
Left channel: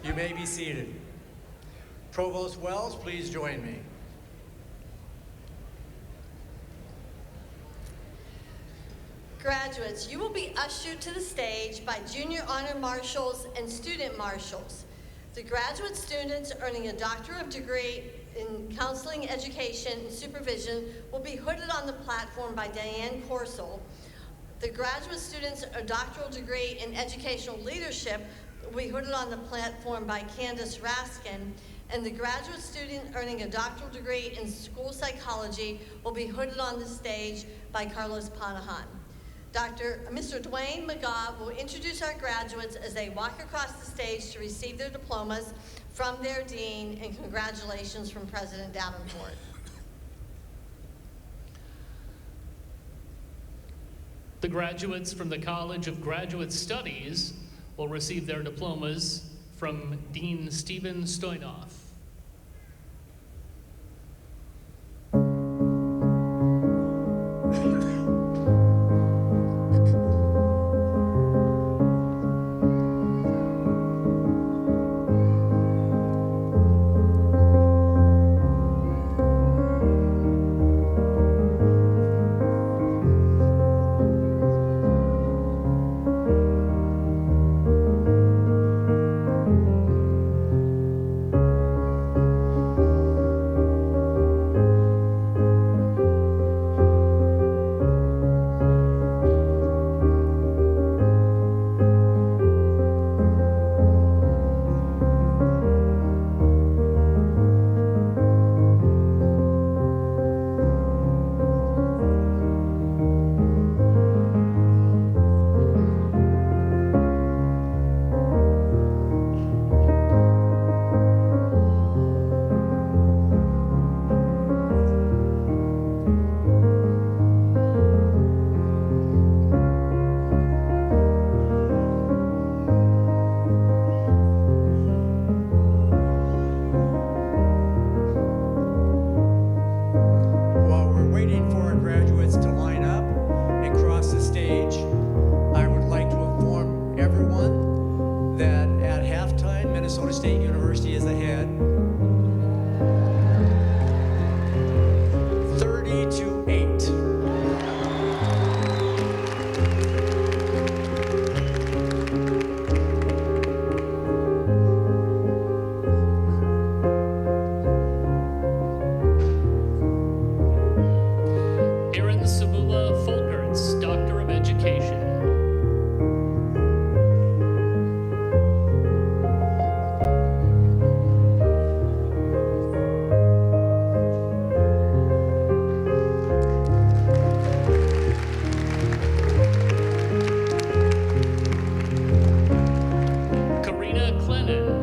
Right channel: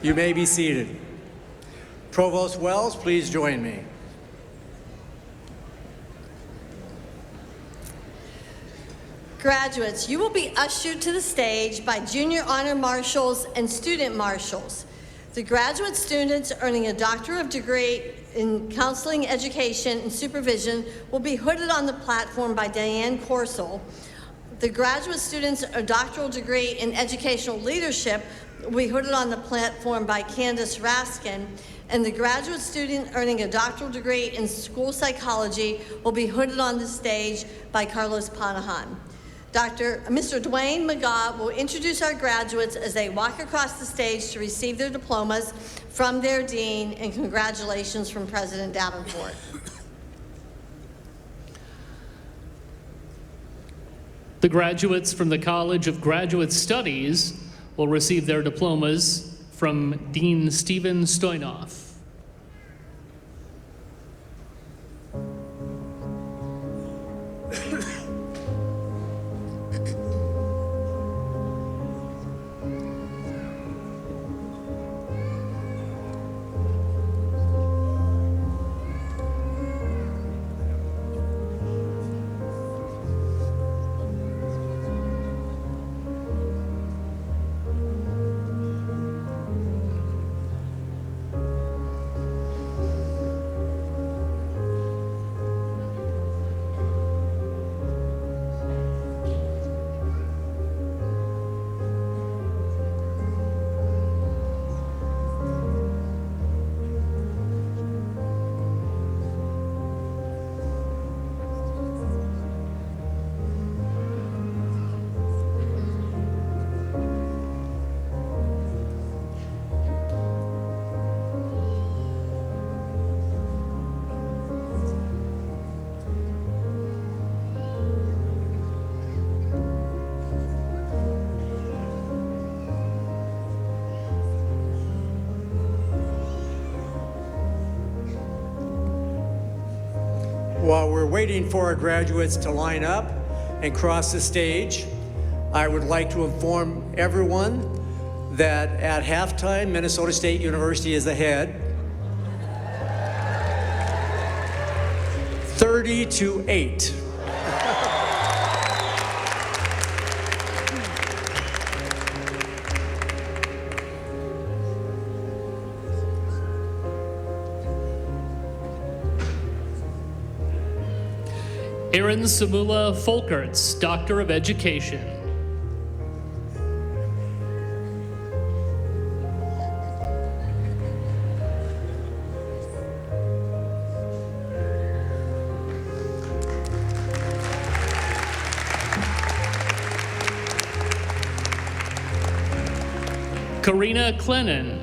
You may be seated. Provost Wells, please join me. Graduates, you will be ushered to the stage by junior honor marshals and student marshals. The graduate students earning a doctorate degree in counseling, education, and supervision will be hooded on the platform by Diane Corsel. The graduate students a doctoral degree in educational leadership will be hooded on the platform by Candace Raskin. And the graduate student earning a doctoral degree in school psychology will be hooded on the stage by Carlos Panahan. Mr. Dwayne McGaw will introduce our graduates as they walk across the stage to receive their diplomas from their dean, and congratulations from President Davenport. The graduates from the College of Graduate Studies will receive their diplomas from Dean Stephen Stoynoff. Waiting for our graduates to line up and cross the stage, I would like to inform everyone that at halftime, Minnesota State University is ahead 30-8. Samula Folkerts, Doctor of Education. Karina Clennon,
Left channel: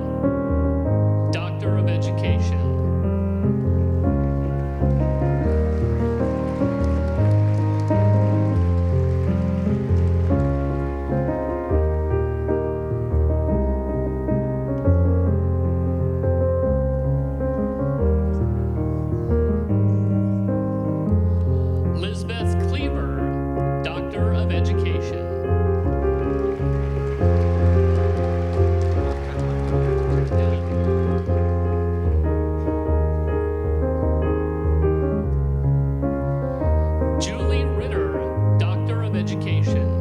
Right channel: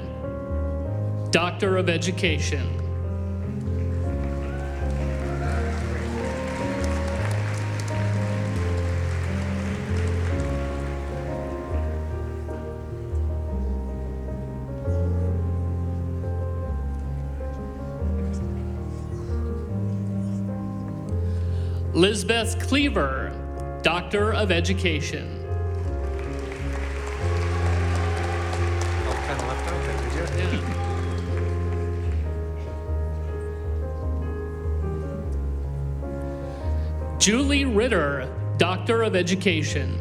Doctor of Education. Lisbeth Cleaver, Doctor of Education. Julie Ritter, Doctor of Education.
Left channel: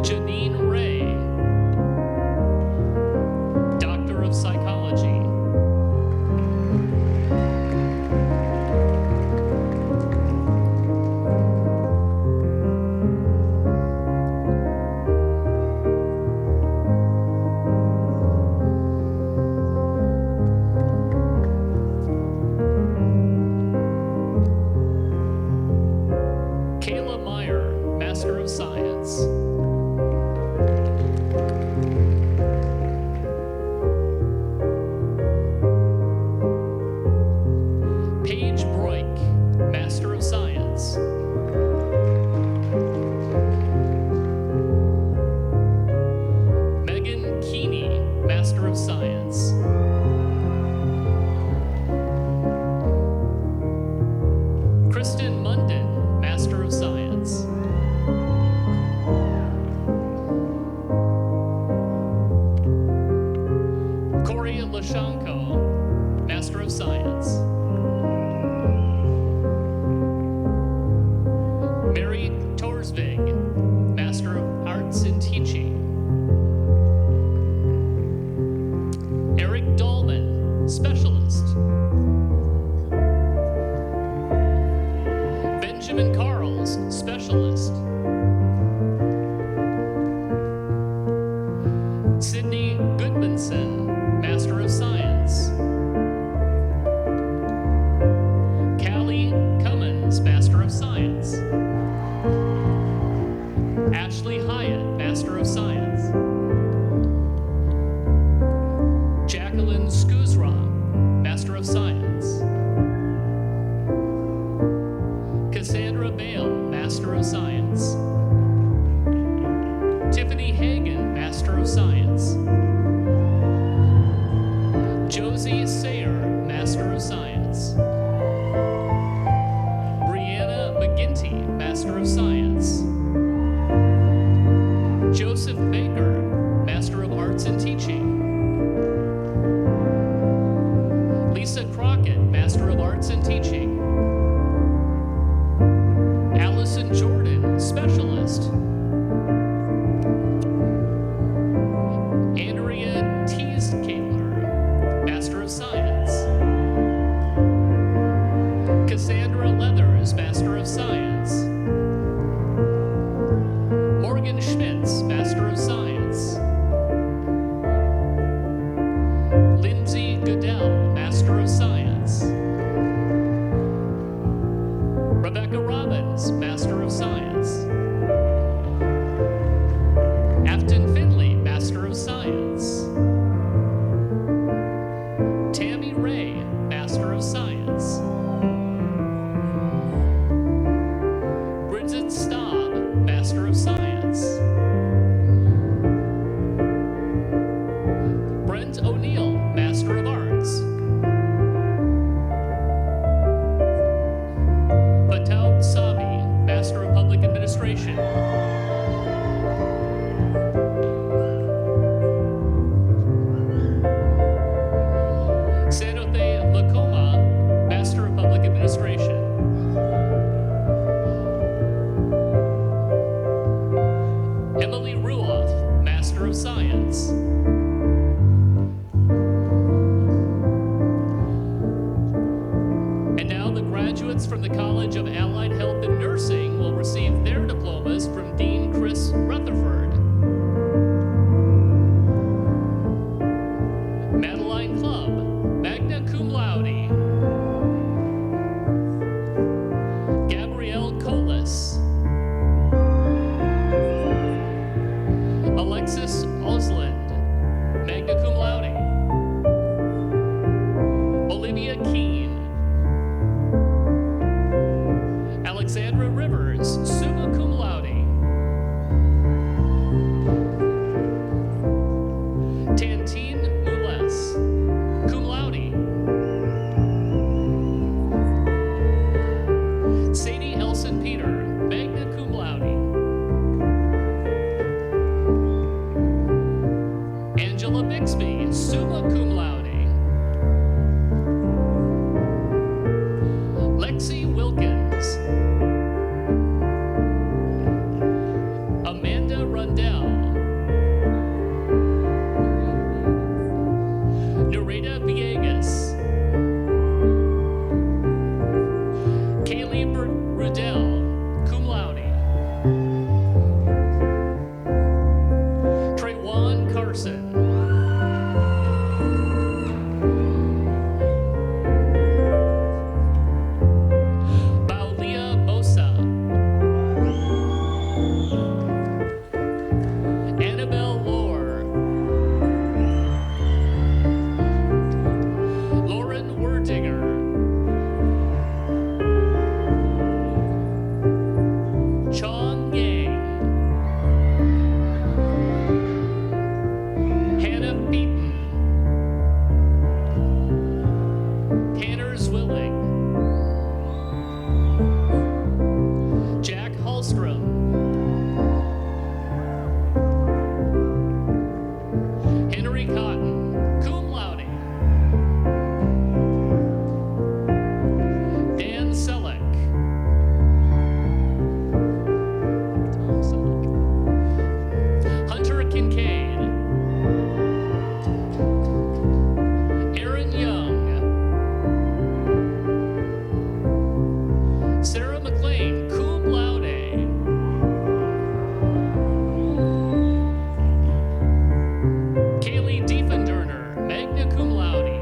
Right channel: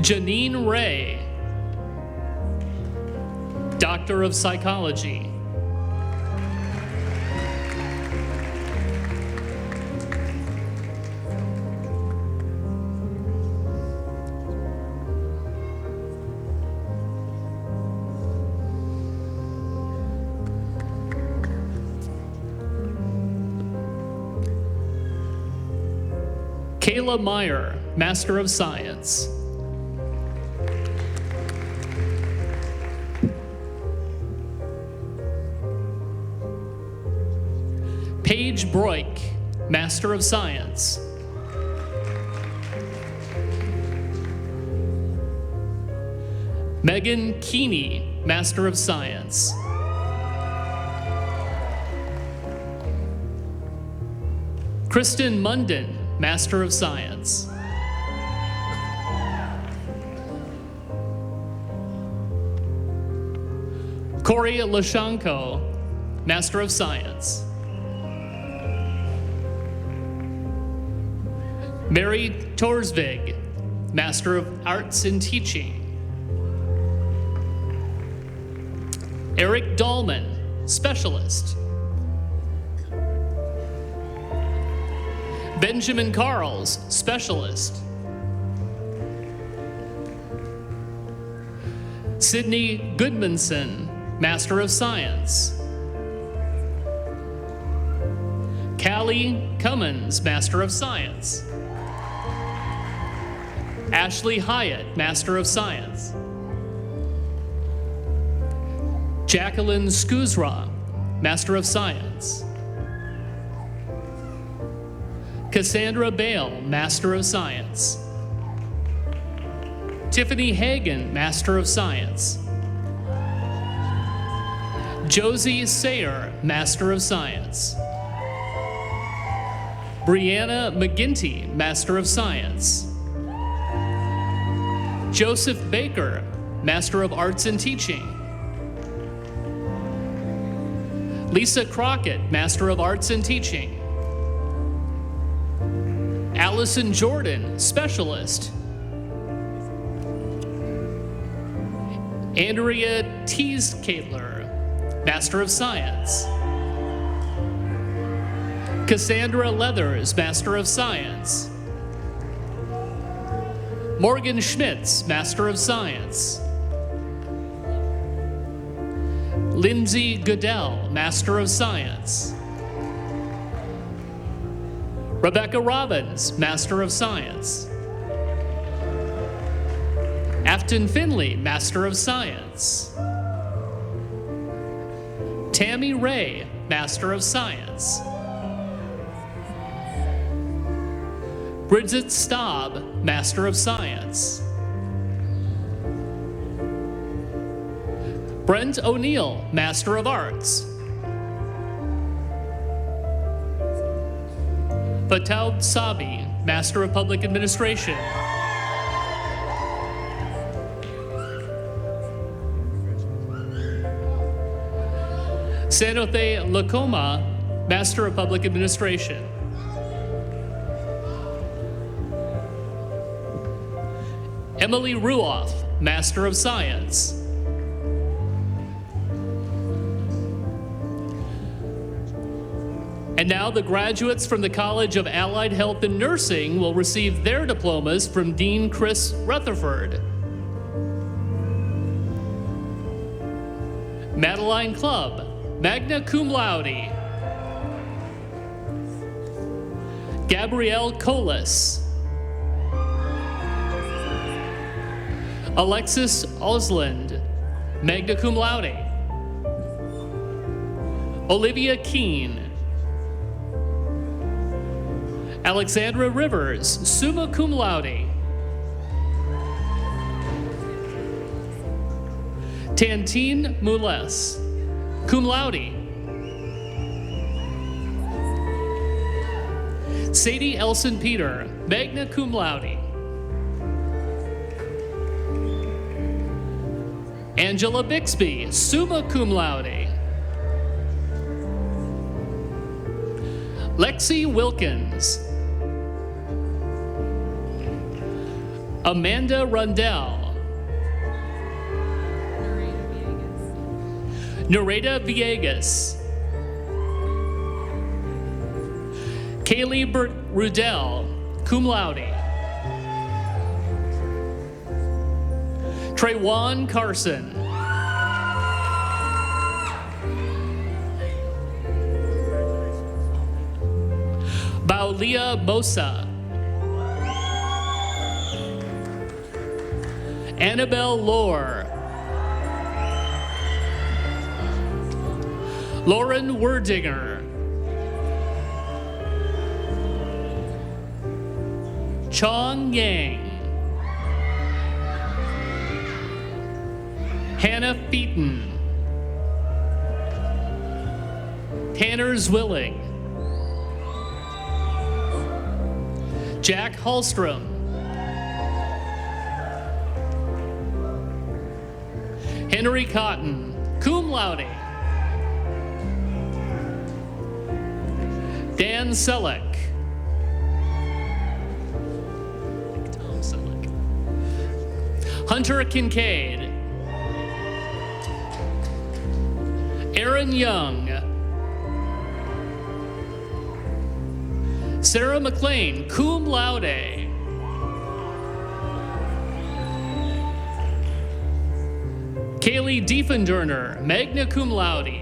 Janine Ray, Doctor of Psychology. Kayla Meyer, Master of Science. Paige Broik, Master of Science. Megan Keeney, Master of Science. Kristen Munden, Master of Science. Corey Lashanko, Master of Science. Mary Torsvig, Master of Arts in Teaching. Eric Dahlman, Specialist. Benjamin Carls, Specialist. Sydney Goodmanson, Master of Science. Callie Cummins, Master of Science. Ashley Hyatt, Master of Science. Jacqueline Skuzra, Master of Science. Cassandra Bale, Master of Science. Tiffany Hagen, Master of Science. Josie Sayer, Master of Science. Brianna McGinty, Master of Science. Joseph Baker, Master of Arts and Teaching. Lisa Crockett, Master of Arts and Teaching. Allison Jordan, Specialist. Andrea Tees-Kaler, Master of Science. Cassandra Leathers, Master of Science. Morgan Schmitz, Master of Science. Lindsay Goodell, Master of Science. Rebecca Robbins, Master of Science. Afton Finley, Master of Science. Tammy Ray, Master of Science. Bridget Staub, Master of Science. Brent O'Neill, Master of Arts. Pataut Sabi, Master of Public Administration. Sanothe Lakoma, Master of Public Administration. Emily Ruoff, Master of Science. Graduates from the College of Allied Health and Nursing will receive their diplomas from Dean Chris Rutherford. Madeline Clubb, magna cum laude. Gabrielle Colas. Alexis Osland, magna cum laude. Olivia Keene. Alexandra Rivers, summa cum laude. Tantine Moules, cum laude. Sadie Elson Peter, magna cum laude. Angela Bixby, summa cum laude. Lexi Wilkins. Amanda Rundell. Nareda Villegas. Kaylee Rudell, cum laude. Traywan Carson. Baulia Mosa. Annabelle Lohr. Lauren Werdinger. Chong Yang. Hannah Beaton. Tanner Zwilling. Jack Hallstrom. Henry Cotton, cum laude. Dan Selleck. Hunter Kincaid. Aaron Young. Sarah McLean, cum laude. Kaylee Diefenderner, magna cum laude.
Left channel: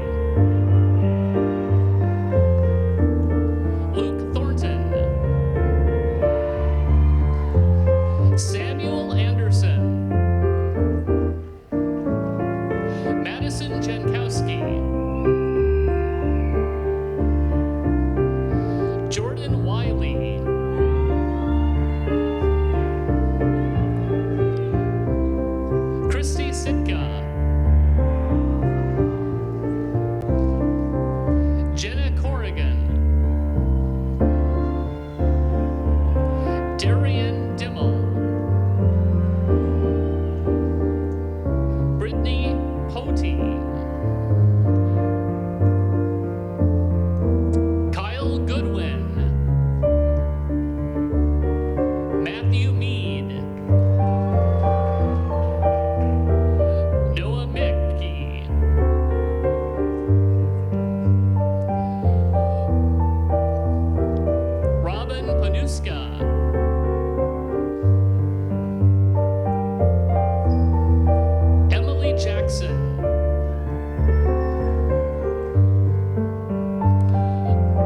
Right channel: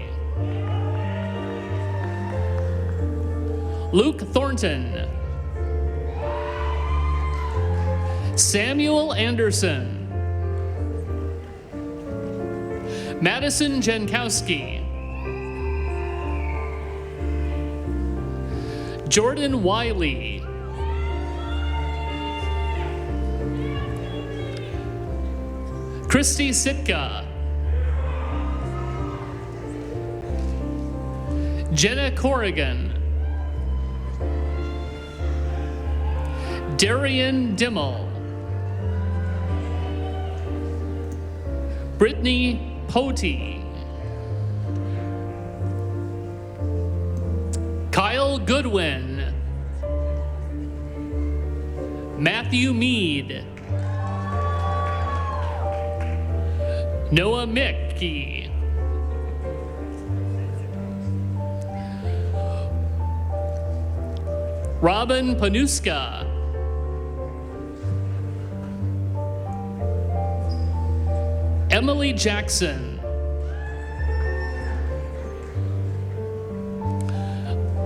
Luke Thornton. Samuel Anderson. Madison Jankowski. Jordan Wiley. Christy Sitka. Jenna Corrigan. Darian Dimmel. Brittany Potey. Kyle Goodwin. Matthew Mead. Noah Mickey. Robin Panuska. Emily Jackson.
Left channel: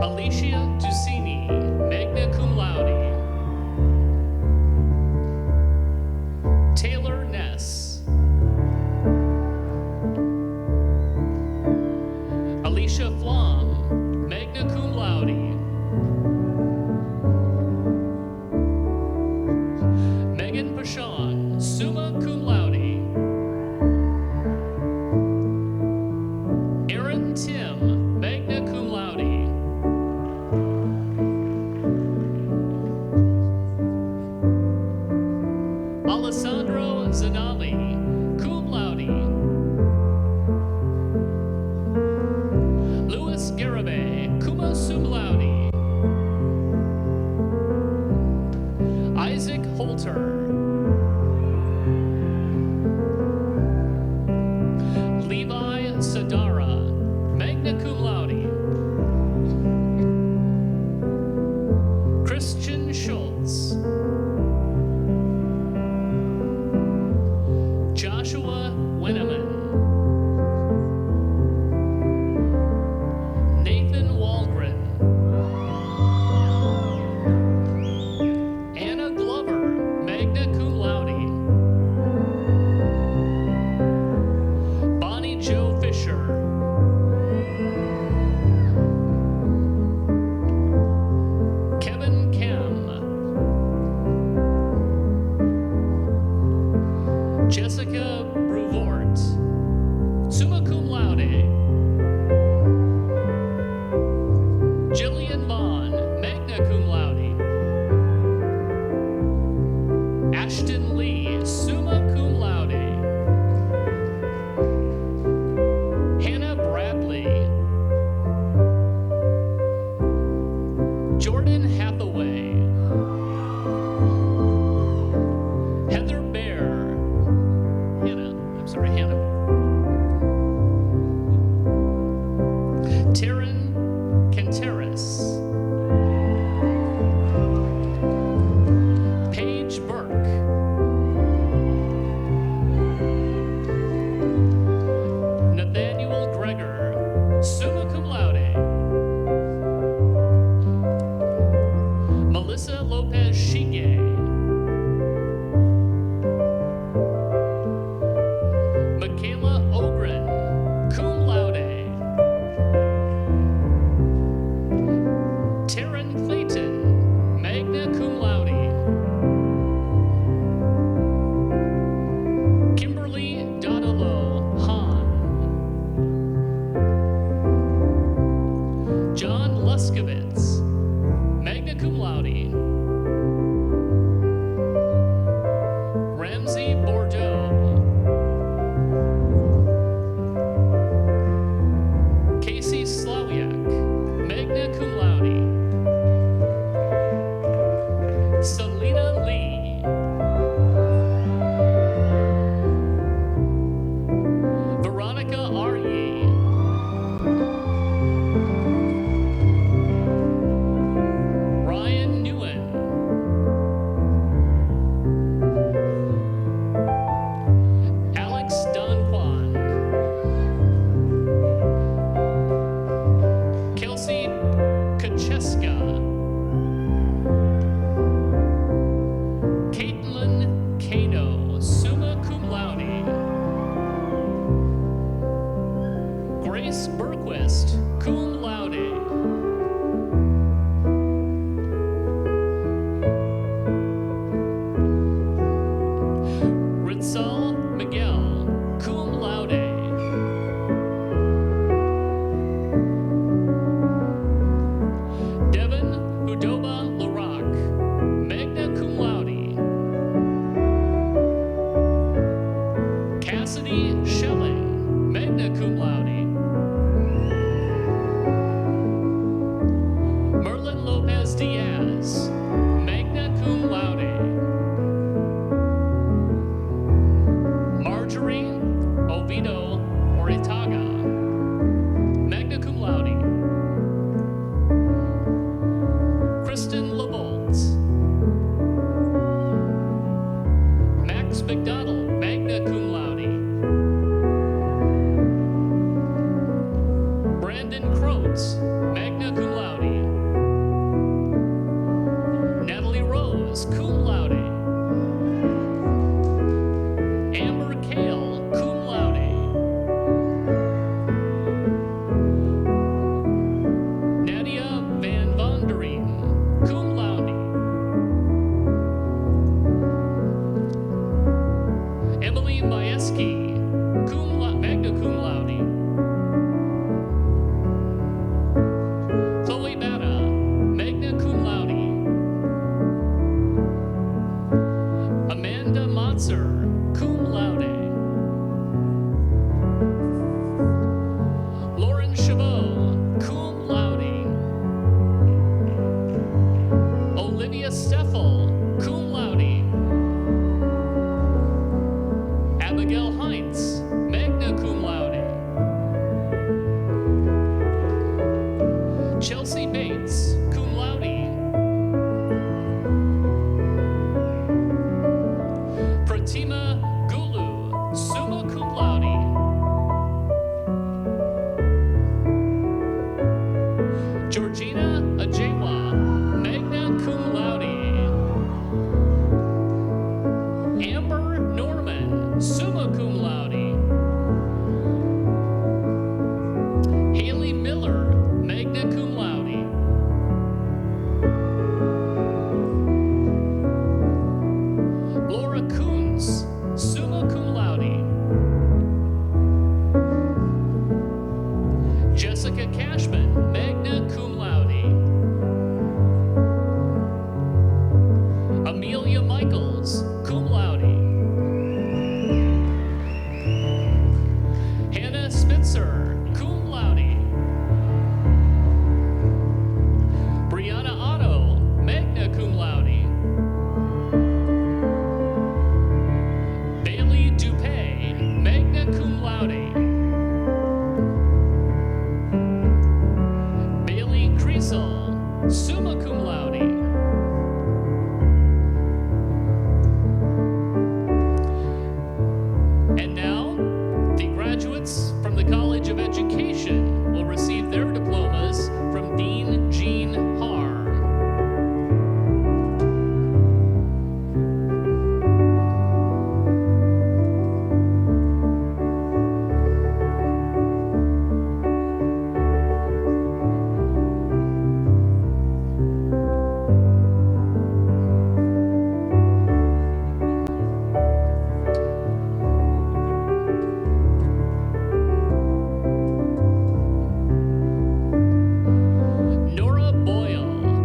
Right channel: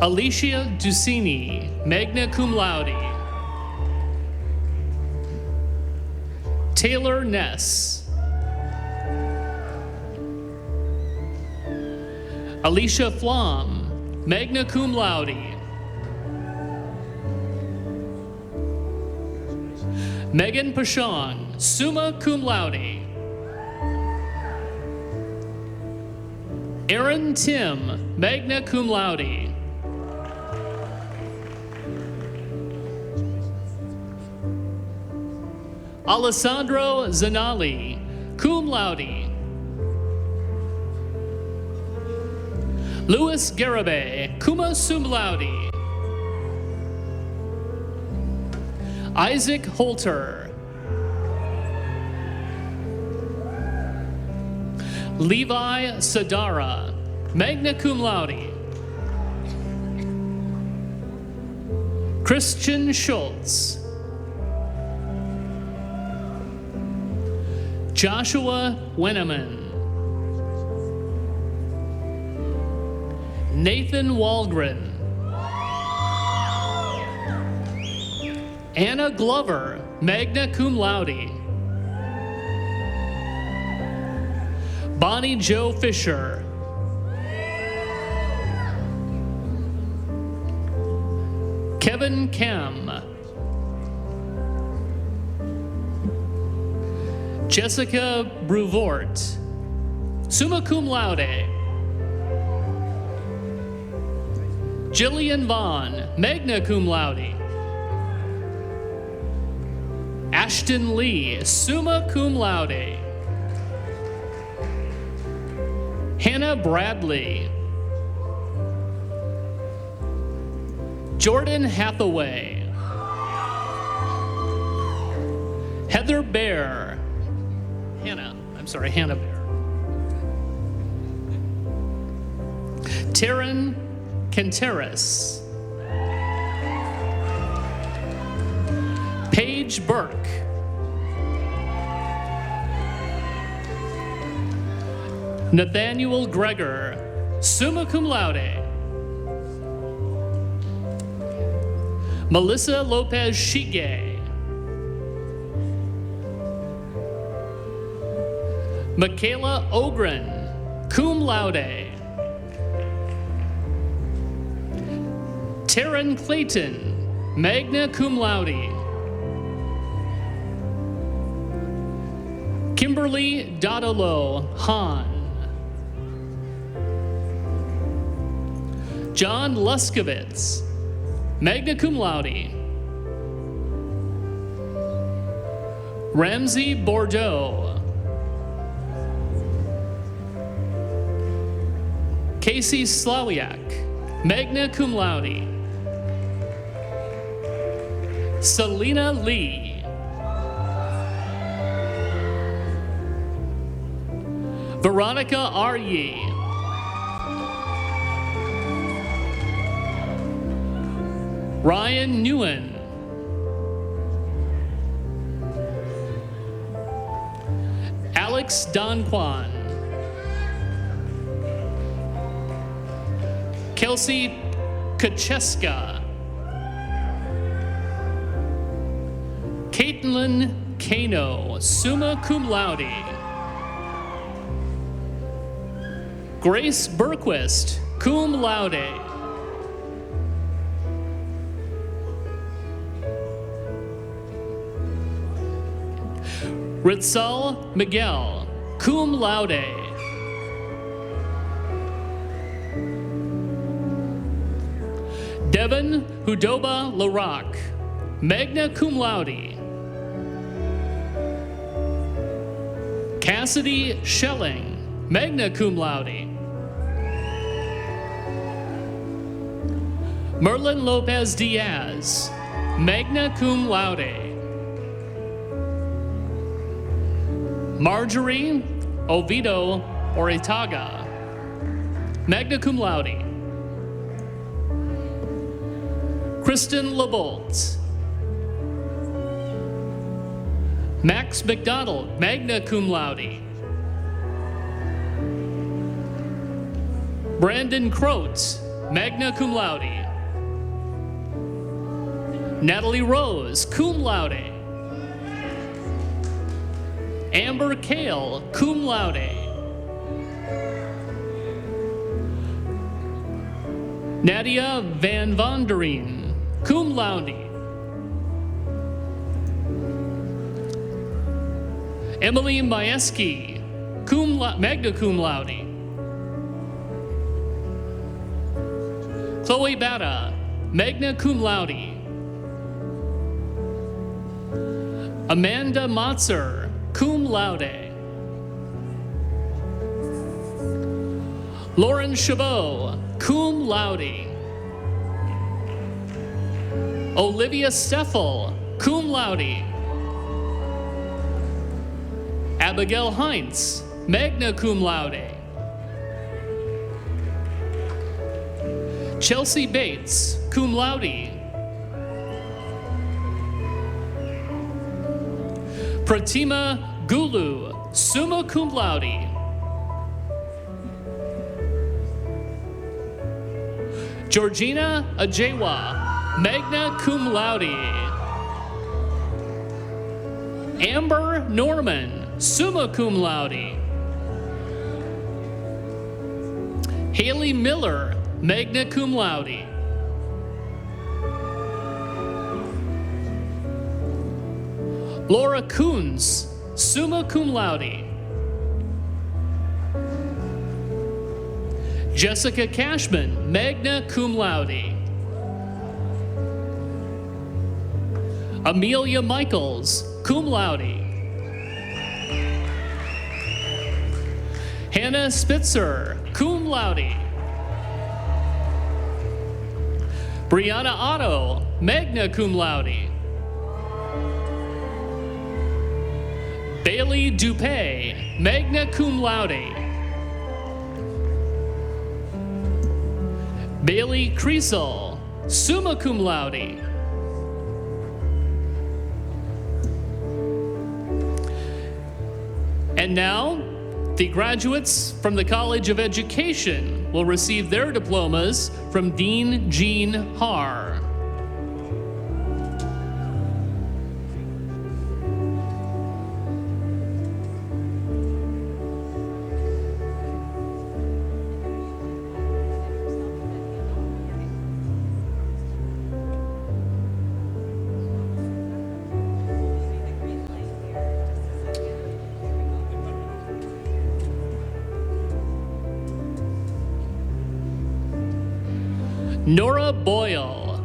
Alicia Ducini, magna cum laude. Taylor Ness. Alicia Flom, magna cum laude. Megan Pashon, summa cum laude. Aaron Tim, magna cum laude. Alessandro Zanali, cum laude. Louis Garabay, cum sum laude. Isaac Holter. Levi Sadara, magna cum laude. Christian Schultz, Joshua Winneman, Nathan Waldgren, Anna Glover, magna cum laude, Bonnie Jo Fisher, Kevin Kem, Jessica Bruvort, summa cum laude, Jillian Vaughn, magna cum laude, Ashton Lee, summa cum laude, Hannah Bradley, Jordan Hathaway, Heather Bear, Hannah Bear, Taryn Quinteras, Paige Burke, Nathaniel Gregor, summa cum laude, Melissa Lopez Shige, Michaela Ogren, cum laude, Taryn Clayton, magna cum laude, Kimberly Dodolo Hahn, John Luskovitz, magna cum laude, Ramsey Bordeaux, Casey Slawiak, magna cum laude, Selena Lee, Veronica Arye, Ryan Newen, Alex Donquan, Kelsey Kacheska, Caitlin Kano, summa cum laude, Grace Berquist, cum laude, Ritzal Miguel, cum laude, Devin Hudoba Larock, magna cum laude, Cassidy Schelling, magna cum laude, Merlin Lopez Diaz, magna cum laude, Marjorie Oviedo Oritaga, magna cum laude, Kristen LeBolt, Max McDonald, magna cum laude, Brandon Crotes, magna cum laude, Natalie Rose, cum laude, Amber Kale, cum laude, Nadia Van Vonderen, cum laude, Emily Majewski, magna cum laude, Chloe Bata, magna cum laude, Amanda Motzer, cum laude, Lauren Chabot, cum laude, Olivia Steffel, cum laude, Abigail Heinz, magna cum laude, Chelsea Bates, cum laude, Pratima Gulu, summa cum laude. Georgina Ajewa, magna cum laude. Amber Norman, summa cum laude. Haley Miller, magna cum laude. Laura Coons, summa cum laude. Jessica Cashman, magna cum laude. Amelia Michaels, cum laude. Hannah Spitzer, cum laude. Brianna Otto, magna cum laude. Bailey Dupay, magna cum laude. Bailey Creasel, summa cum laude. And now, the graduates from the College of Education will receive their diplomas from Dean Jean Haar. Nora Boyle.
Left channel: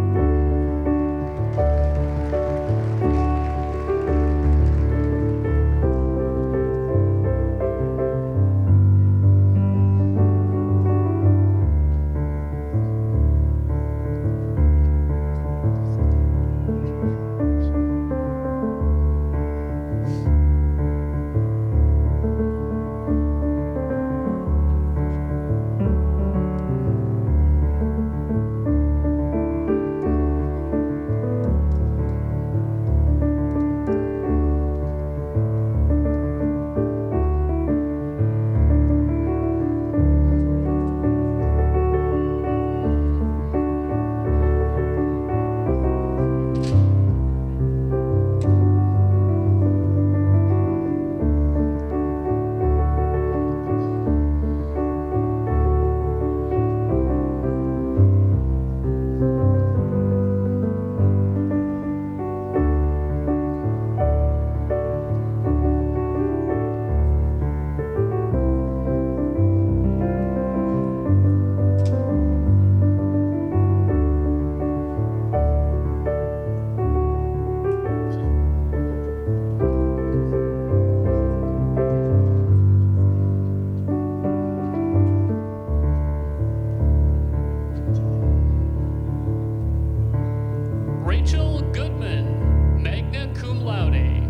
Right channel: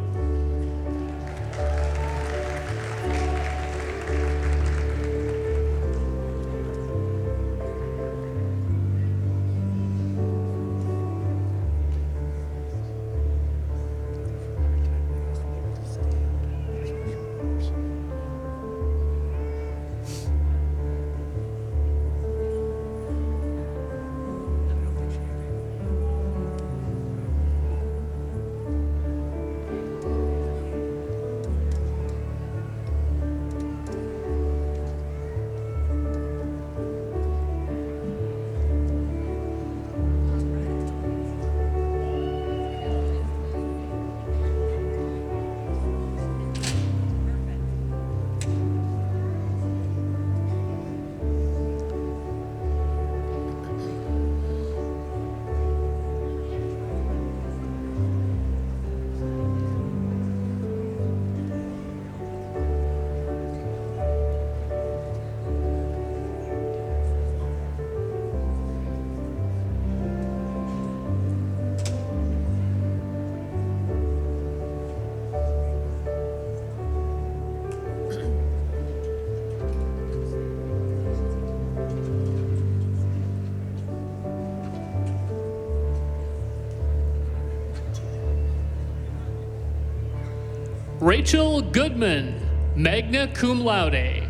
Rachel Goodman, magna cum laude.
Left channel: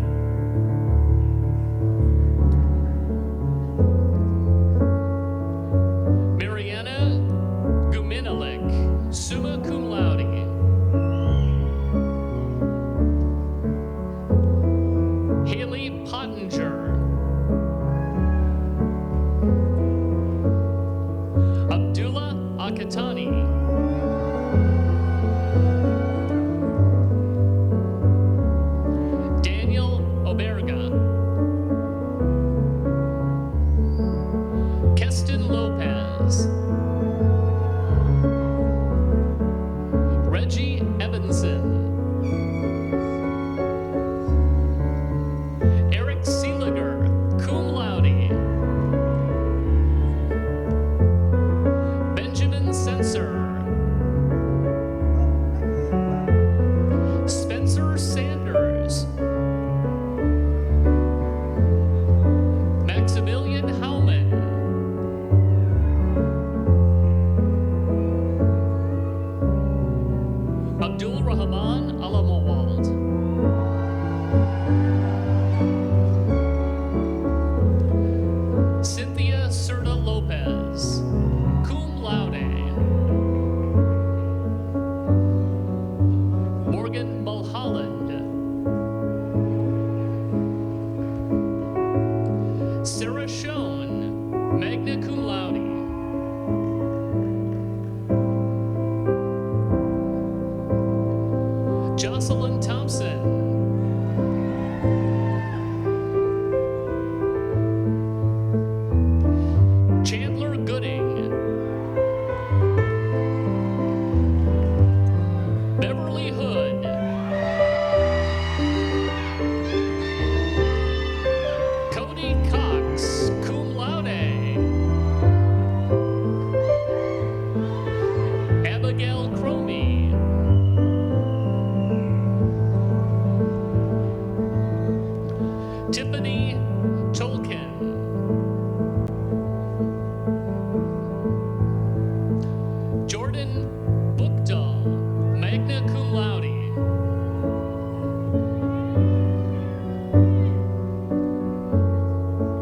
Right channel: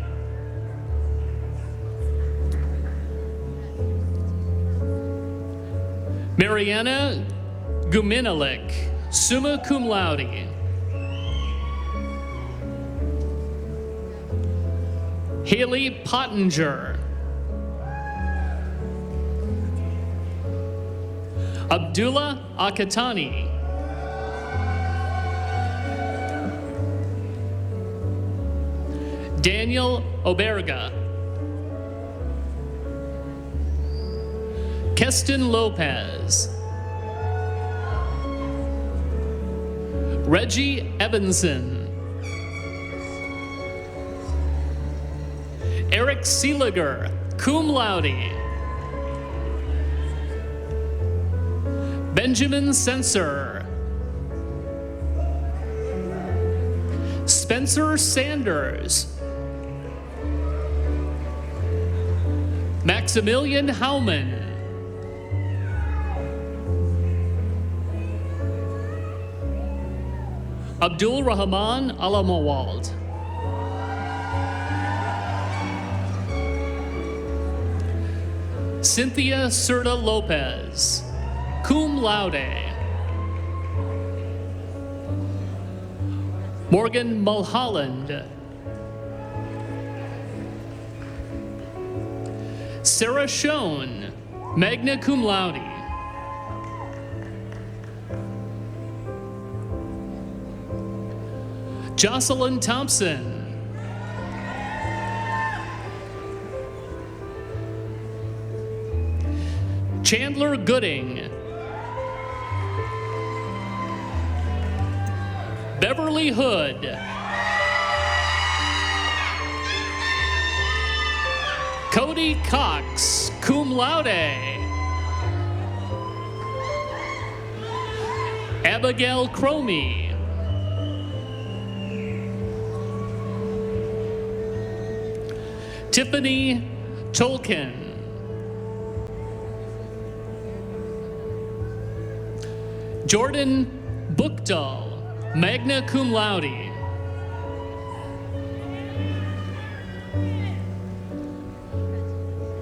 Mariana Guminalik, summa cum laude. Haley Pottinger. Abdullah Akatani. Daniel Oberga. Keston Lopez. Reggie Evanson. Eric Seeliger, cum laude. Benjamin Sensor. Spencer Sanders. Maximilian Hauman. Abdul Rahman Alamawald. Cynthia Serta Lopez, cum laude. Morgan Mulholland. Sarah Schoen, magna cum laude. Jocelyn Thompson. Chandler Gooding. Beverly Hood. Cody Cox, cum laude. Abigail Cromie. Tiffany Tolkien. Jordan Buchdahl, magna cum laude.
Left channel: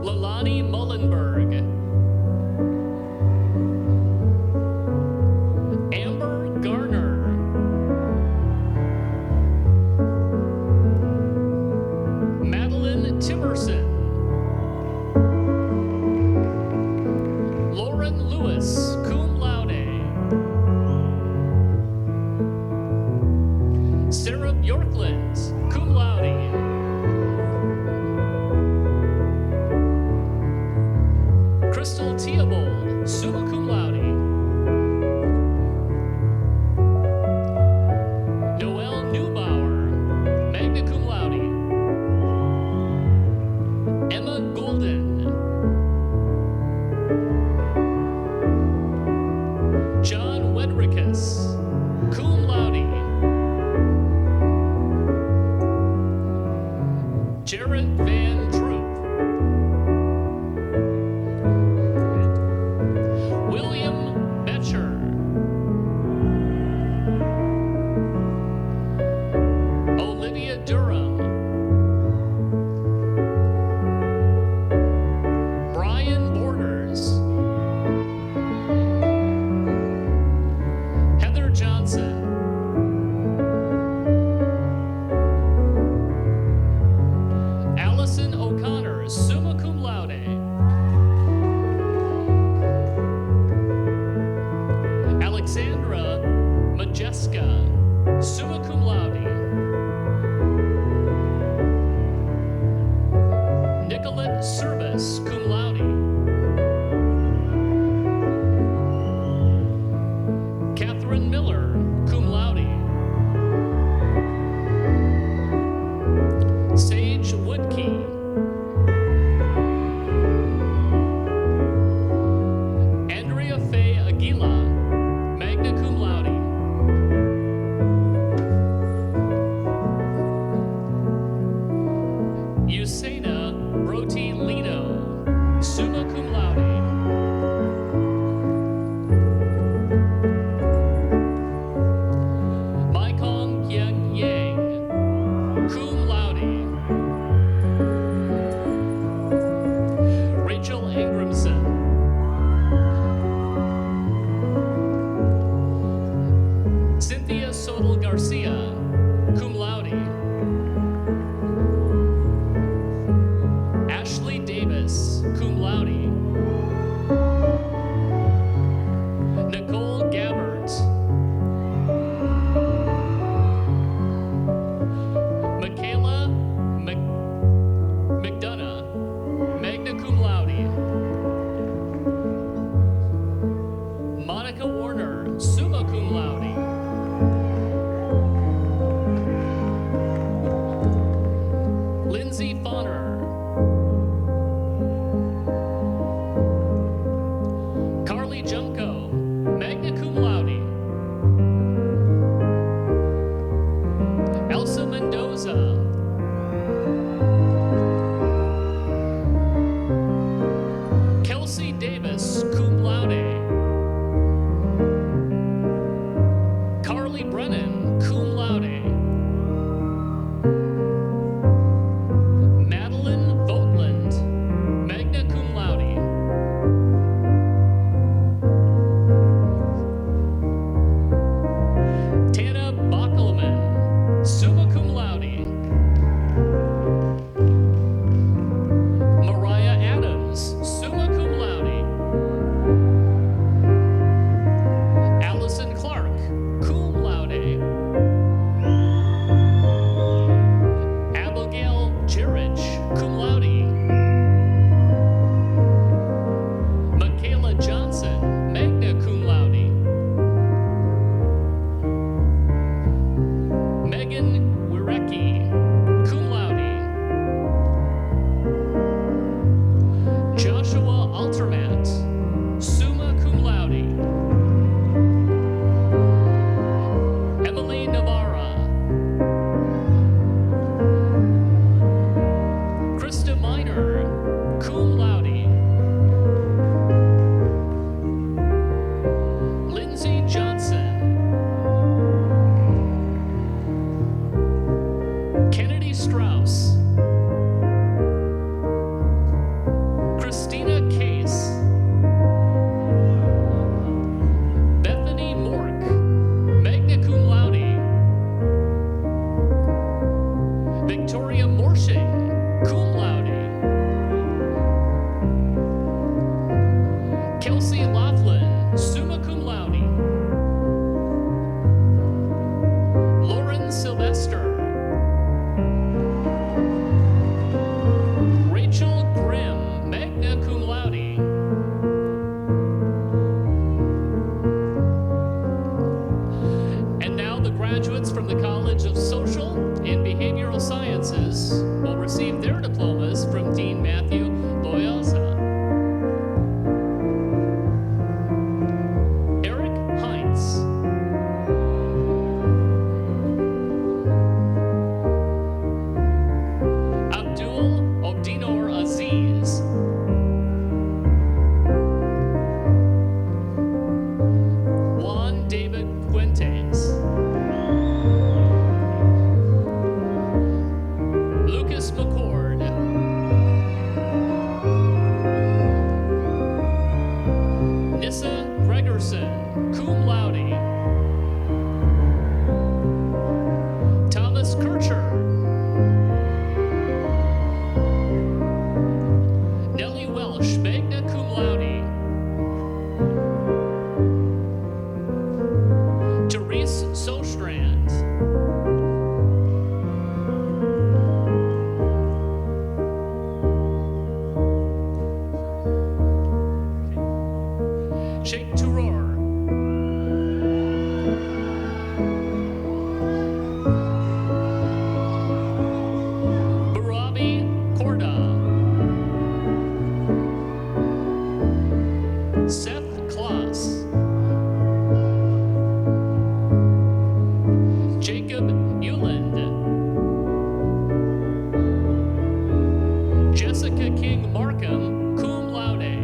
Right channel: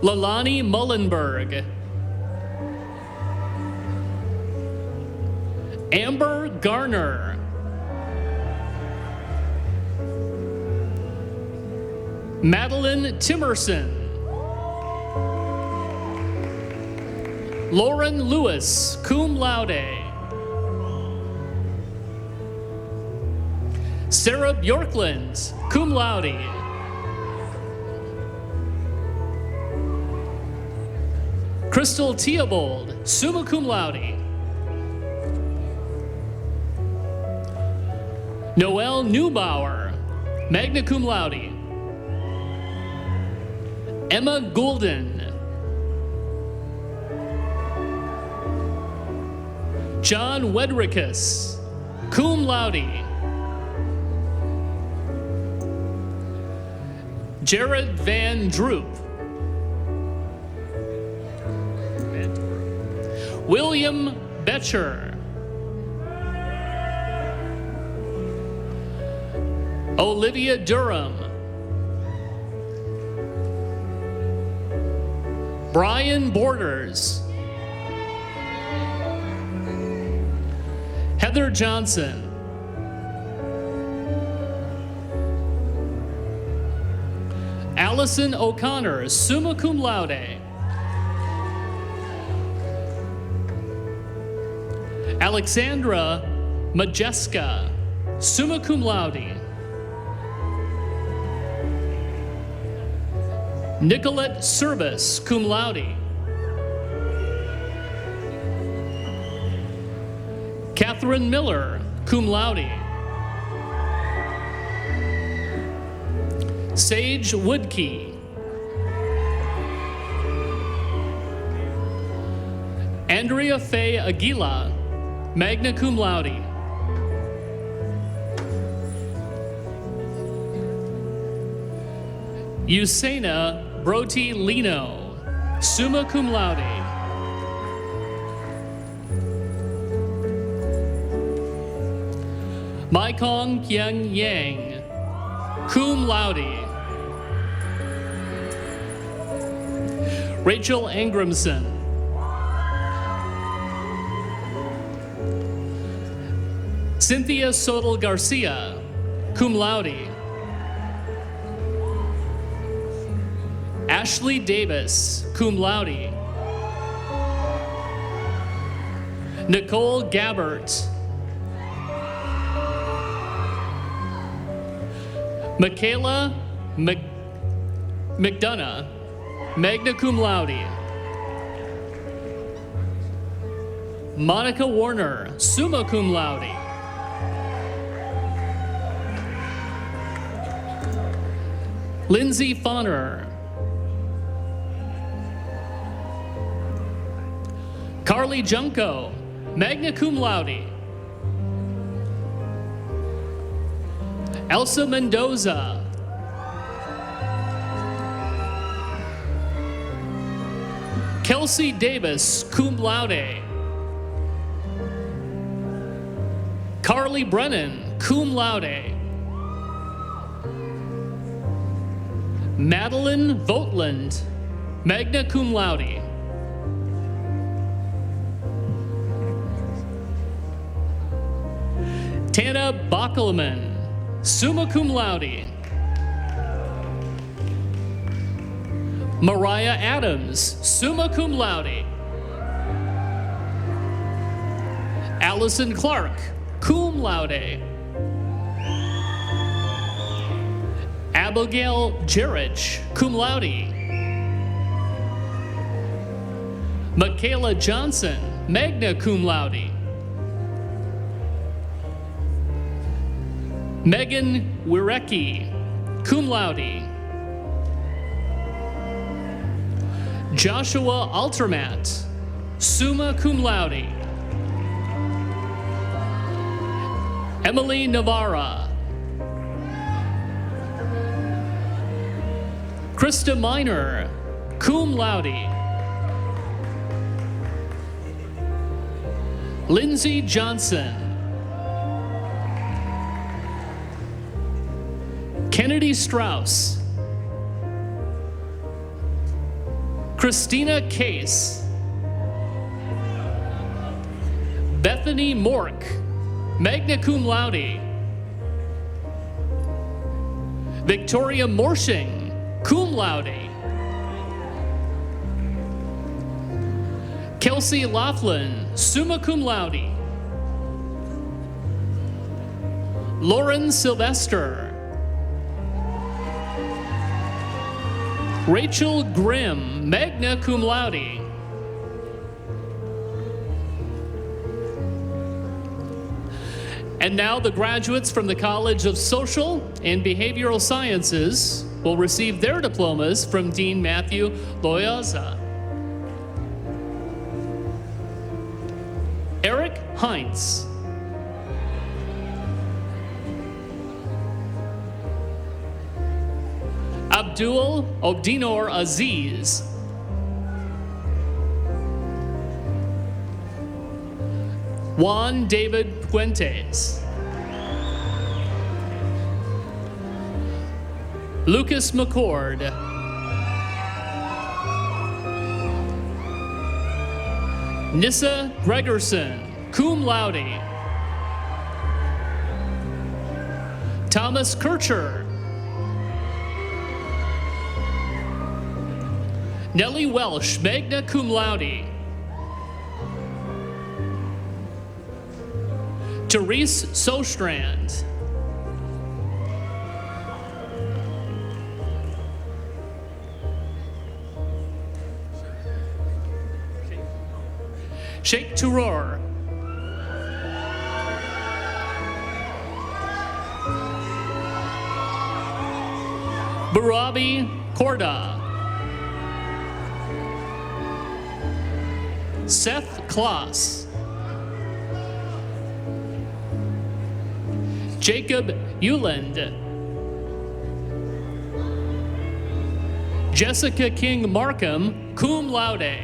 Lalani Mullenberg. Amber Garner. Madeline Timerson. Lauren Lewis, cum laude. Sarah Bjorkland, cum laude. Crystal Theobald, summa cum laude. Noelle Neubauer, magna cum laude. Emma Golden. John Wedrickus, cum laude. Jarrett Van Droop. William Betcher. Olivia Durham. Brian Borders. Heather Johnson. Allison O'Connor, summa cum laude. Alexandra Majeska, summa cum laude. Nicolette Service, cum laude. Catherine Miller, cum laude. Sage Woodkey. Andrea Faye Aguila, magna cum laude. Usaina Broti Lino, summa cum laude. Maikong Kian Yang, cum laude. Rachel Angramson. Cynthia Sodal Garcia, cum laude. Ashley Davis, cum laude. Nicole Gabbert. Michaela McDonough, magna cum laude. Monica Warner, summa cum laude. Lindsay Fonner. Carly Junko, magna cum laude. Elsa Mendoza. Kelsey Davis, cum laude. Carly Brennan, cum laude. Madeline Vogtland, magna cum laude. Tana Bockelman, summa cum laude. Mariah Adams. Jason Clark, cum laude. Abigail Jerich, cum laude. Michaela Johnson, magna cum laude. Megan Wirecki, cum laude. Joshua Altermat, summa cum laude. Emily Navarra. Krista Miner, cum laude. Lindsay Johnson. Kennedy Strauss. Christina Case. Bethany Mork, magna cum laude. Victoria Morshing, cum laude. Kelsey Laughlin, summa cum laude. Lauren Sylvester. Rachel Grimm, magna cum laude. And now the graduates from the College of Social and Behavioral Sciences will receive their diplomas from Dean Matthew Loyosa. Eric Heinz. Abdul Obdinor Aziz. Juan David Fuentes. Lucas McCord. Nissa Gregerson, cum laude. Thomas Kircher. Nellie Welsh, magna cum laude. Therese Sostrand. Sheikh Turor. Barabi Korda. Seth Kloss. Jacob Euland. Jessica King Markham, cum laude.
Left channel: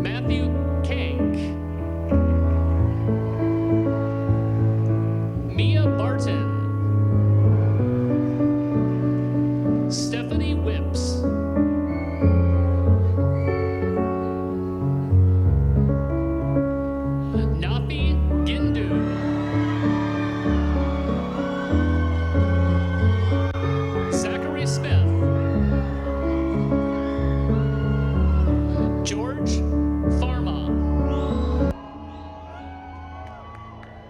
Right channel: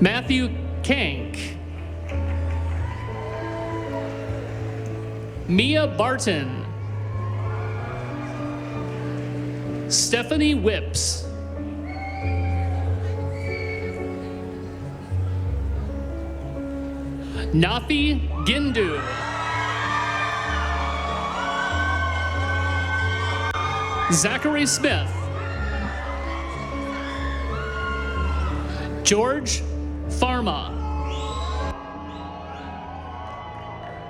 Matthew Kank. Mia Barton. Stephanie Whips. Nafi Gindu. Zachary Smith. George Pharma.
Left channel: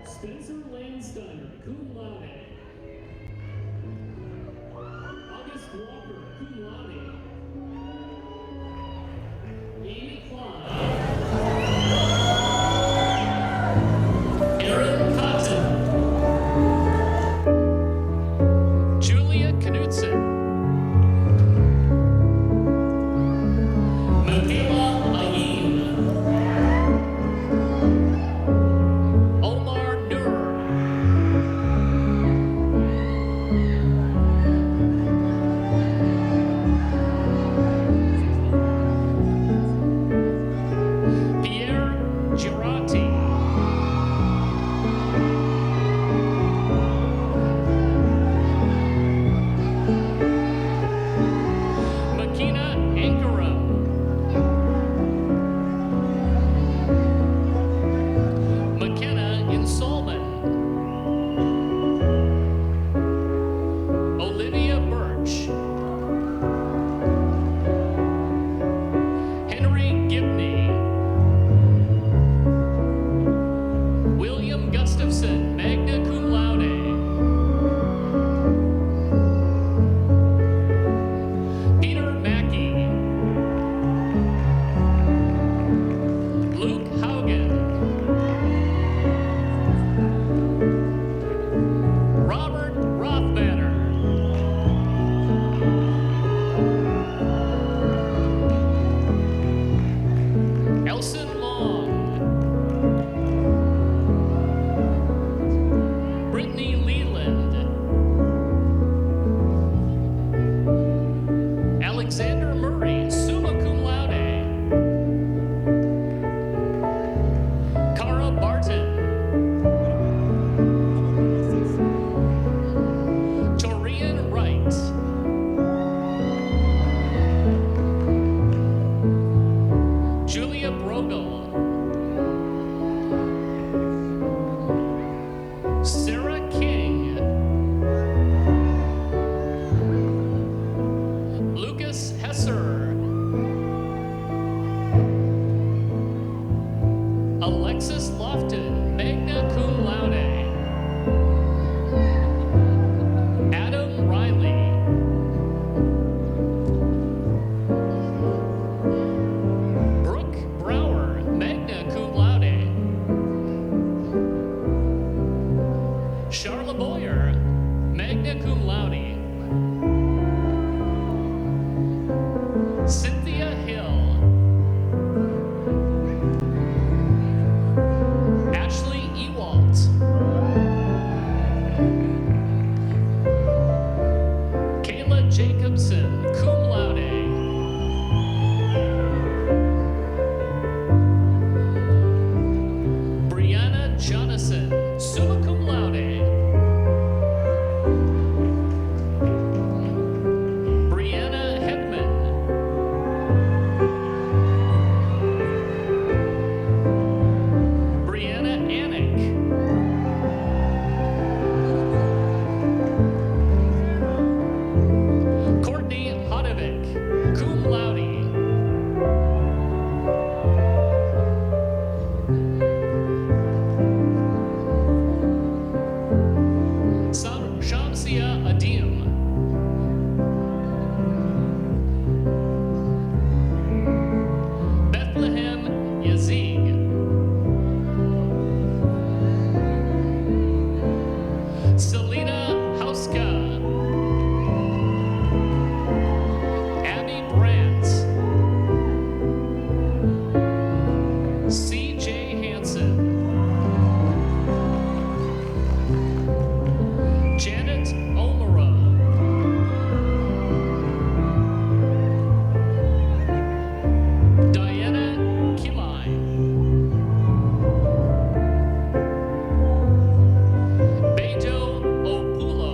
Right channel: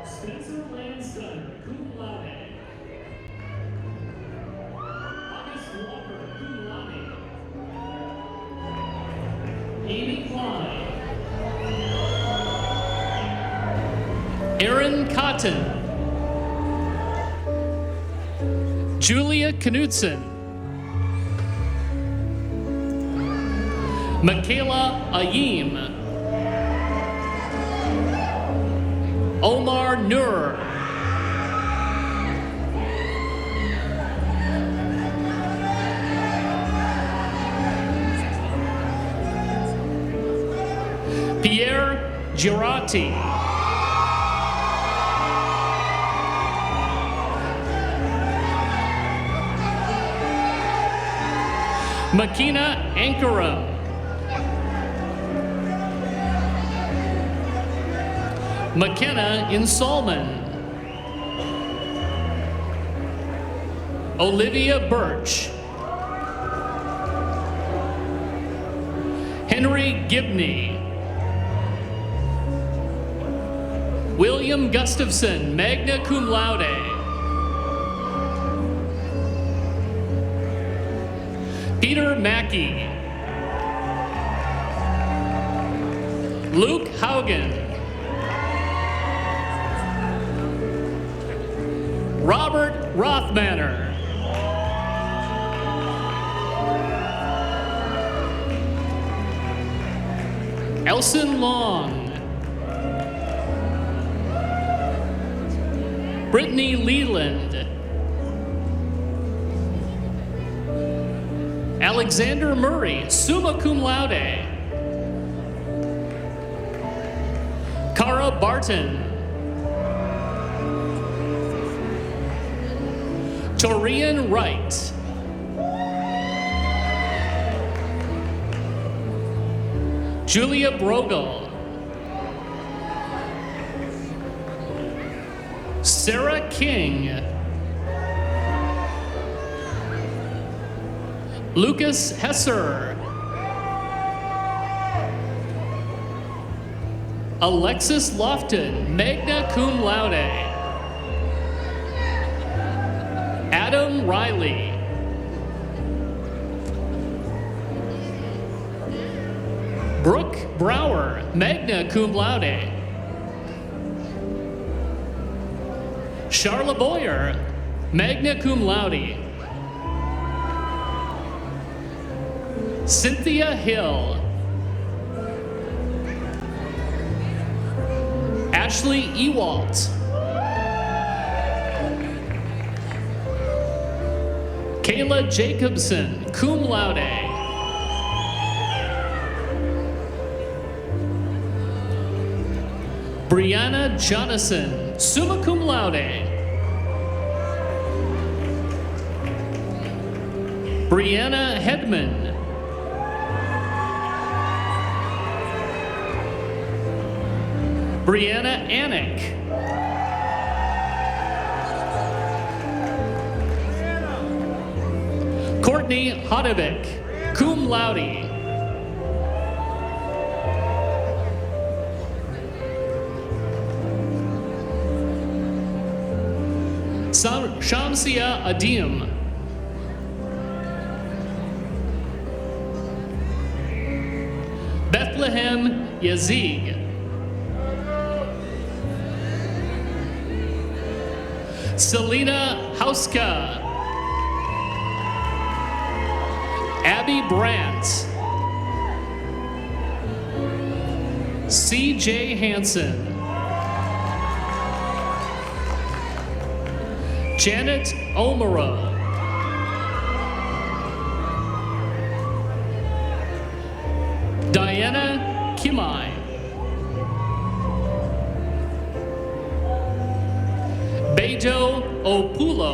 Spencer Landsteiner, cum laude. August Walker, cum laude. Amy Klein. Aaron Cotton. Julia Knudsen. Michaela Ayim. Omar Nur. Pierre Girati. Makina Ankara. McKenna Insolman. Olivia Birch. Henry Gibney. William Gustafson, magna cum laude. Peter Mackey. Luke Haugen. Robert Rothmanner. Elson Long. Brittany Leland. Alexander Murray, summa cum laude. Cara Barton. Torian Wright. Julia Brogel. Sarah King. Lucas Hesser. Alexis Lofton, magna cum laude. Adam Riley. Brooke Brower, magna cum laude. Charlotte Boyer, magna cum laude. Cynthia Hill. Ashley Ewalt. Kayla Jacobson, cum laude. Brianna Jonathan, summa cum laude. Brianna Hedman. Brianna Anick. Courtney Hodevik, cum laude. Shamsia Adim. Bethlehem Yazig. Selena Hauska. Abby Brandt. C.J. Hansen. Janet Omaro. Diana Kimai. Beto Opulo.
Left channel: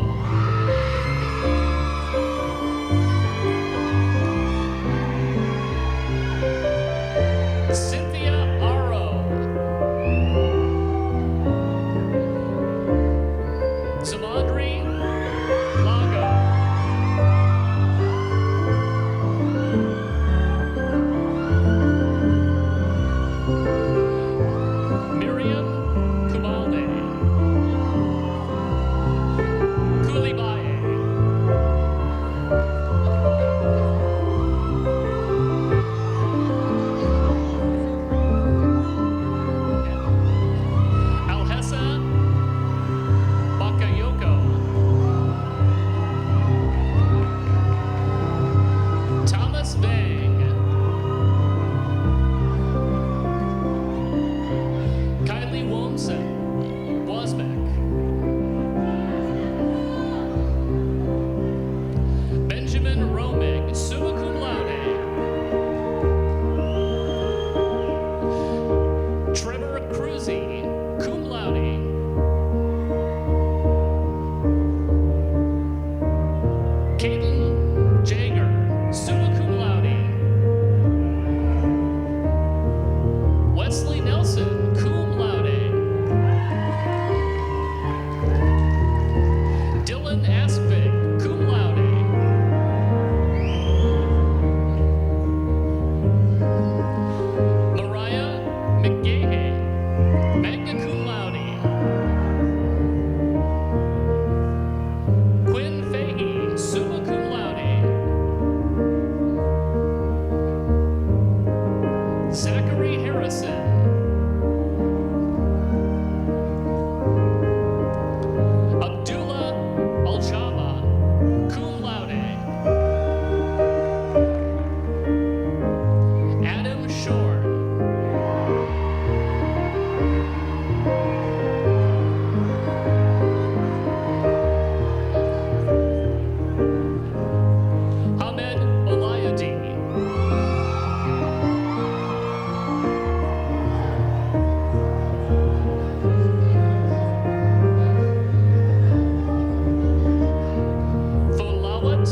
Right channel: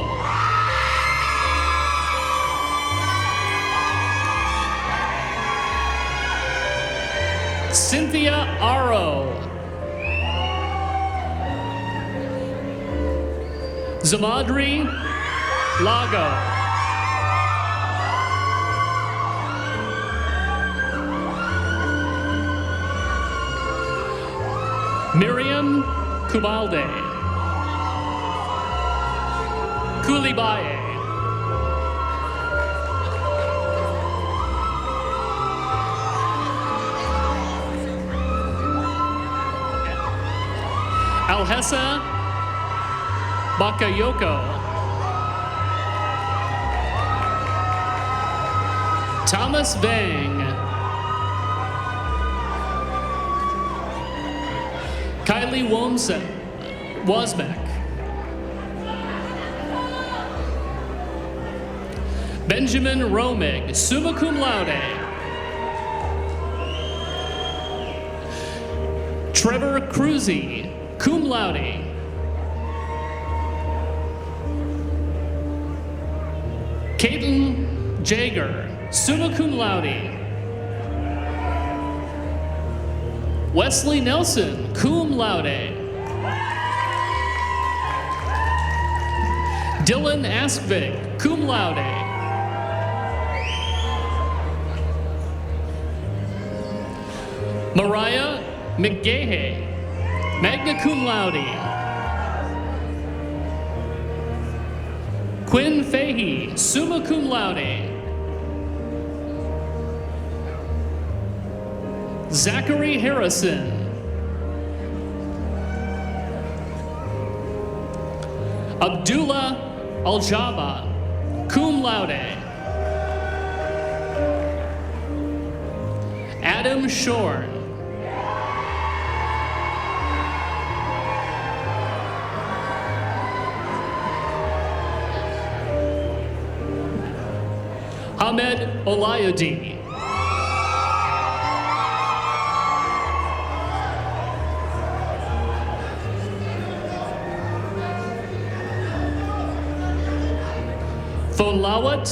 Cynthia Aro. Zamadri Lago. Miriam Kubalde. Kulibaye. Alhessa Bakayoko. Thomas Bang. Kylie Wozbeck. Benjamin Romig, summa cum laude. Trevor Cruzy, cum laude. Caitlin Jager, summa cum laude. Wesley Nelson, cum laude. Dylan Aspig, cum laude. summa cum laude. Zachary Harrison. Abdullah Aljaba, cum laude. Adam Shorn. Ahmed Olayudi. Folawat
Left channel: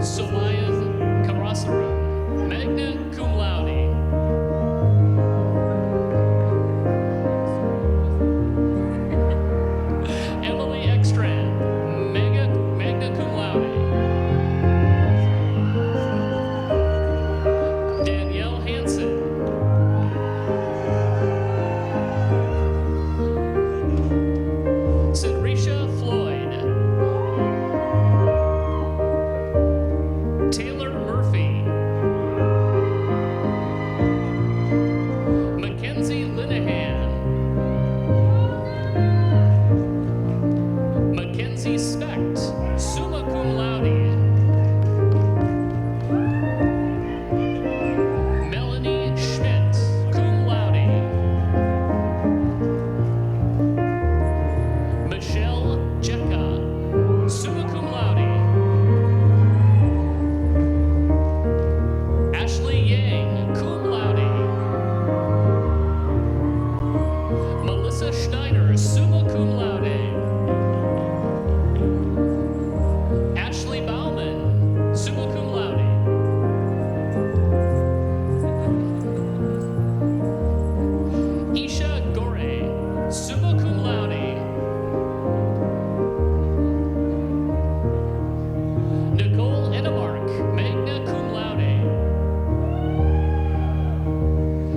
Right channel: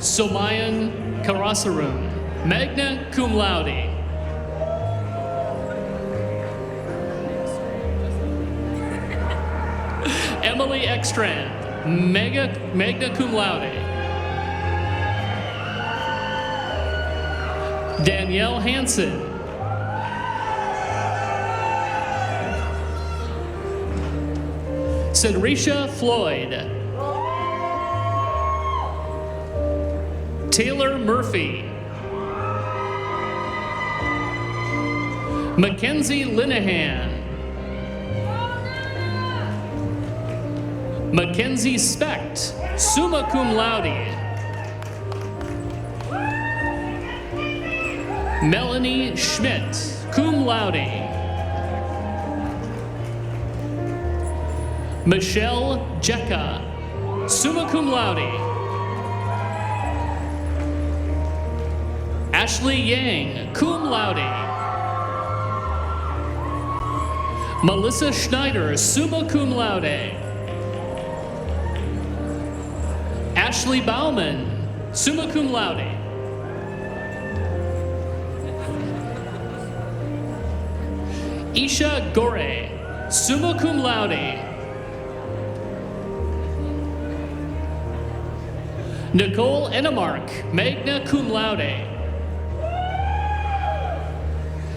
Somayan Karasaroon, magna cum laude. Emily Ekstrand, magna cum laude. Danielle Hansen. Cinderisha Floyd. Taylor Murphy. Mackenzie Linehan. Mackenzie Specht, summa cum laude. Melanie Schmidt, cum laude. Michelle Jecka, summa cum laude. Ashley Yang, cum laude. Melissa Schneider, summa cum laude. Ashley Bauman, summa cum laude. Isha Gore, summa cum laude. Nicole Enemark, magna cum laude.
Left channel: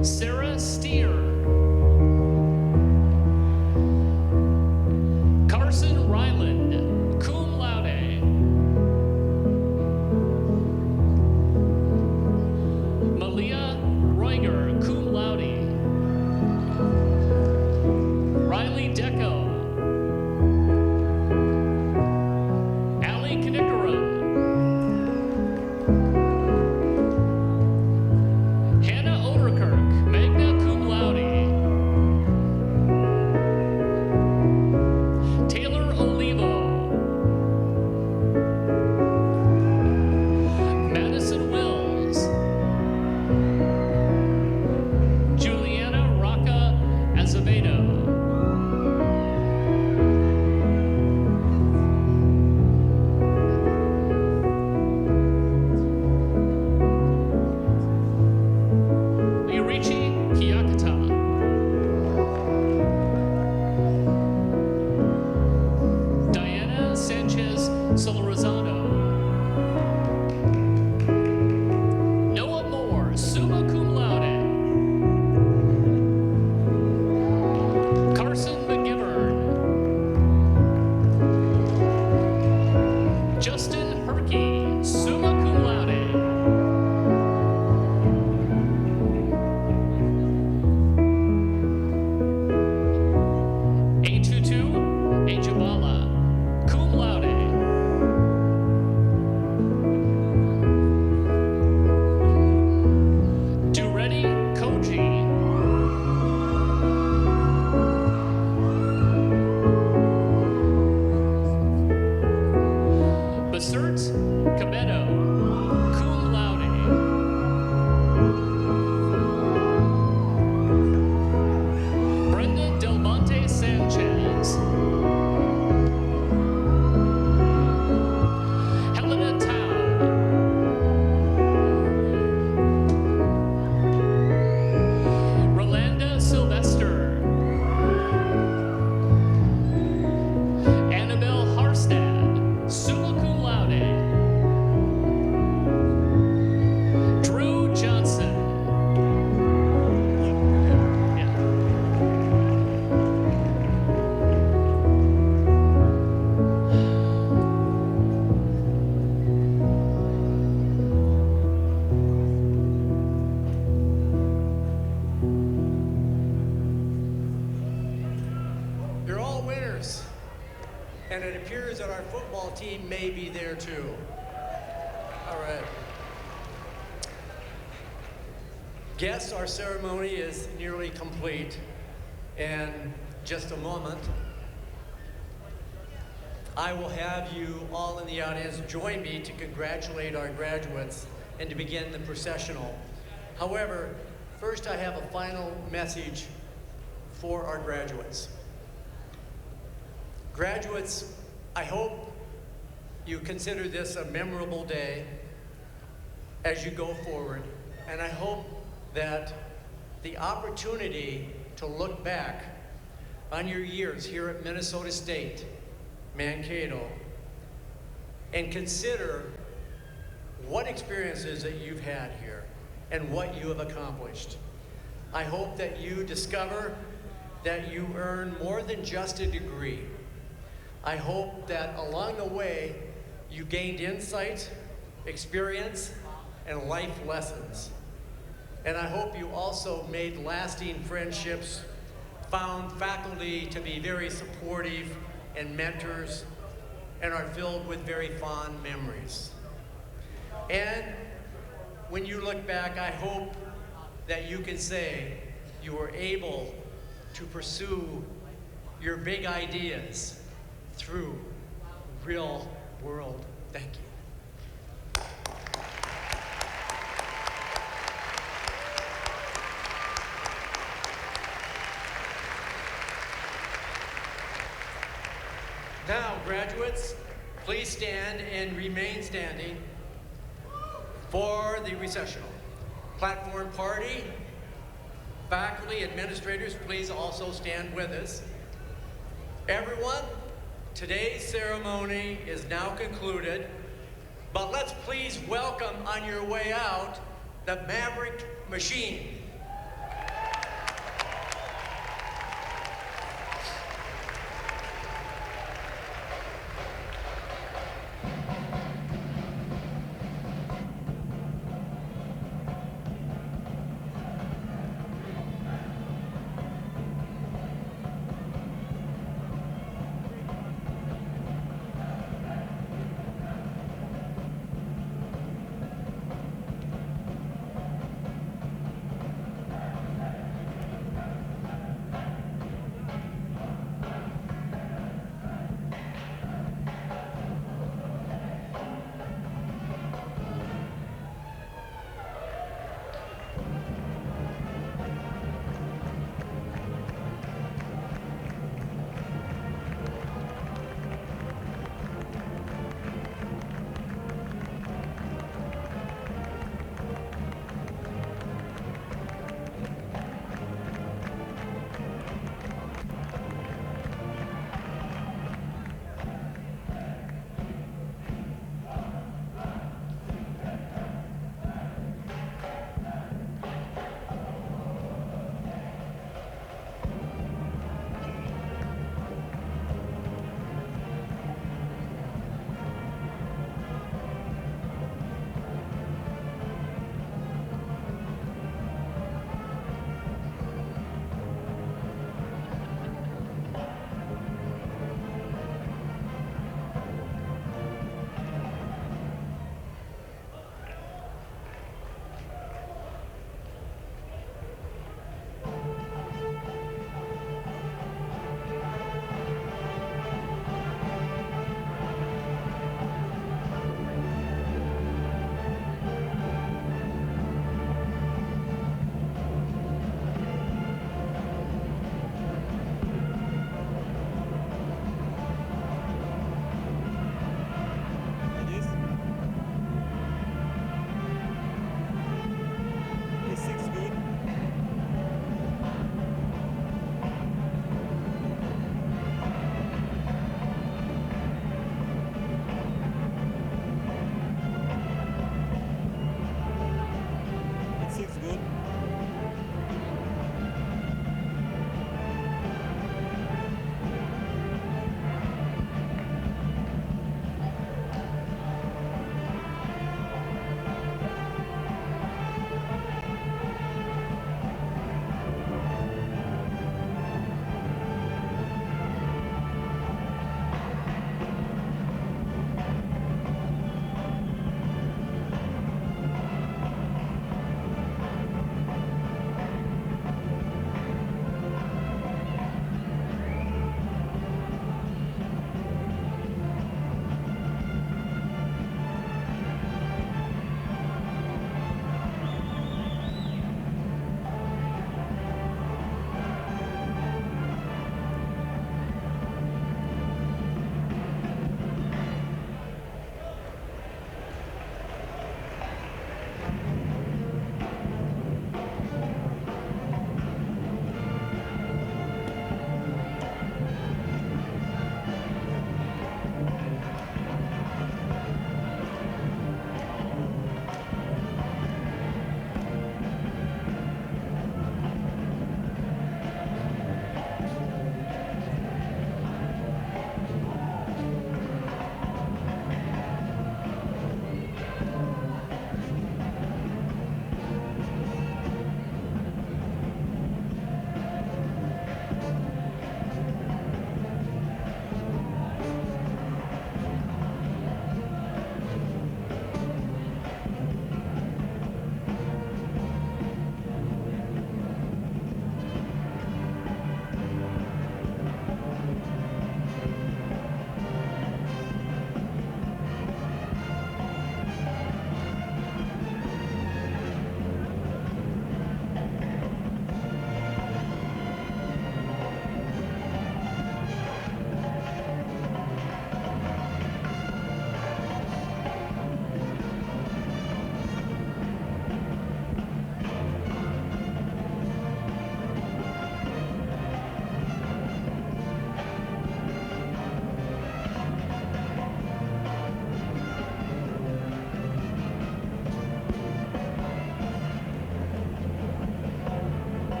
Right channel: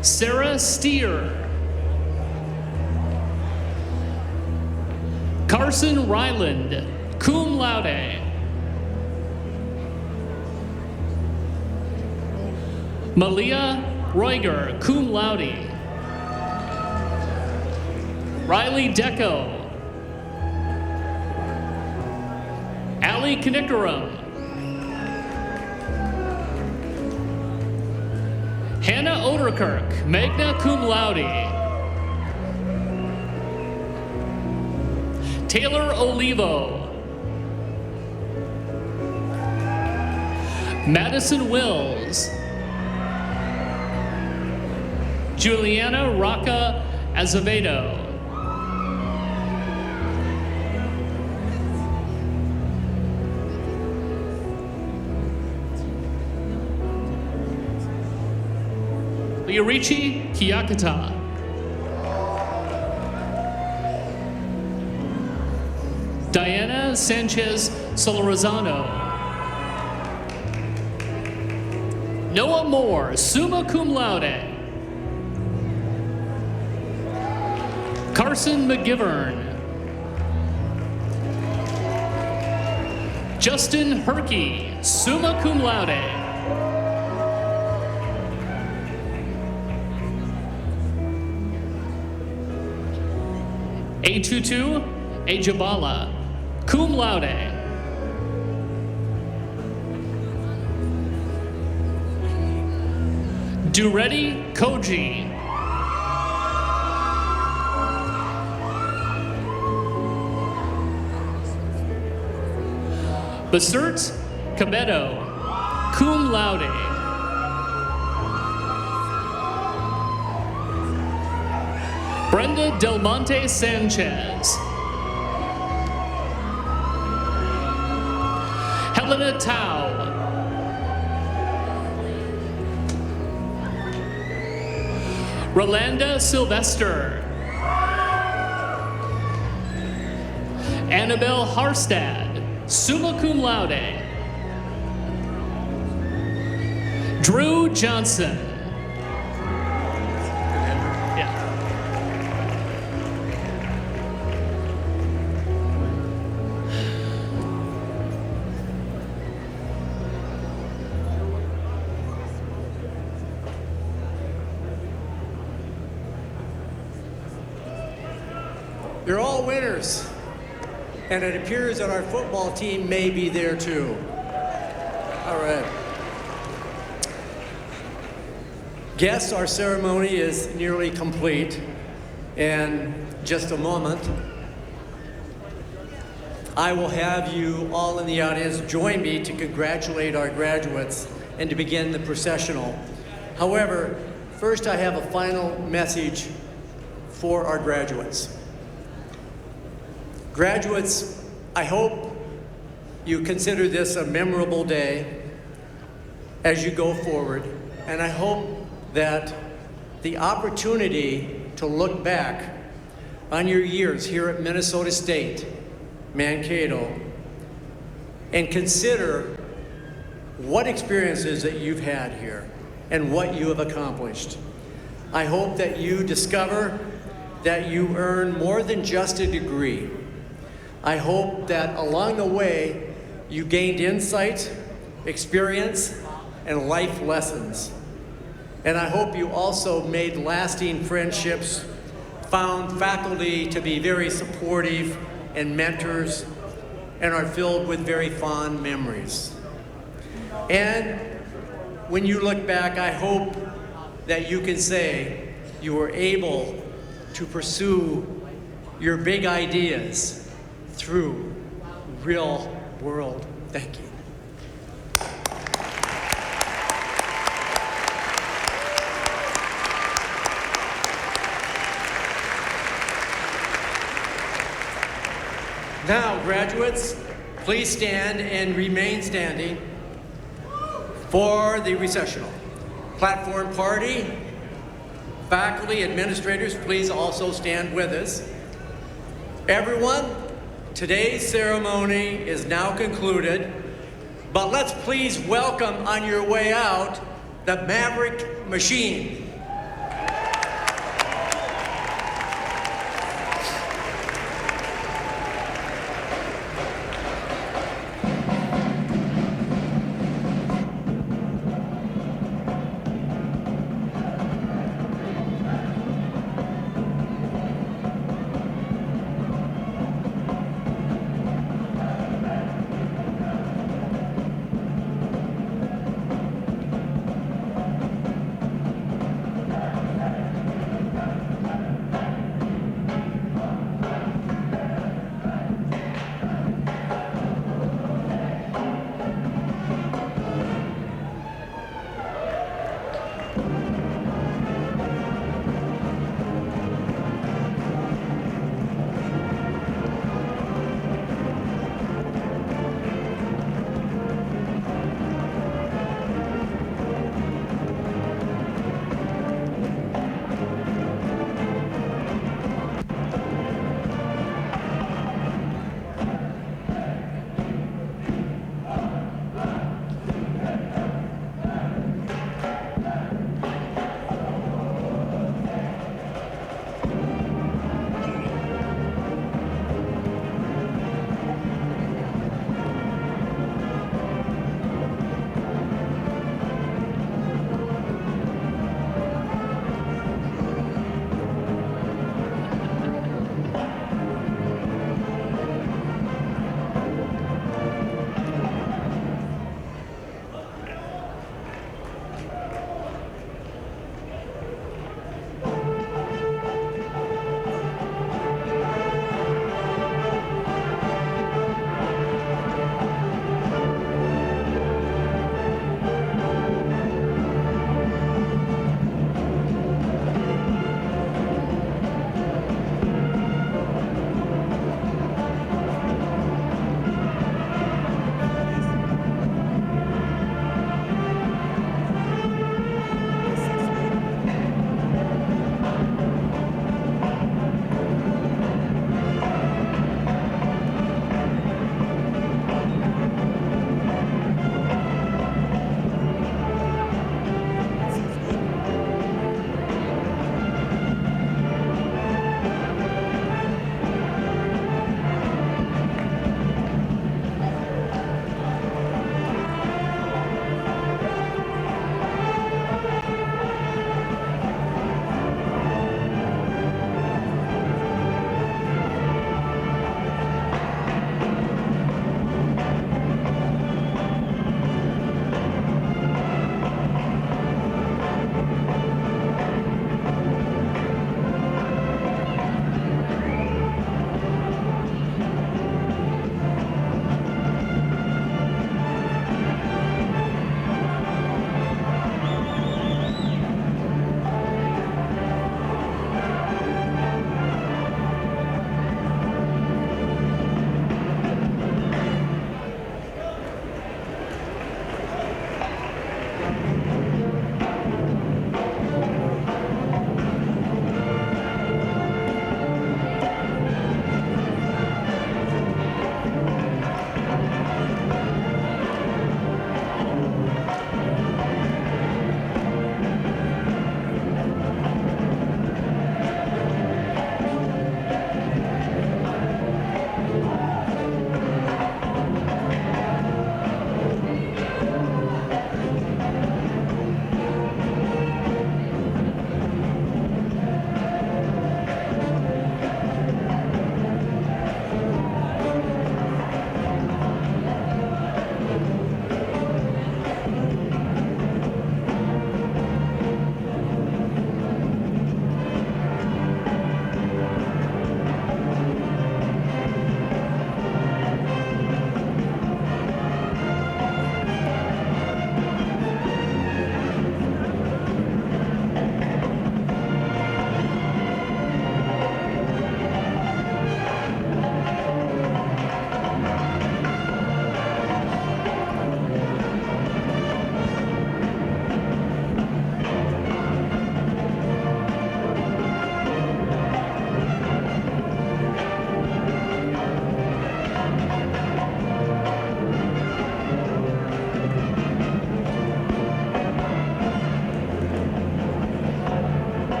Sarah Steer. Carson Ryland, cum laude. Malia Roiger, cum laude. Riley Deco. Ali Knickerum. Hannah Oderkirk, magna cum laude. Taylor Olivo. Madison Wills. Juliana Rocca Azevedo. Yurichi Kiyakata. Diana Sanchez Solorzano. Noah Moore, summa cum laude. Carson McGivern. Justin Herkey, summa cum laude. A22 Ajabala, cum laude. Duretti Koji. Besert Cabedo, cum laude. Brenda Del Monte Sanchez. Helena Tao. Rolanda Sylvester. Annabelle Harstad, summa cum laude. Drew Johnson. You're all winners. And it appears that our football team may be there too. All right. Guests, our ceremony is nearly complete. In just a moment, I will have you all in the audience join me to congratulate our graduates and to begin the processional. However, first I have a final message for our graduates. Graduates, I hope you consider this a memorable day as you go forward, and I hope that the opportunity to look back on your years here at Minnesota State, Mankato, and consider what experiences that you've had here and what you have accomplished. I hope that you discover that you earn more than just a degree. I hope that along the way you gained insight, experience, and life lessons. And I hope you also made lasting friendships, found faculty to be very supportive and mentors, and are filled with very fond memories. And when you look back, I hope that you can say you were able to pursue your big ideas through real world thinking. Now, graduates, please stand and remain standing for the recessional. Platform party, faculty, administrators, please also stand with us. Everyone, today's ceremony is now concluded, but let's please welcome on your way out the Maverick Machine.